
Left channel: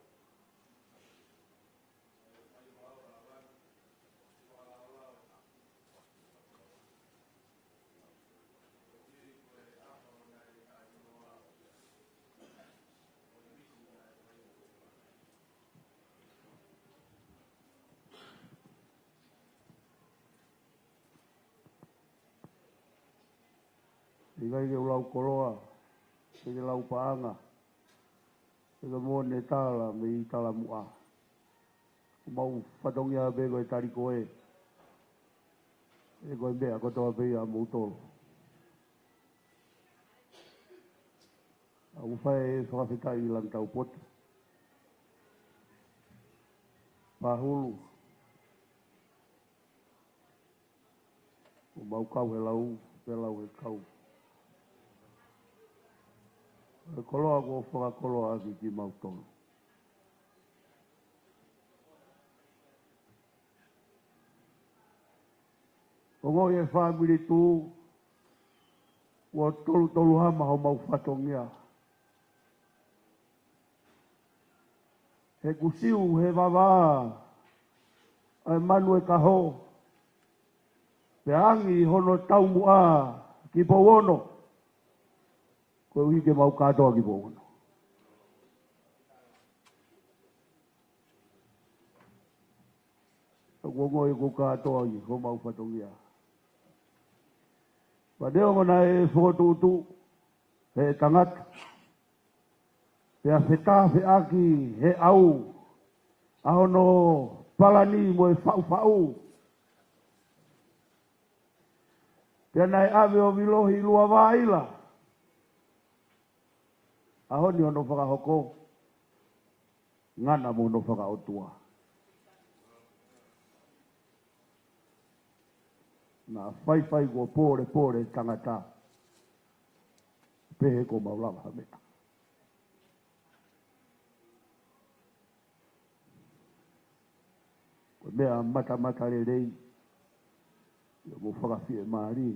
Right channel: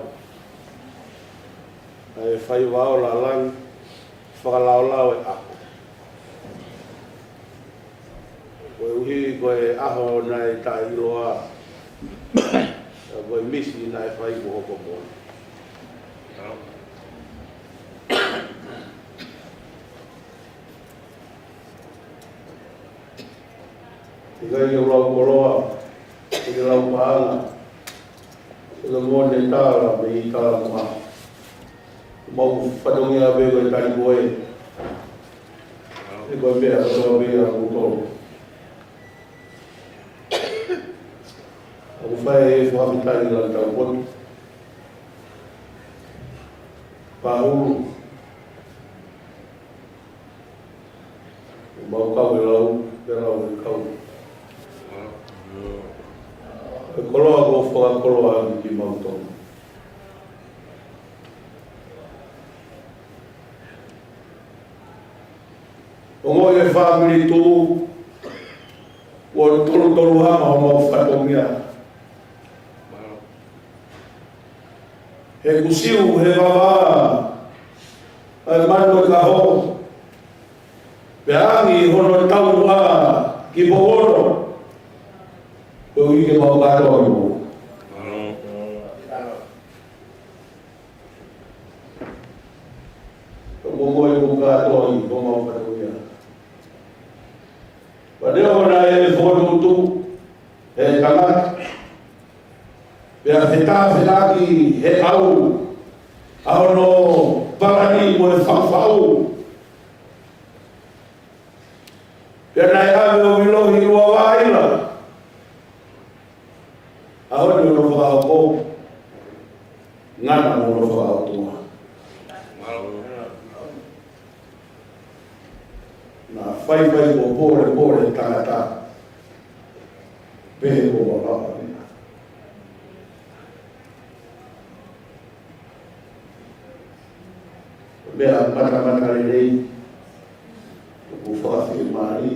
e whai wao la lang whakalao e ako. Koe uhi koe aho nai ta iloa koe misi nai whai ko hoko mōna. Ikai o lau koroa, i lau paanga, i ka ngone tāra me I tāra maa. Mau whanongia a koe tani koe. E koe mea katoa mea a kutoro. Aku whae e whakitani lan tau kote. Pahuru. Mau kau e lau, e lau e kau. E koloa ko whakakoloa ki mau tonu. Ongo e Famili tu o tolu hama o mau whatongia. He kusiu, he wawa, e manu e kaho. Pe angi hono tau a ki pogono. Ko ike mau kato imu. Ongo e kukato i, ko mau whatongia. Padeo na e fotu he tangata. Pea whetaki he au. Ao no parani mo e whawhau. Pea nai ave o wilohi ua waila. Ao ni no whakahoko. Ngana mo no whakahotua. Na whai ko pore tangata pehe o rapa ni. Mea mata rei o whakawhi maari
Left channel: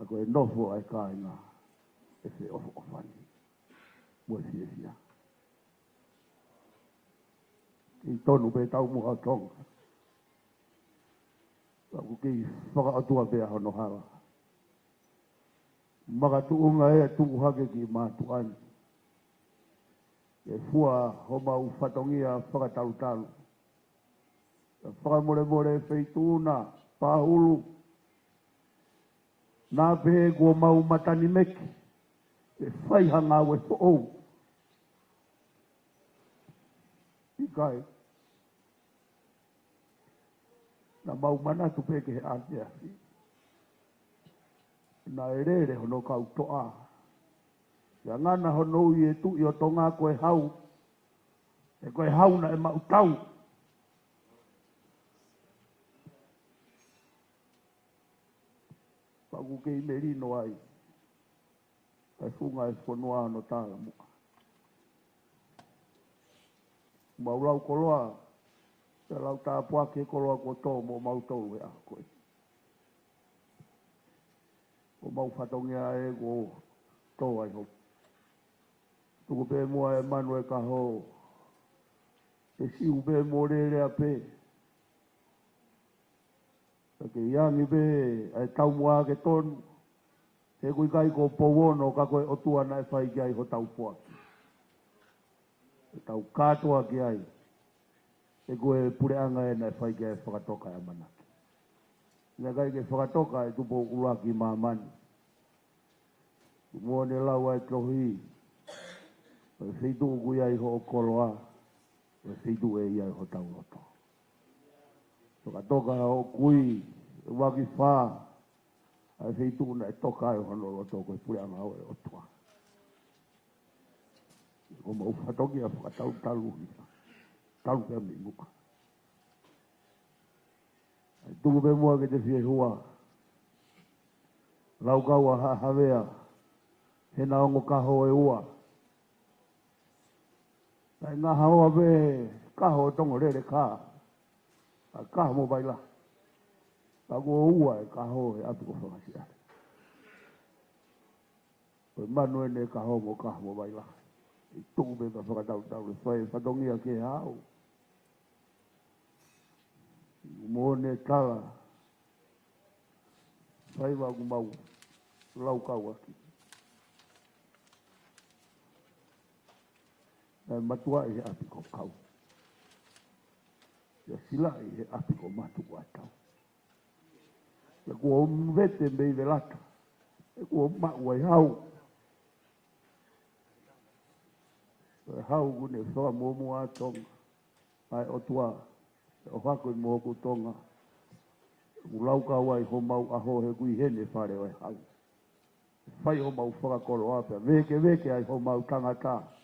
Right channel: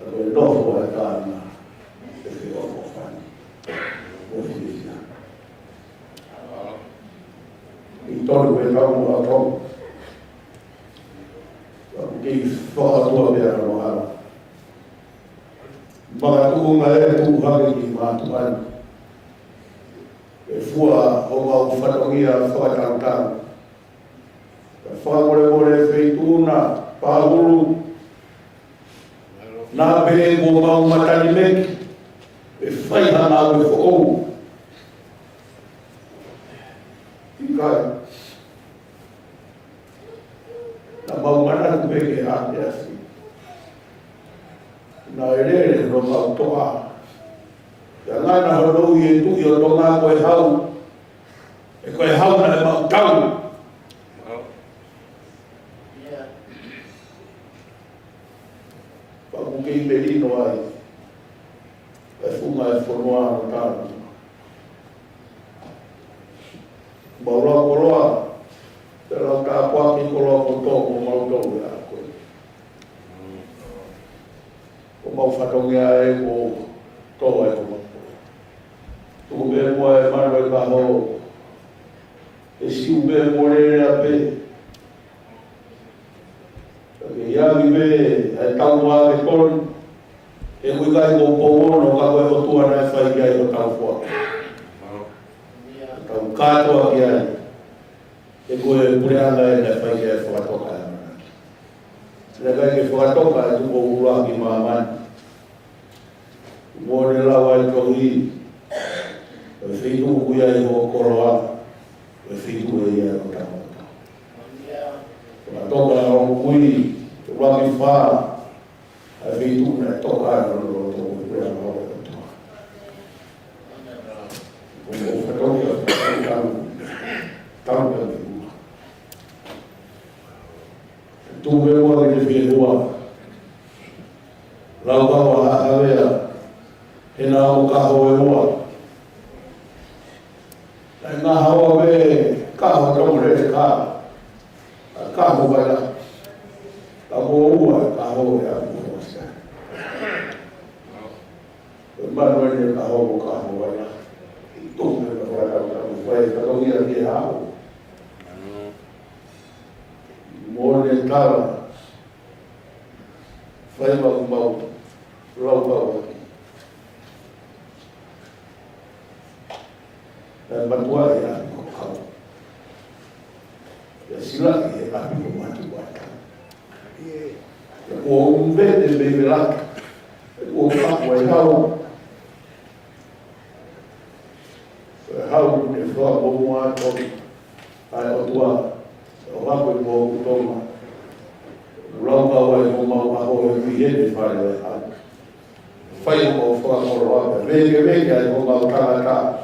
a koe nofo e tāna e whio o whani o whiwhia. I tonu e tau a tau kei whakatua mea no hara. Makatunga e tu hake ki mātuani. E fua o mau whatongia whakatarutau. Whakamore feituna, pahuru, nā pehe ko mau matani meki, e whai hana au e whaou. Tikai. Na maumana tu peke hake asi. Na ere no mau toa. Ia ngana honou i e tui o tonga koe hau. E koe hau na e mau tau. Whakukei merino ai. E funga e whanua no tāna. Maura koroa. Te rau tā puaki koroa ko tō ko mau tō e a koe. Ko mau whatongia e ko tō e ko mau. Tuku me mua e manu e ka hou. E siu me more rea pe. Ke iagi me e tau maa ke koni. E kui kai ko pouono ka koe hotua na e whai ki ai o tau puaki. Tau kātoa ki ai. E koe pureanga e ne whai ki ai whakatoka e mana. Nā kai ke whakatoka e tuko urua ki maa mani. Mōne lawa e tohi. E whitu kui ai ho koroa. E whitu e ia o tau. Whakatoka e ho kui. Te waki whaa. A whitu na toka e rono o tōku pureanga ho e toa. Ko whakatoka tau ka ki ua. Tuku me mua ki te whihua. Lau kawa hahawea. He nā o kaho e ua. Nai ngā hawa me kaho tōre e kā. Kaho vai la. Ka mo ua e kaho e a mua sa. Ke manu e kaho o kaho vai la. I tōku me ka vai la. Vai ka tongia ki e hao. Mōne tara. Vai mau mau. Lau kau aki. Dan matua e api ko kau. Ia sila e api ko matu wata. Ia kua umvete me me laka. Ia kua whakua e hau. E hau e whua momu ato. Ai o tua. O whaku e kua utoma. Ulau kau e mo mau aho e whihene whare e hau. Whai o mau whakakoro ata. Veke ai mo mau tangata.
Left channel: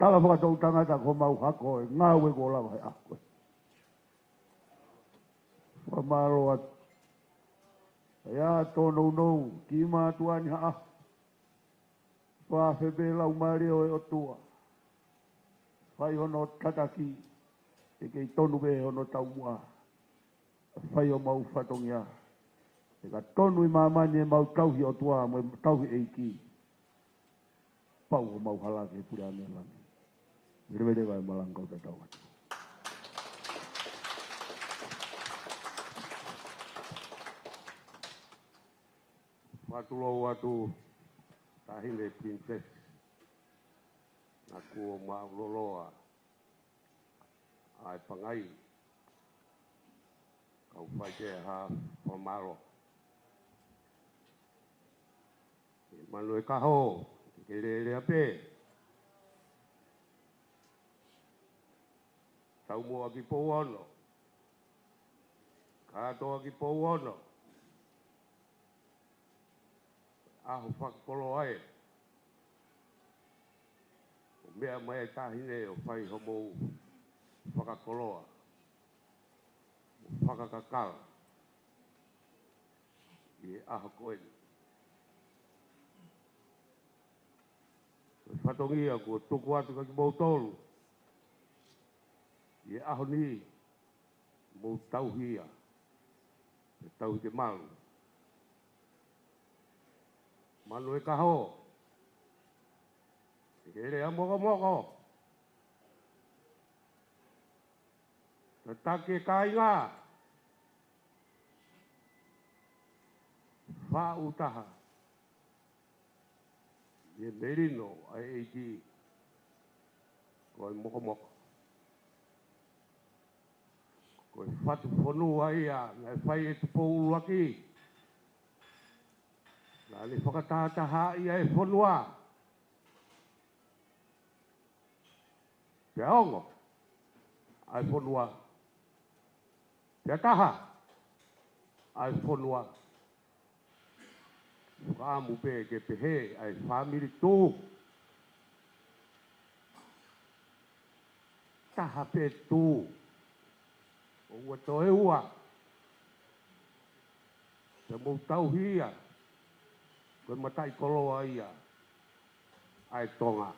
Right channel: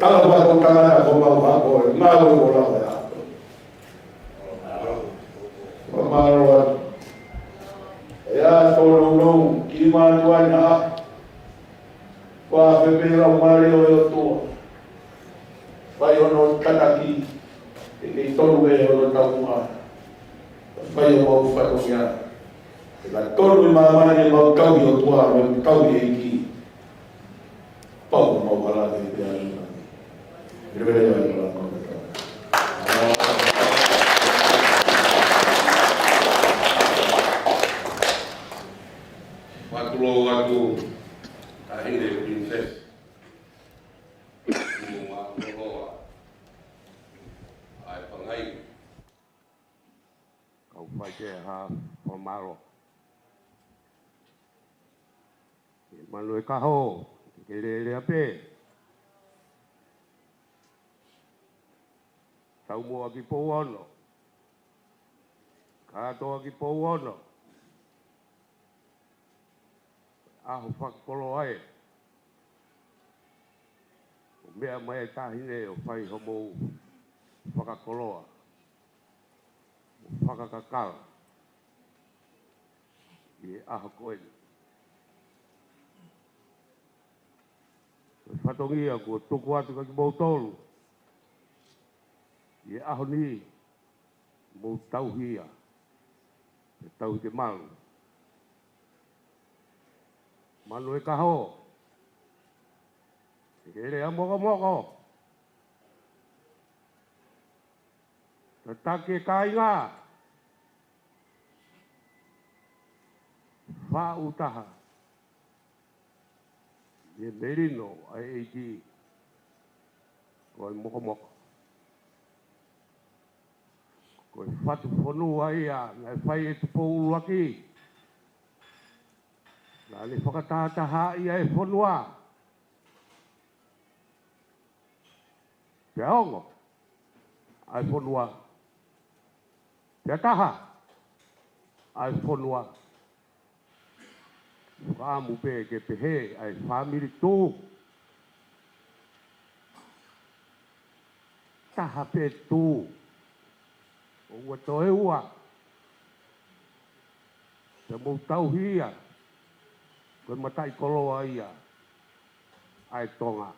Tala toa ko tangana ko mau hako e ngāu e ko lau e hako. Ko māroa. E a tōnou nou ki mānu ai na. Ko a whepera o mareo e o toa. Whai ono tanaki. E kei tonu e ono tau maa. Whai o mau whatongia. E la tonu i māmane e mau tau i o toa. Me tau i e ki. Pau mau halake i te anu. Matulou atu Highness princess. Matulou ai pangai. Kau fai ke ha formalo. Manu e kaho ke le ape. Tau mua ki pouono. Katoa ki pouono. Aho whakapolo ai. O mea mai tahine o whai homo whakakoloa. O whakakakala. I aho koeni. O whatongia ko tuku atu ka ki mautolu. I aho ni mo tau hia. E tau te malu. Manu e kaho. E kere a moko moko. Ta take kai ngā. Wha utaha. E merino ai eiti. Ko e moko moko. Ko e whatu whanua ia, ngai whai e tupo uluaki. Lali whakatataha ia e whanua. Te aongo. Ai whanua. Te taha. Ai whanua. Whaamu pe ke pehe ai Famili tū. Taha pe tū. O ua toe ua. Te mou tau hia. Koe matai koloa ia. Ai tonga.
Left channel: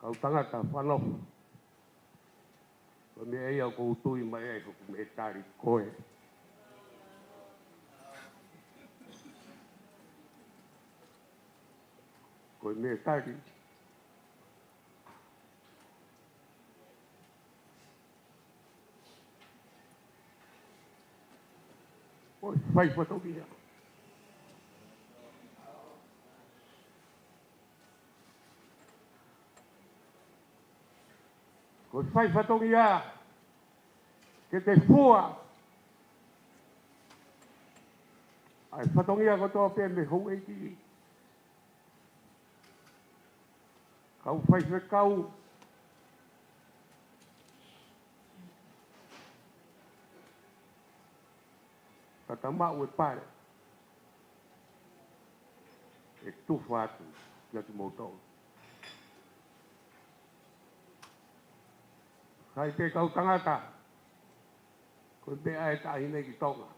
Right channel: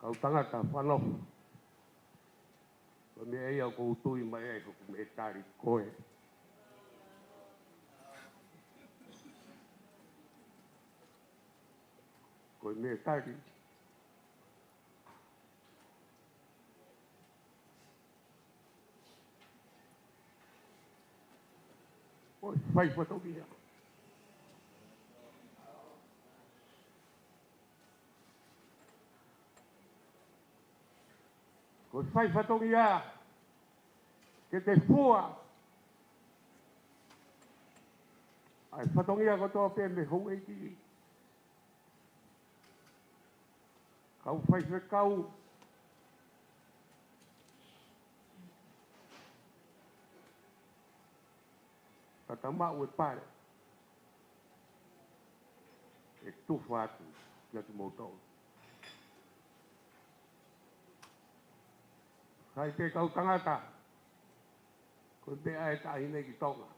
Kau tangata whanofo. Koe me ei au kou tui mai ei huku me tari koe. Koe me tari. Oi, fai fotogia. Koe fai fotogia. Ke te fua. Ai fotogia ko toa pe me hou eiki. Kau fai fe kau. Tata mau e pare. E tufa atu. Kia tu moutou. Kai te kau tangata. Koe bea e tahi nei ki tonga.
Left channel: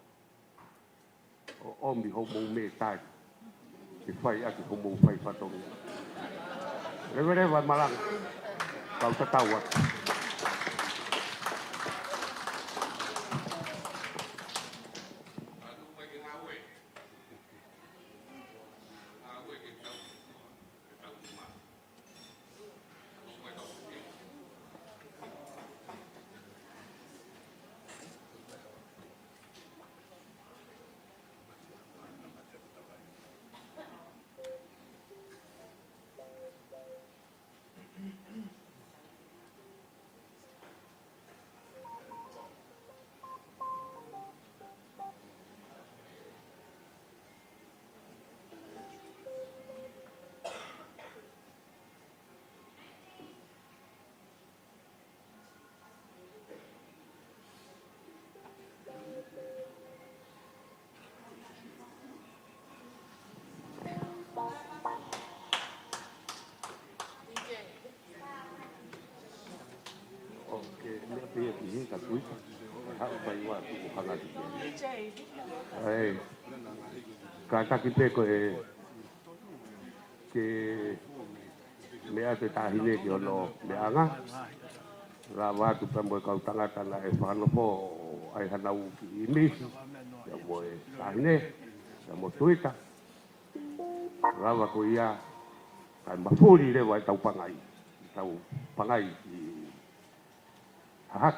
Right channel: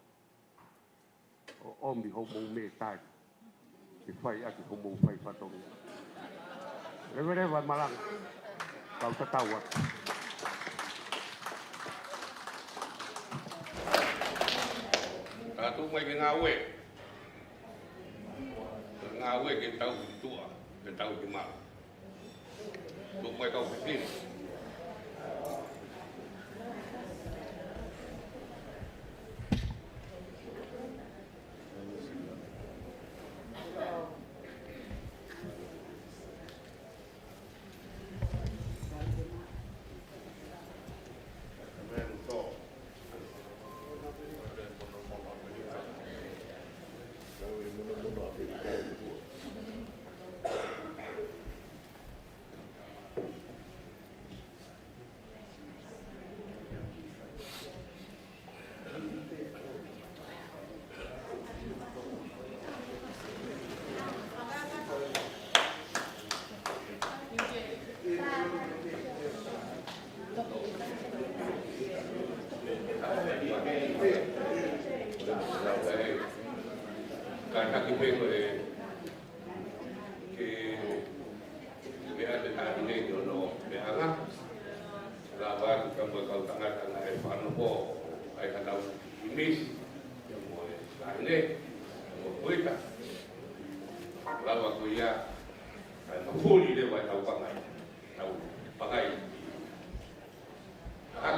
O omi homo me tai. Ke fai aki homo fai fatongi. Rewa malang. Kau tatawa. Katu mai ke ngawe. Ngawe ke tau tua. Ke tau cuma. Tuk mai kau kecil. Kata kita ko ke mea te tahine ki ono meanga rawa ku pambo kau tangata la e Fakanofo ai hanau Highness ya mo e Highness mo Tuita rawa ko ia ai mafuri le wa tau pangai hak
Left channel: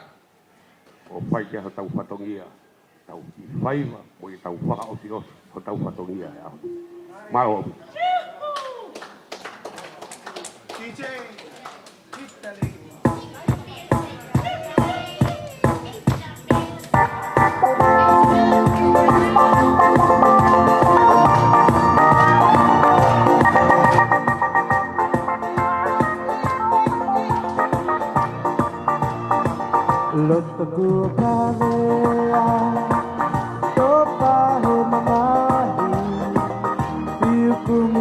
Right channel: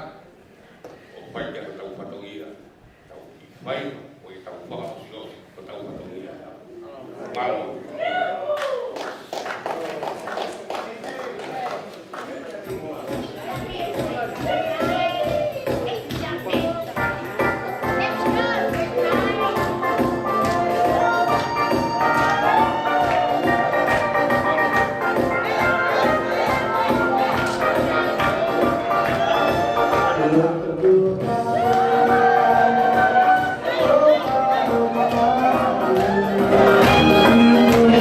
o pai te tau patongia tau ki fai mo e tau whakaosiros ko tau patongia mau Thank you.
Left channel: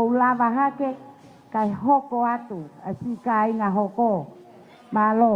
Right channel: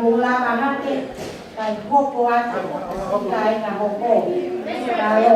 pula manate kai hoko atu kai na hoko malo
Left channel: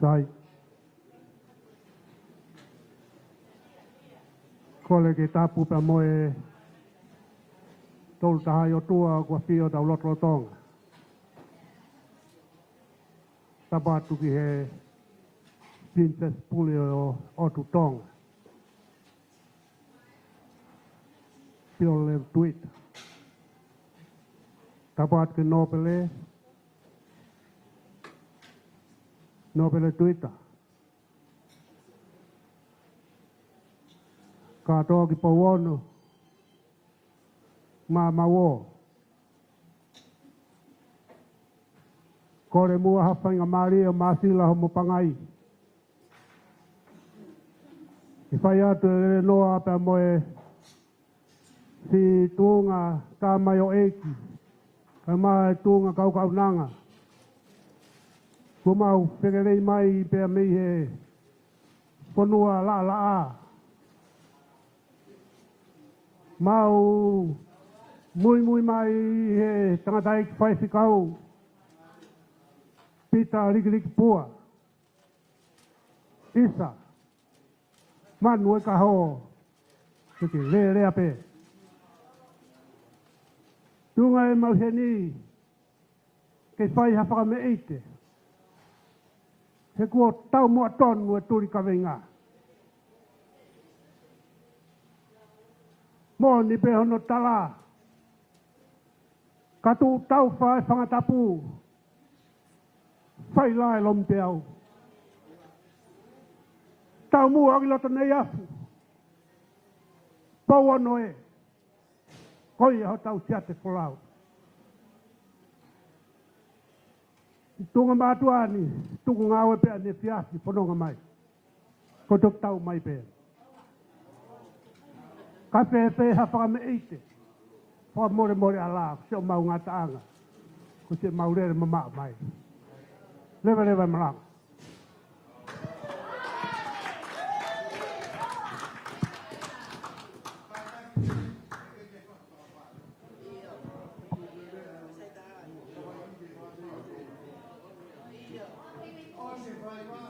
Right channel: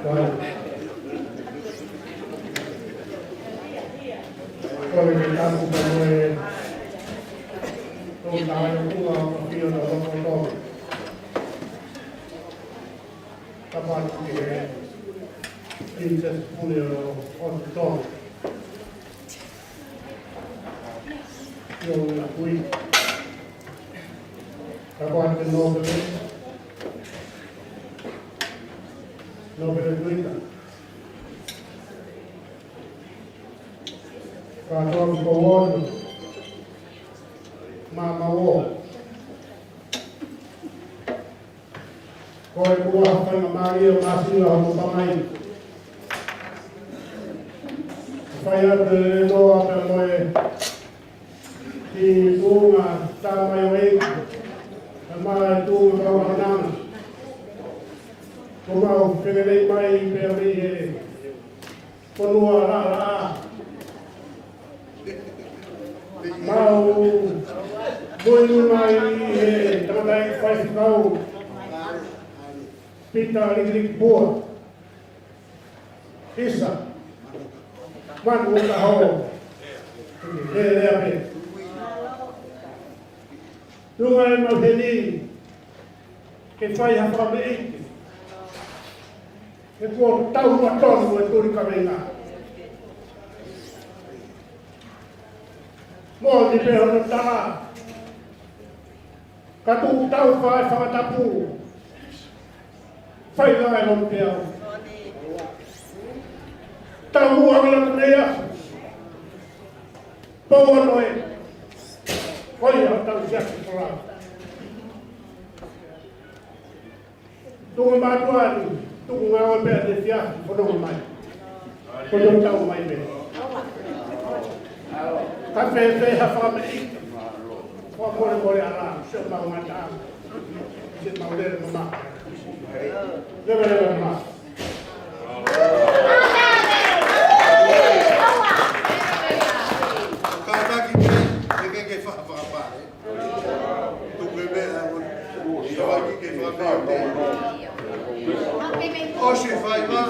Kore ke tapu ka moe tō tahai o kua o mawhio na loto tō. Tapa atu ki he Princess Pule o Otu tō. Pilolevu Tuita. Tapa atu Mafile'o Tuita. Katoa ki Paula, Moimoi. Kore mua hawhainga Maria Masila ho Famili. Whai atu e loa pe moe ki tūnga tāmai o eiki. E maha e tūnga whawananga. Kumau whengerei mai pia mi he whanua la. Mau Moimoi mai e tangata e whaifikau pita rikiriki pua. Isa. Manu e taho. Lea pe. Tunga e mawheni ke whai hawha me eite. Ke kua tau atonu e tūri kawenga. Mō ni pe hono tala. Ka tū tau whae whakatapu. Whai ngai lomu te au. Tau mua wala mea. Pau ano e. Whai au tau siaki kora. Tunga mātuani. Tunga ngawe pēr te siaki whanonga mai. Whanonga tau mai pēr. Ka te hawha me ike. Wha more ara, seo mau ngata anga. I te mau lere no maka. Lewa no maka. Kātaki ke whakapare. Tuku e mea, i awaki ke whakapare. Oshi whai ma,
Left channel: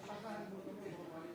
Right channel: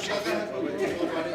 shakana koe ke whakapare.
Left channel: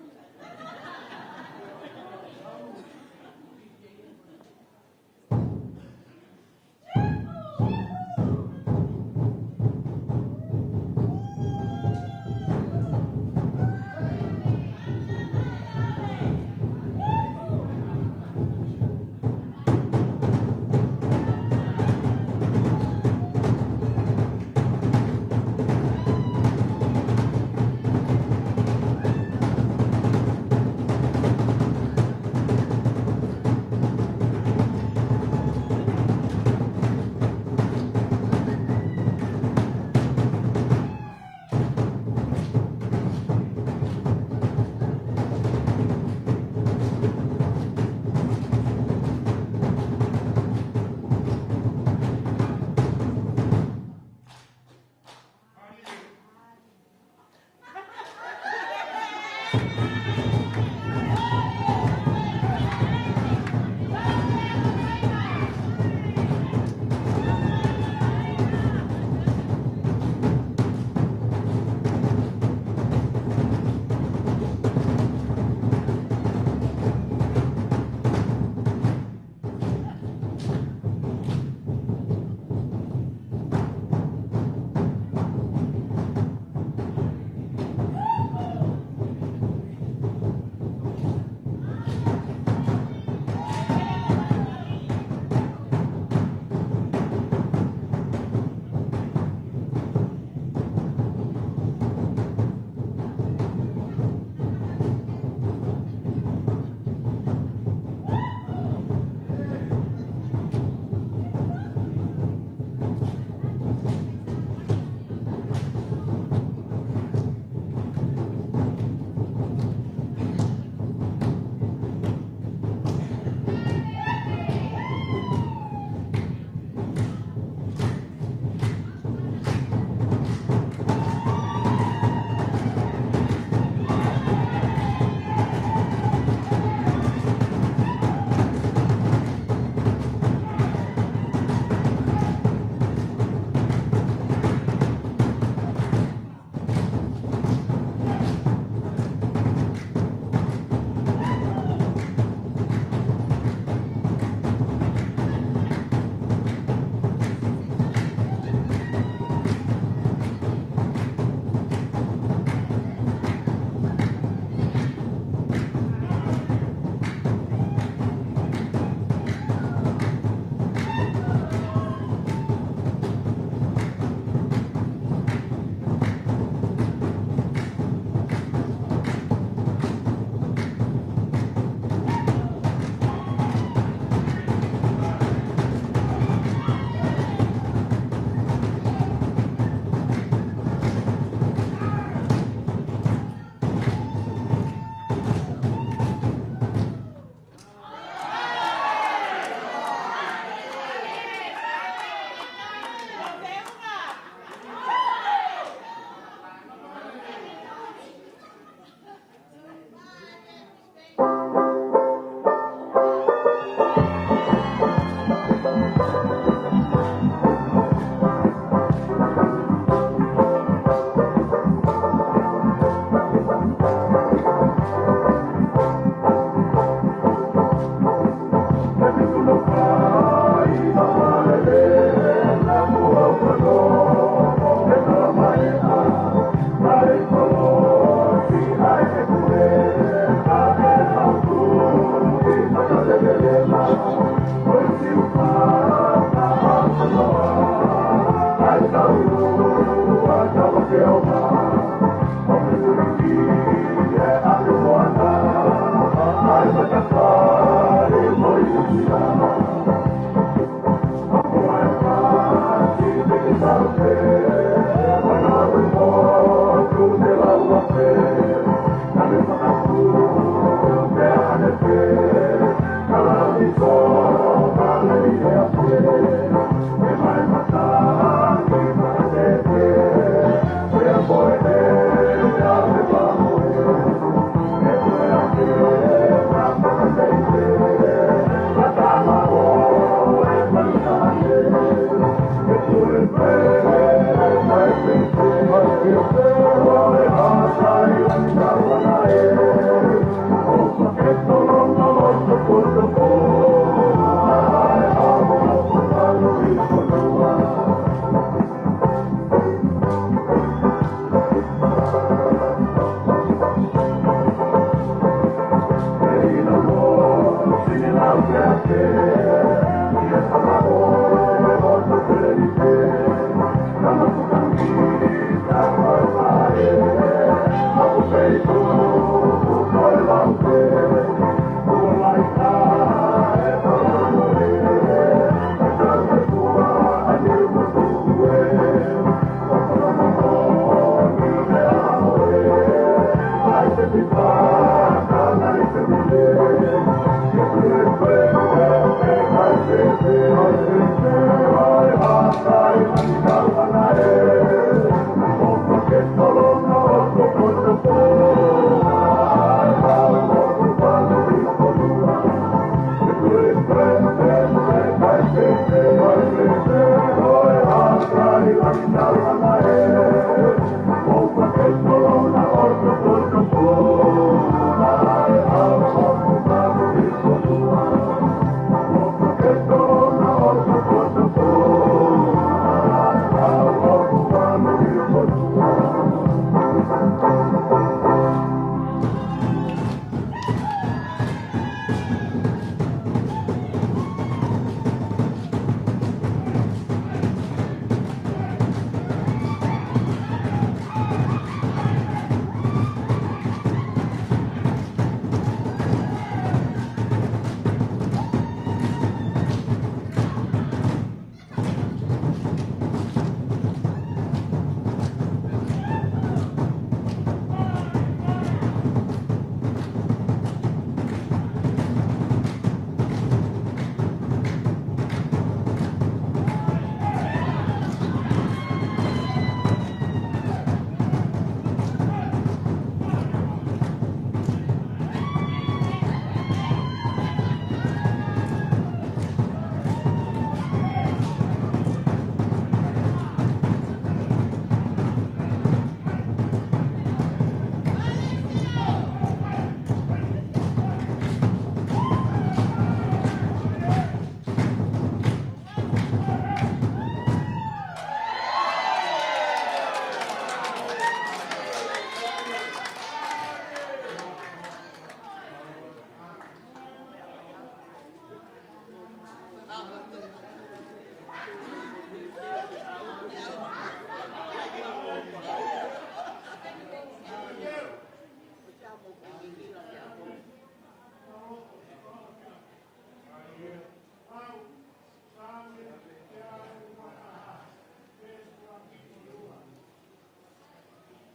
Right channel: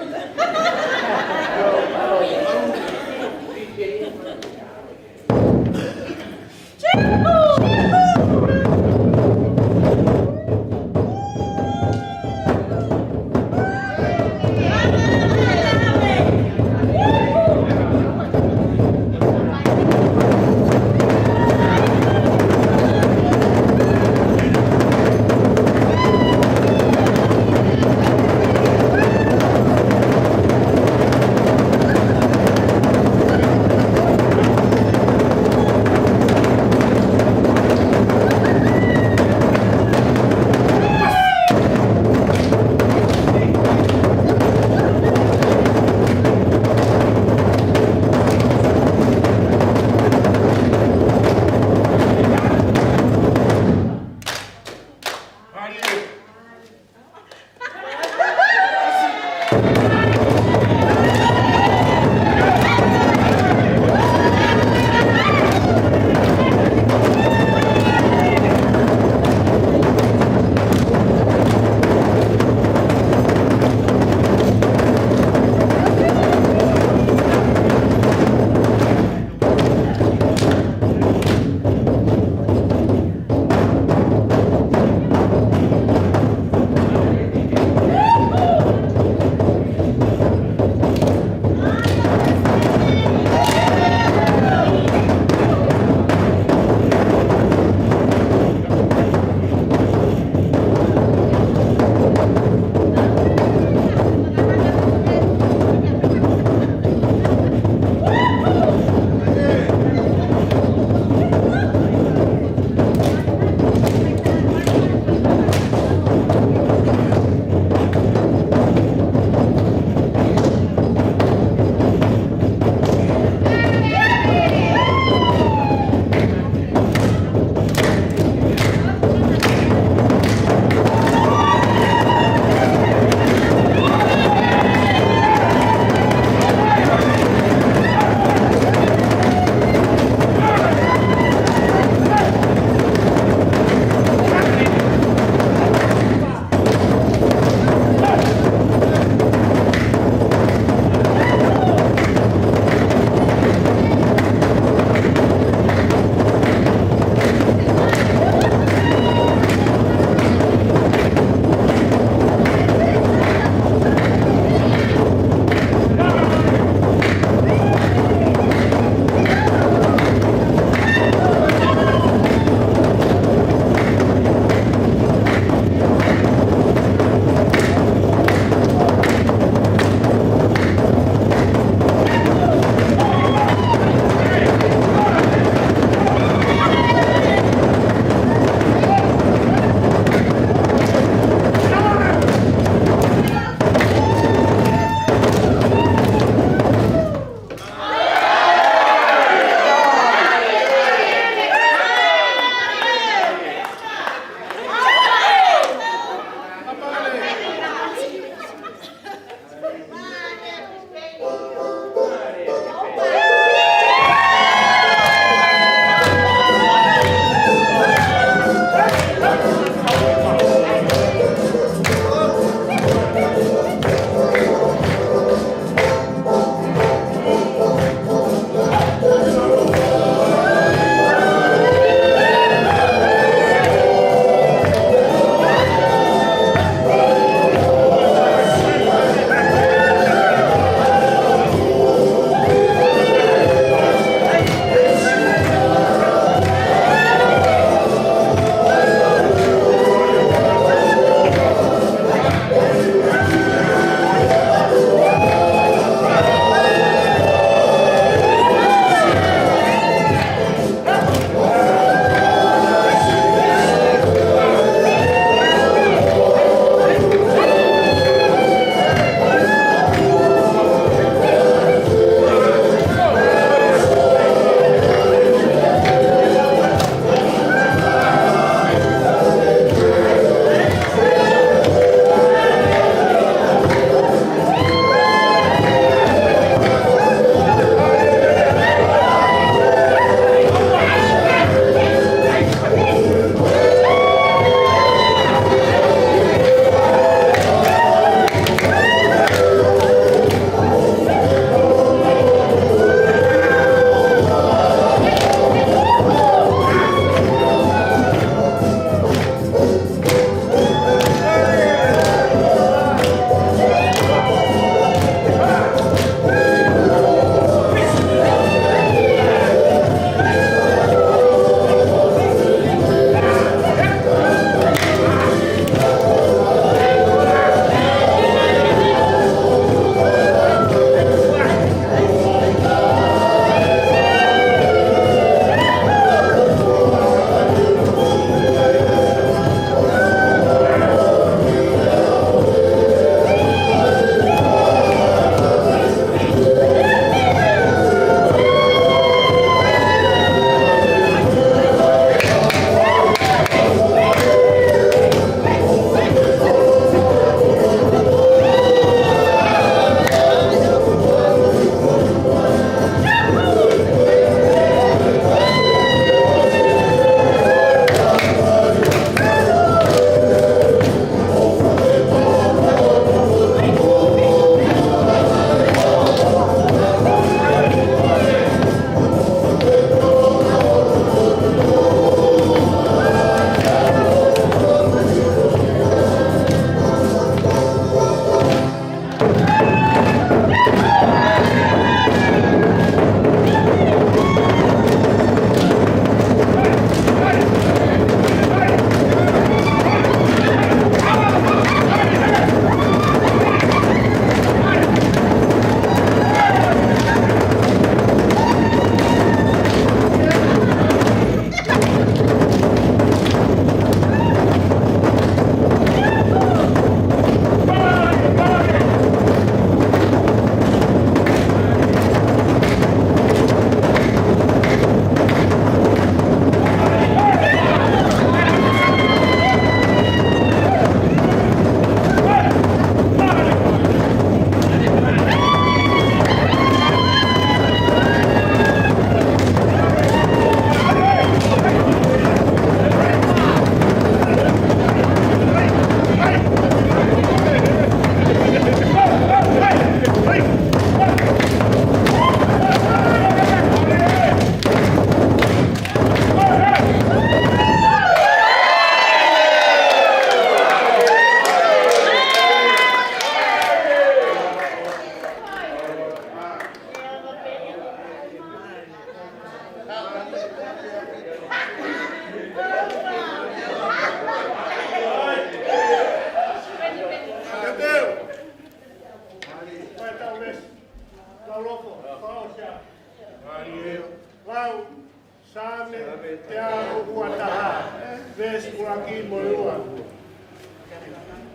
Highness kuraki moiwa.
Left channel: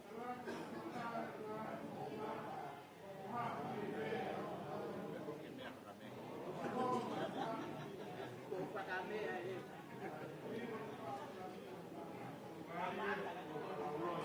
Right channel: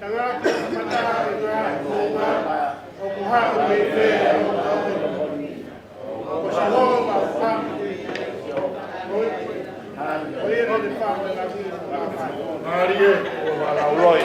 Tangaki matara ina o kuhaka meife o shaloma famili. Oye no de famili aquí. Marie o la Roy.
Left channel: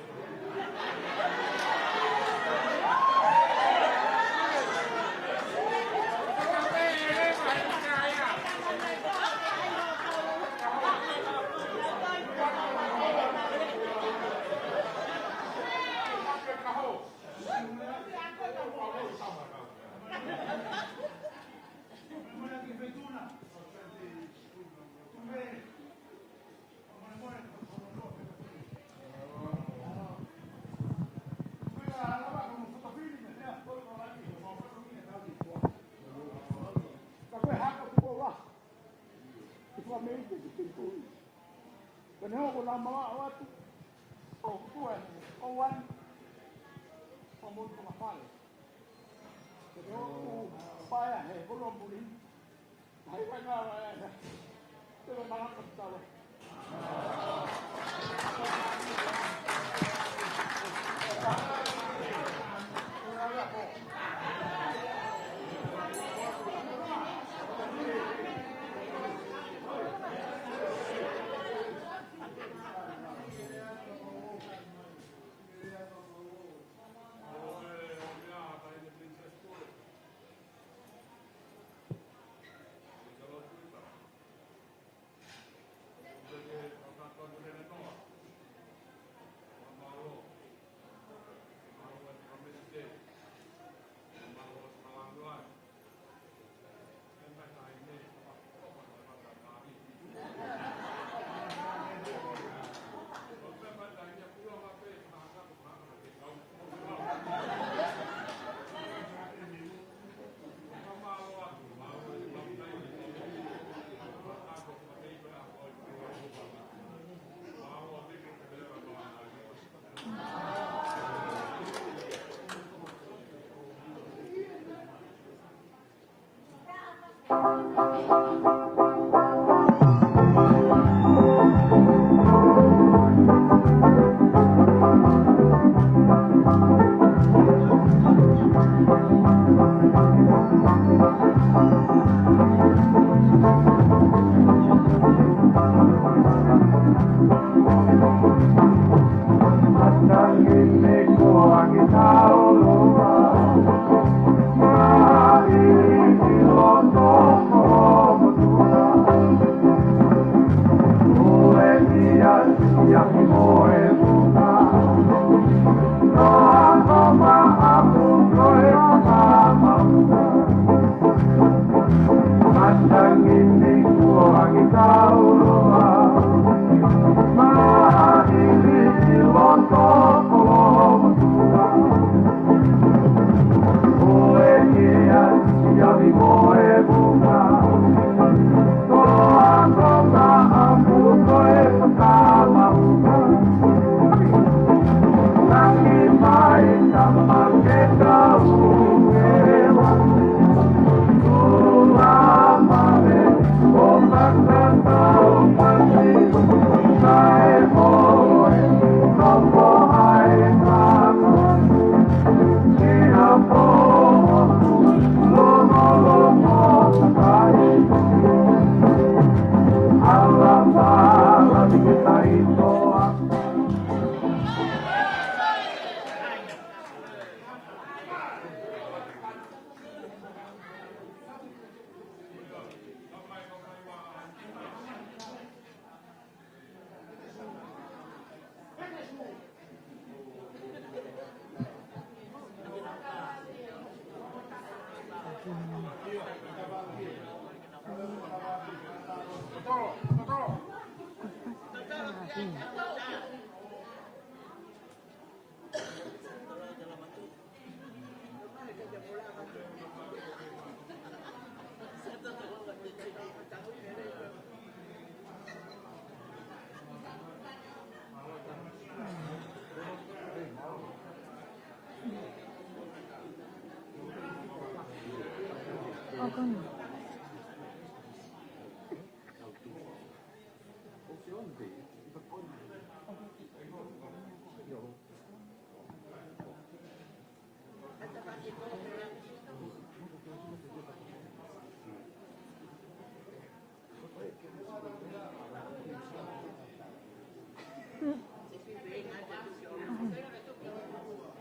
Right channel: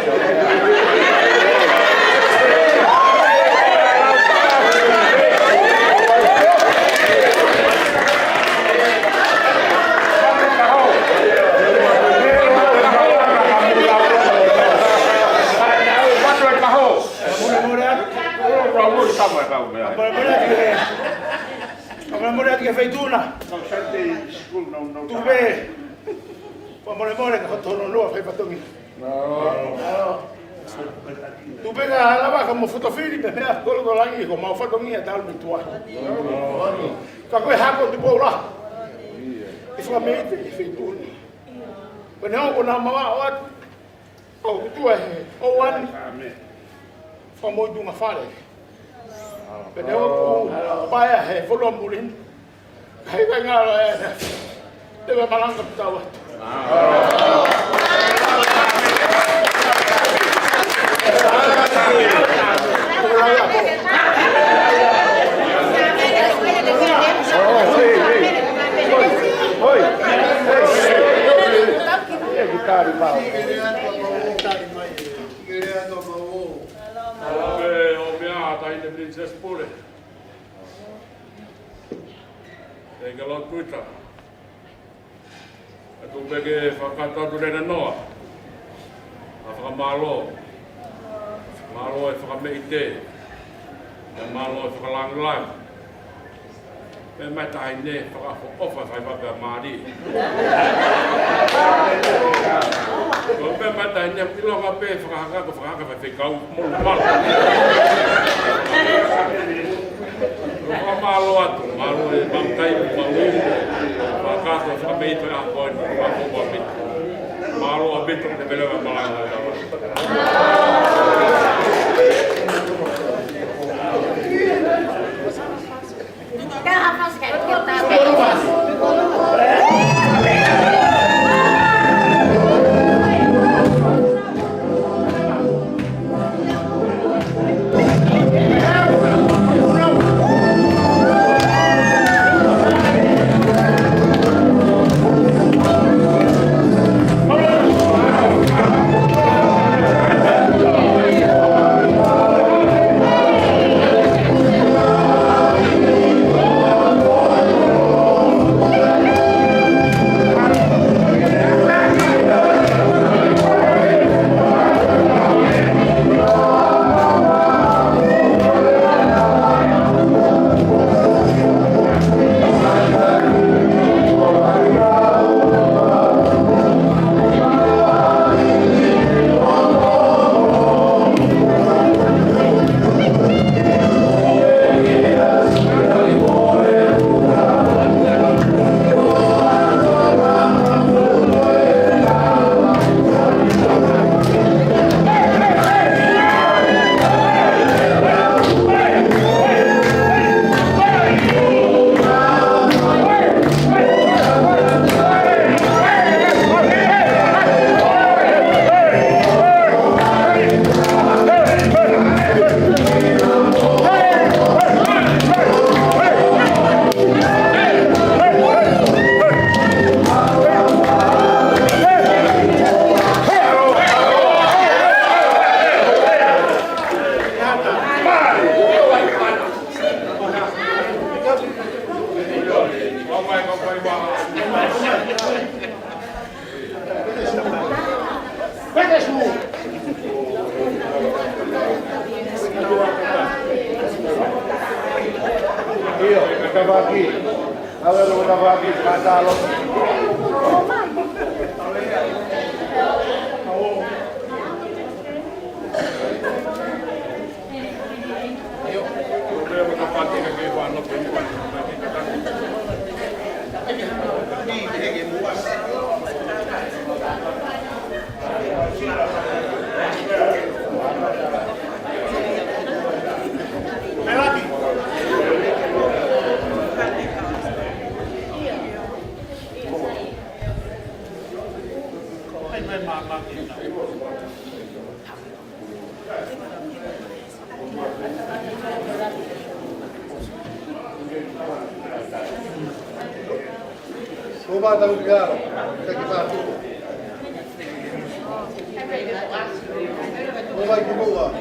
Amore che fai tu na. Tu be. Amore che fatto non lo fai fatto mi. No. Tu be la va come fotofili per me quello do lagi come ho fatto mia dal mi tua. Ka koe hako te Paula. I fa me te fai tu. When ho na mama o at. O tu e o wan. Fa mo du ma fale. Pero o paia he folo mulin. Hai venga deve malanga tawa. Eikä Tuita. Ja kun meke Fakanofo noa. Malo. Malo e whakameite. Ja malo e whakalangilang. Me mai tahi ne whakaofa whai wapea maari. Me mai tahi ne pilonga pe whakahaka whai whikau molu pala. Malo atu, malo e bangkai mawini, makato whakameito e akoin, makopo abitu. Malo abitu te melewa malanga e tawa. Coba tahu dia, kita satu. Coba ibu buat.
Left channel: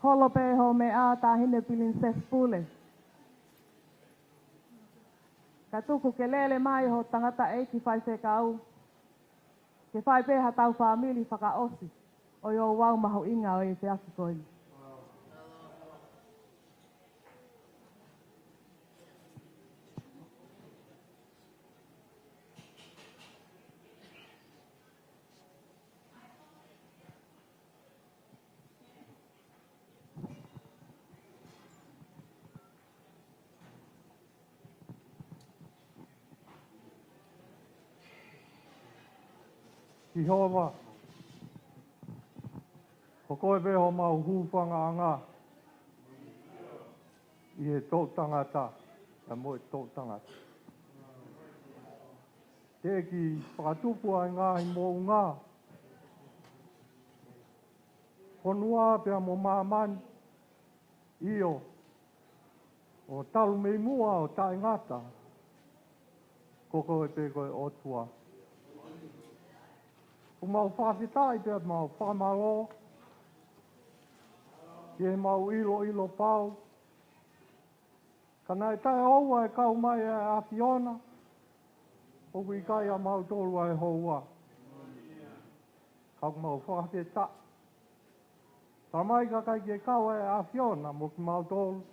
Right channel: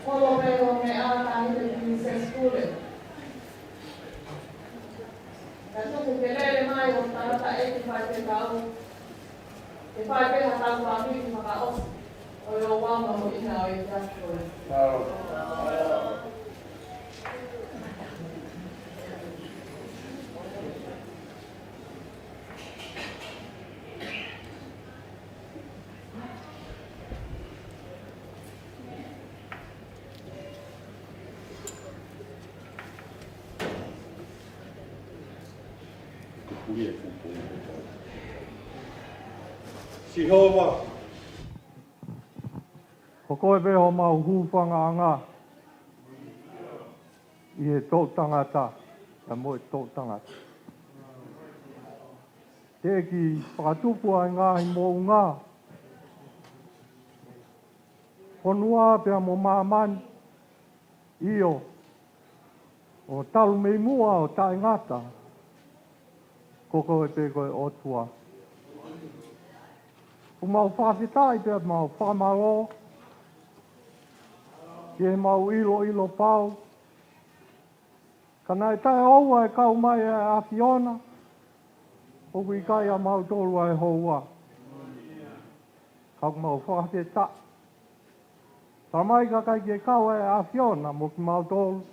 Holo peho me ata ni de sexpule. Kasu ke kelele mai ho tata e ki fai te tau. Ke fai te ha tau famili whakaosi. O yo Ouau maho ina o e te askoi. Sihova. Ko koe peho mau hūwhanga anga. I he tō tangata, ka mo e tō tangata. Te ki whakatupu ai ngāhi mō ngā. Honua pia mo māmani. Io. O talu mei mua o tae ngata. Ko koe pe koe otua. O mau whawhitai pia mau whamalo. Ke mau ilo pau. Kana e tae oua e kau mai e awhiona. O kui kai a mau tolu ai houa. Kau mau whawhita. Tā mai ka kai ke kau e awhiona mo ki mau tolu.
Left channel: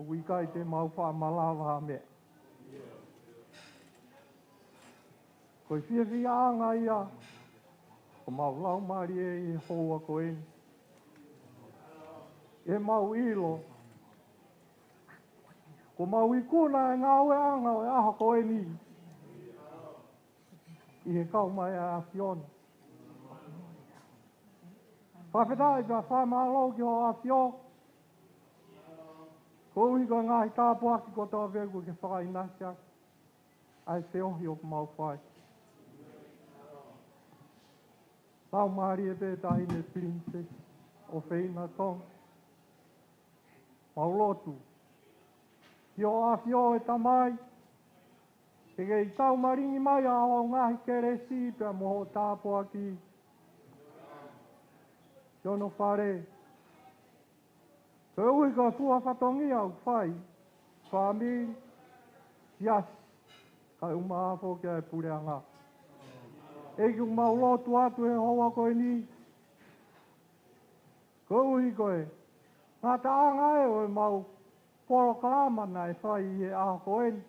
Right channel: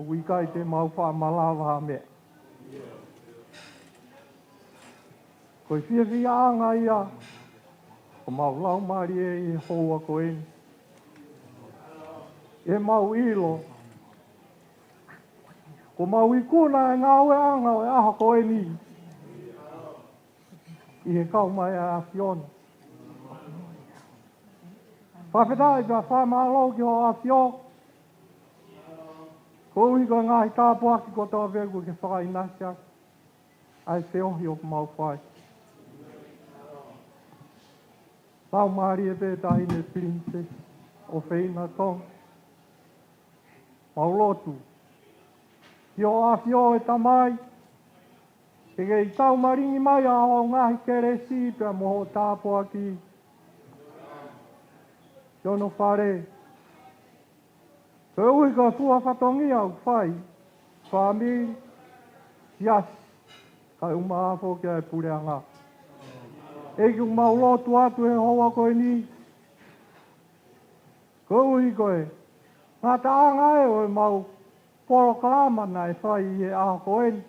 O kui kai te mau whamalawa ha mea. Koe whiawhia anga ia. Ko mau lau mari e houa ko e. e mau ilo. Ko mau I kuna e ngau e anga o e aha ko e ni. I he kau mai a Fiona. Whawhetai pia whamalo ki ho a Fiona. Ko uhi ko ngahi tāpua ki ko tō vegu ke whakainasia. Ai se ohi o mau whai. Tau maari e pētahi ne princess o Whina tong. Mau lotu. Ki o a Fio e tamai. E kei tau maringi mai a o ngahi kere si pia moho tāpua ki. Tono whare. Te ui ka fua whatongi au whai. Famili. Yes. Kai umahafo kia e pureanga. Eki mau lotu atu e hoa koe ni. Ko ui koe. Ngā taanga e o mau poro kalamana e whai e aha koe ni.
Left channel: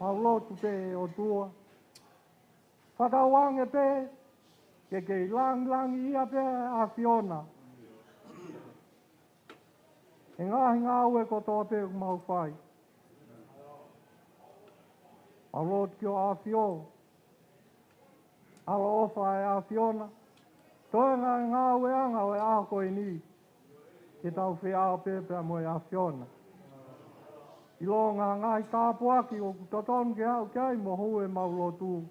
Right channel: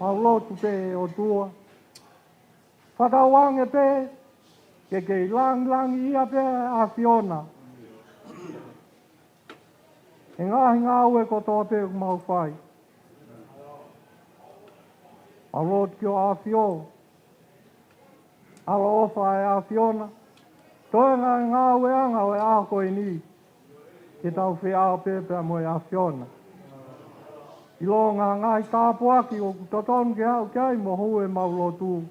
Mau lotu pe e o tua. Whatawange pe. Ke kei lang ia pe a Fiona. E ngahi ngā ue ko tō pe mau whai. Mau lotu ki o a Fiona. Alo ofa e a Fiona. Toi ngā ue anga o e a koe ni. Ke tau whi ao pēpea mo e a Fiona. I lo ngāi tāpuaki o kutotonu ke au kai mo hu e mau lotu.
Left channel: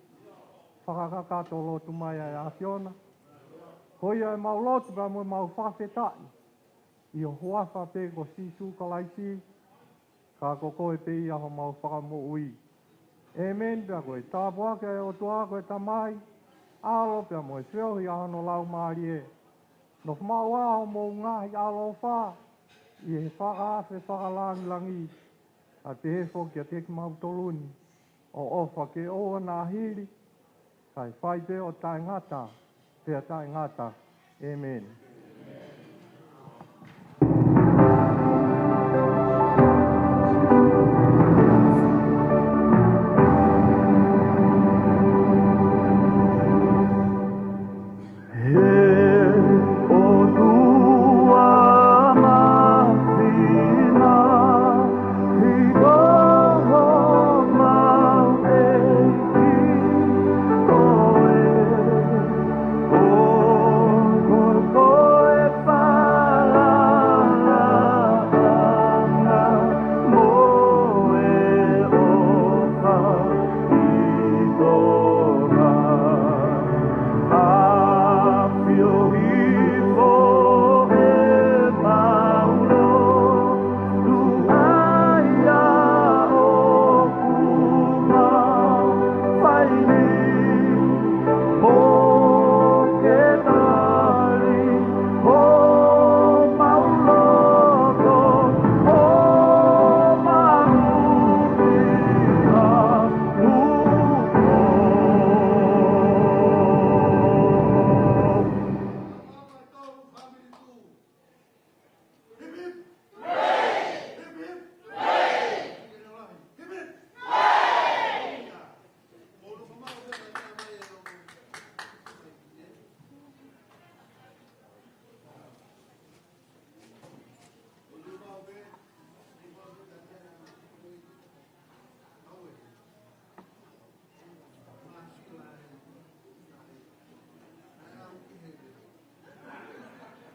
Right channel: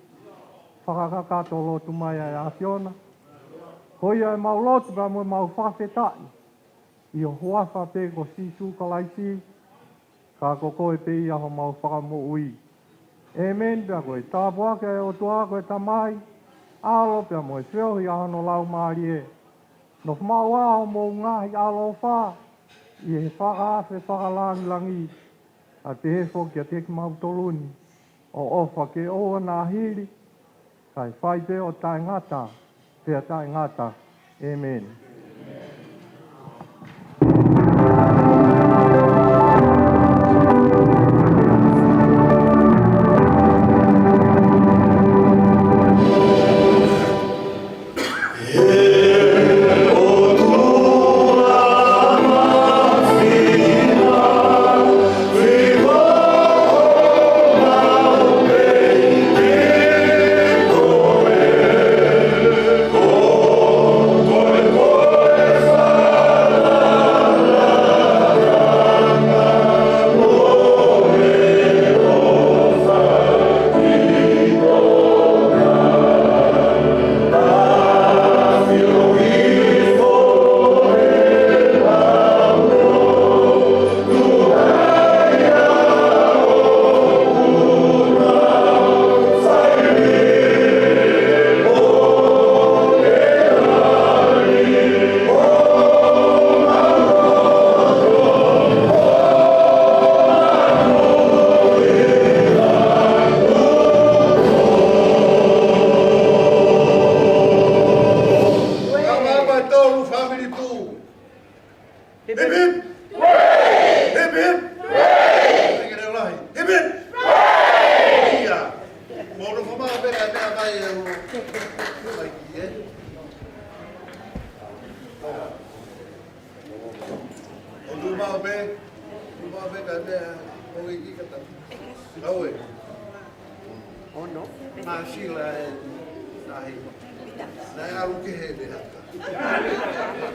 Whakakakato lotu mai e a Fiona. Hoi e mau lotu pa mo e mau whawhetai. I o huafa pe ko sisu kalaisi. Ka koko e pe i aho mau whakamo ui. E men pia koe tāpuaki e o tua koe tamai. Alo pia mo e whiohi aho no lau maari e. No whamau aho mo ngahi alo wha. I he whakaafe whakalangi. A te hefo kia teki mau toluni. O ofa ke oa nā hiri. Kai whai pe o tai ngata. Pea tai ngata. Amen. Nai alu ke he de hata.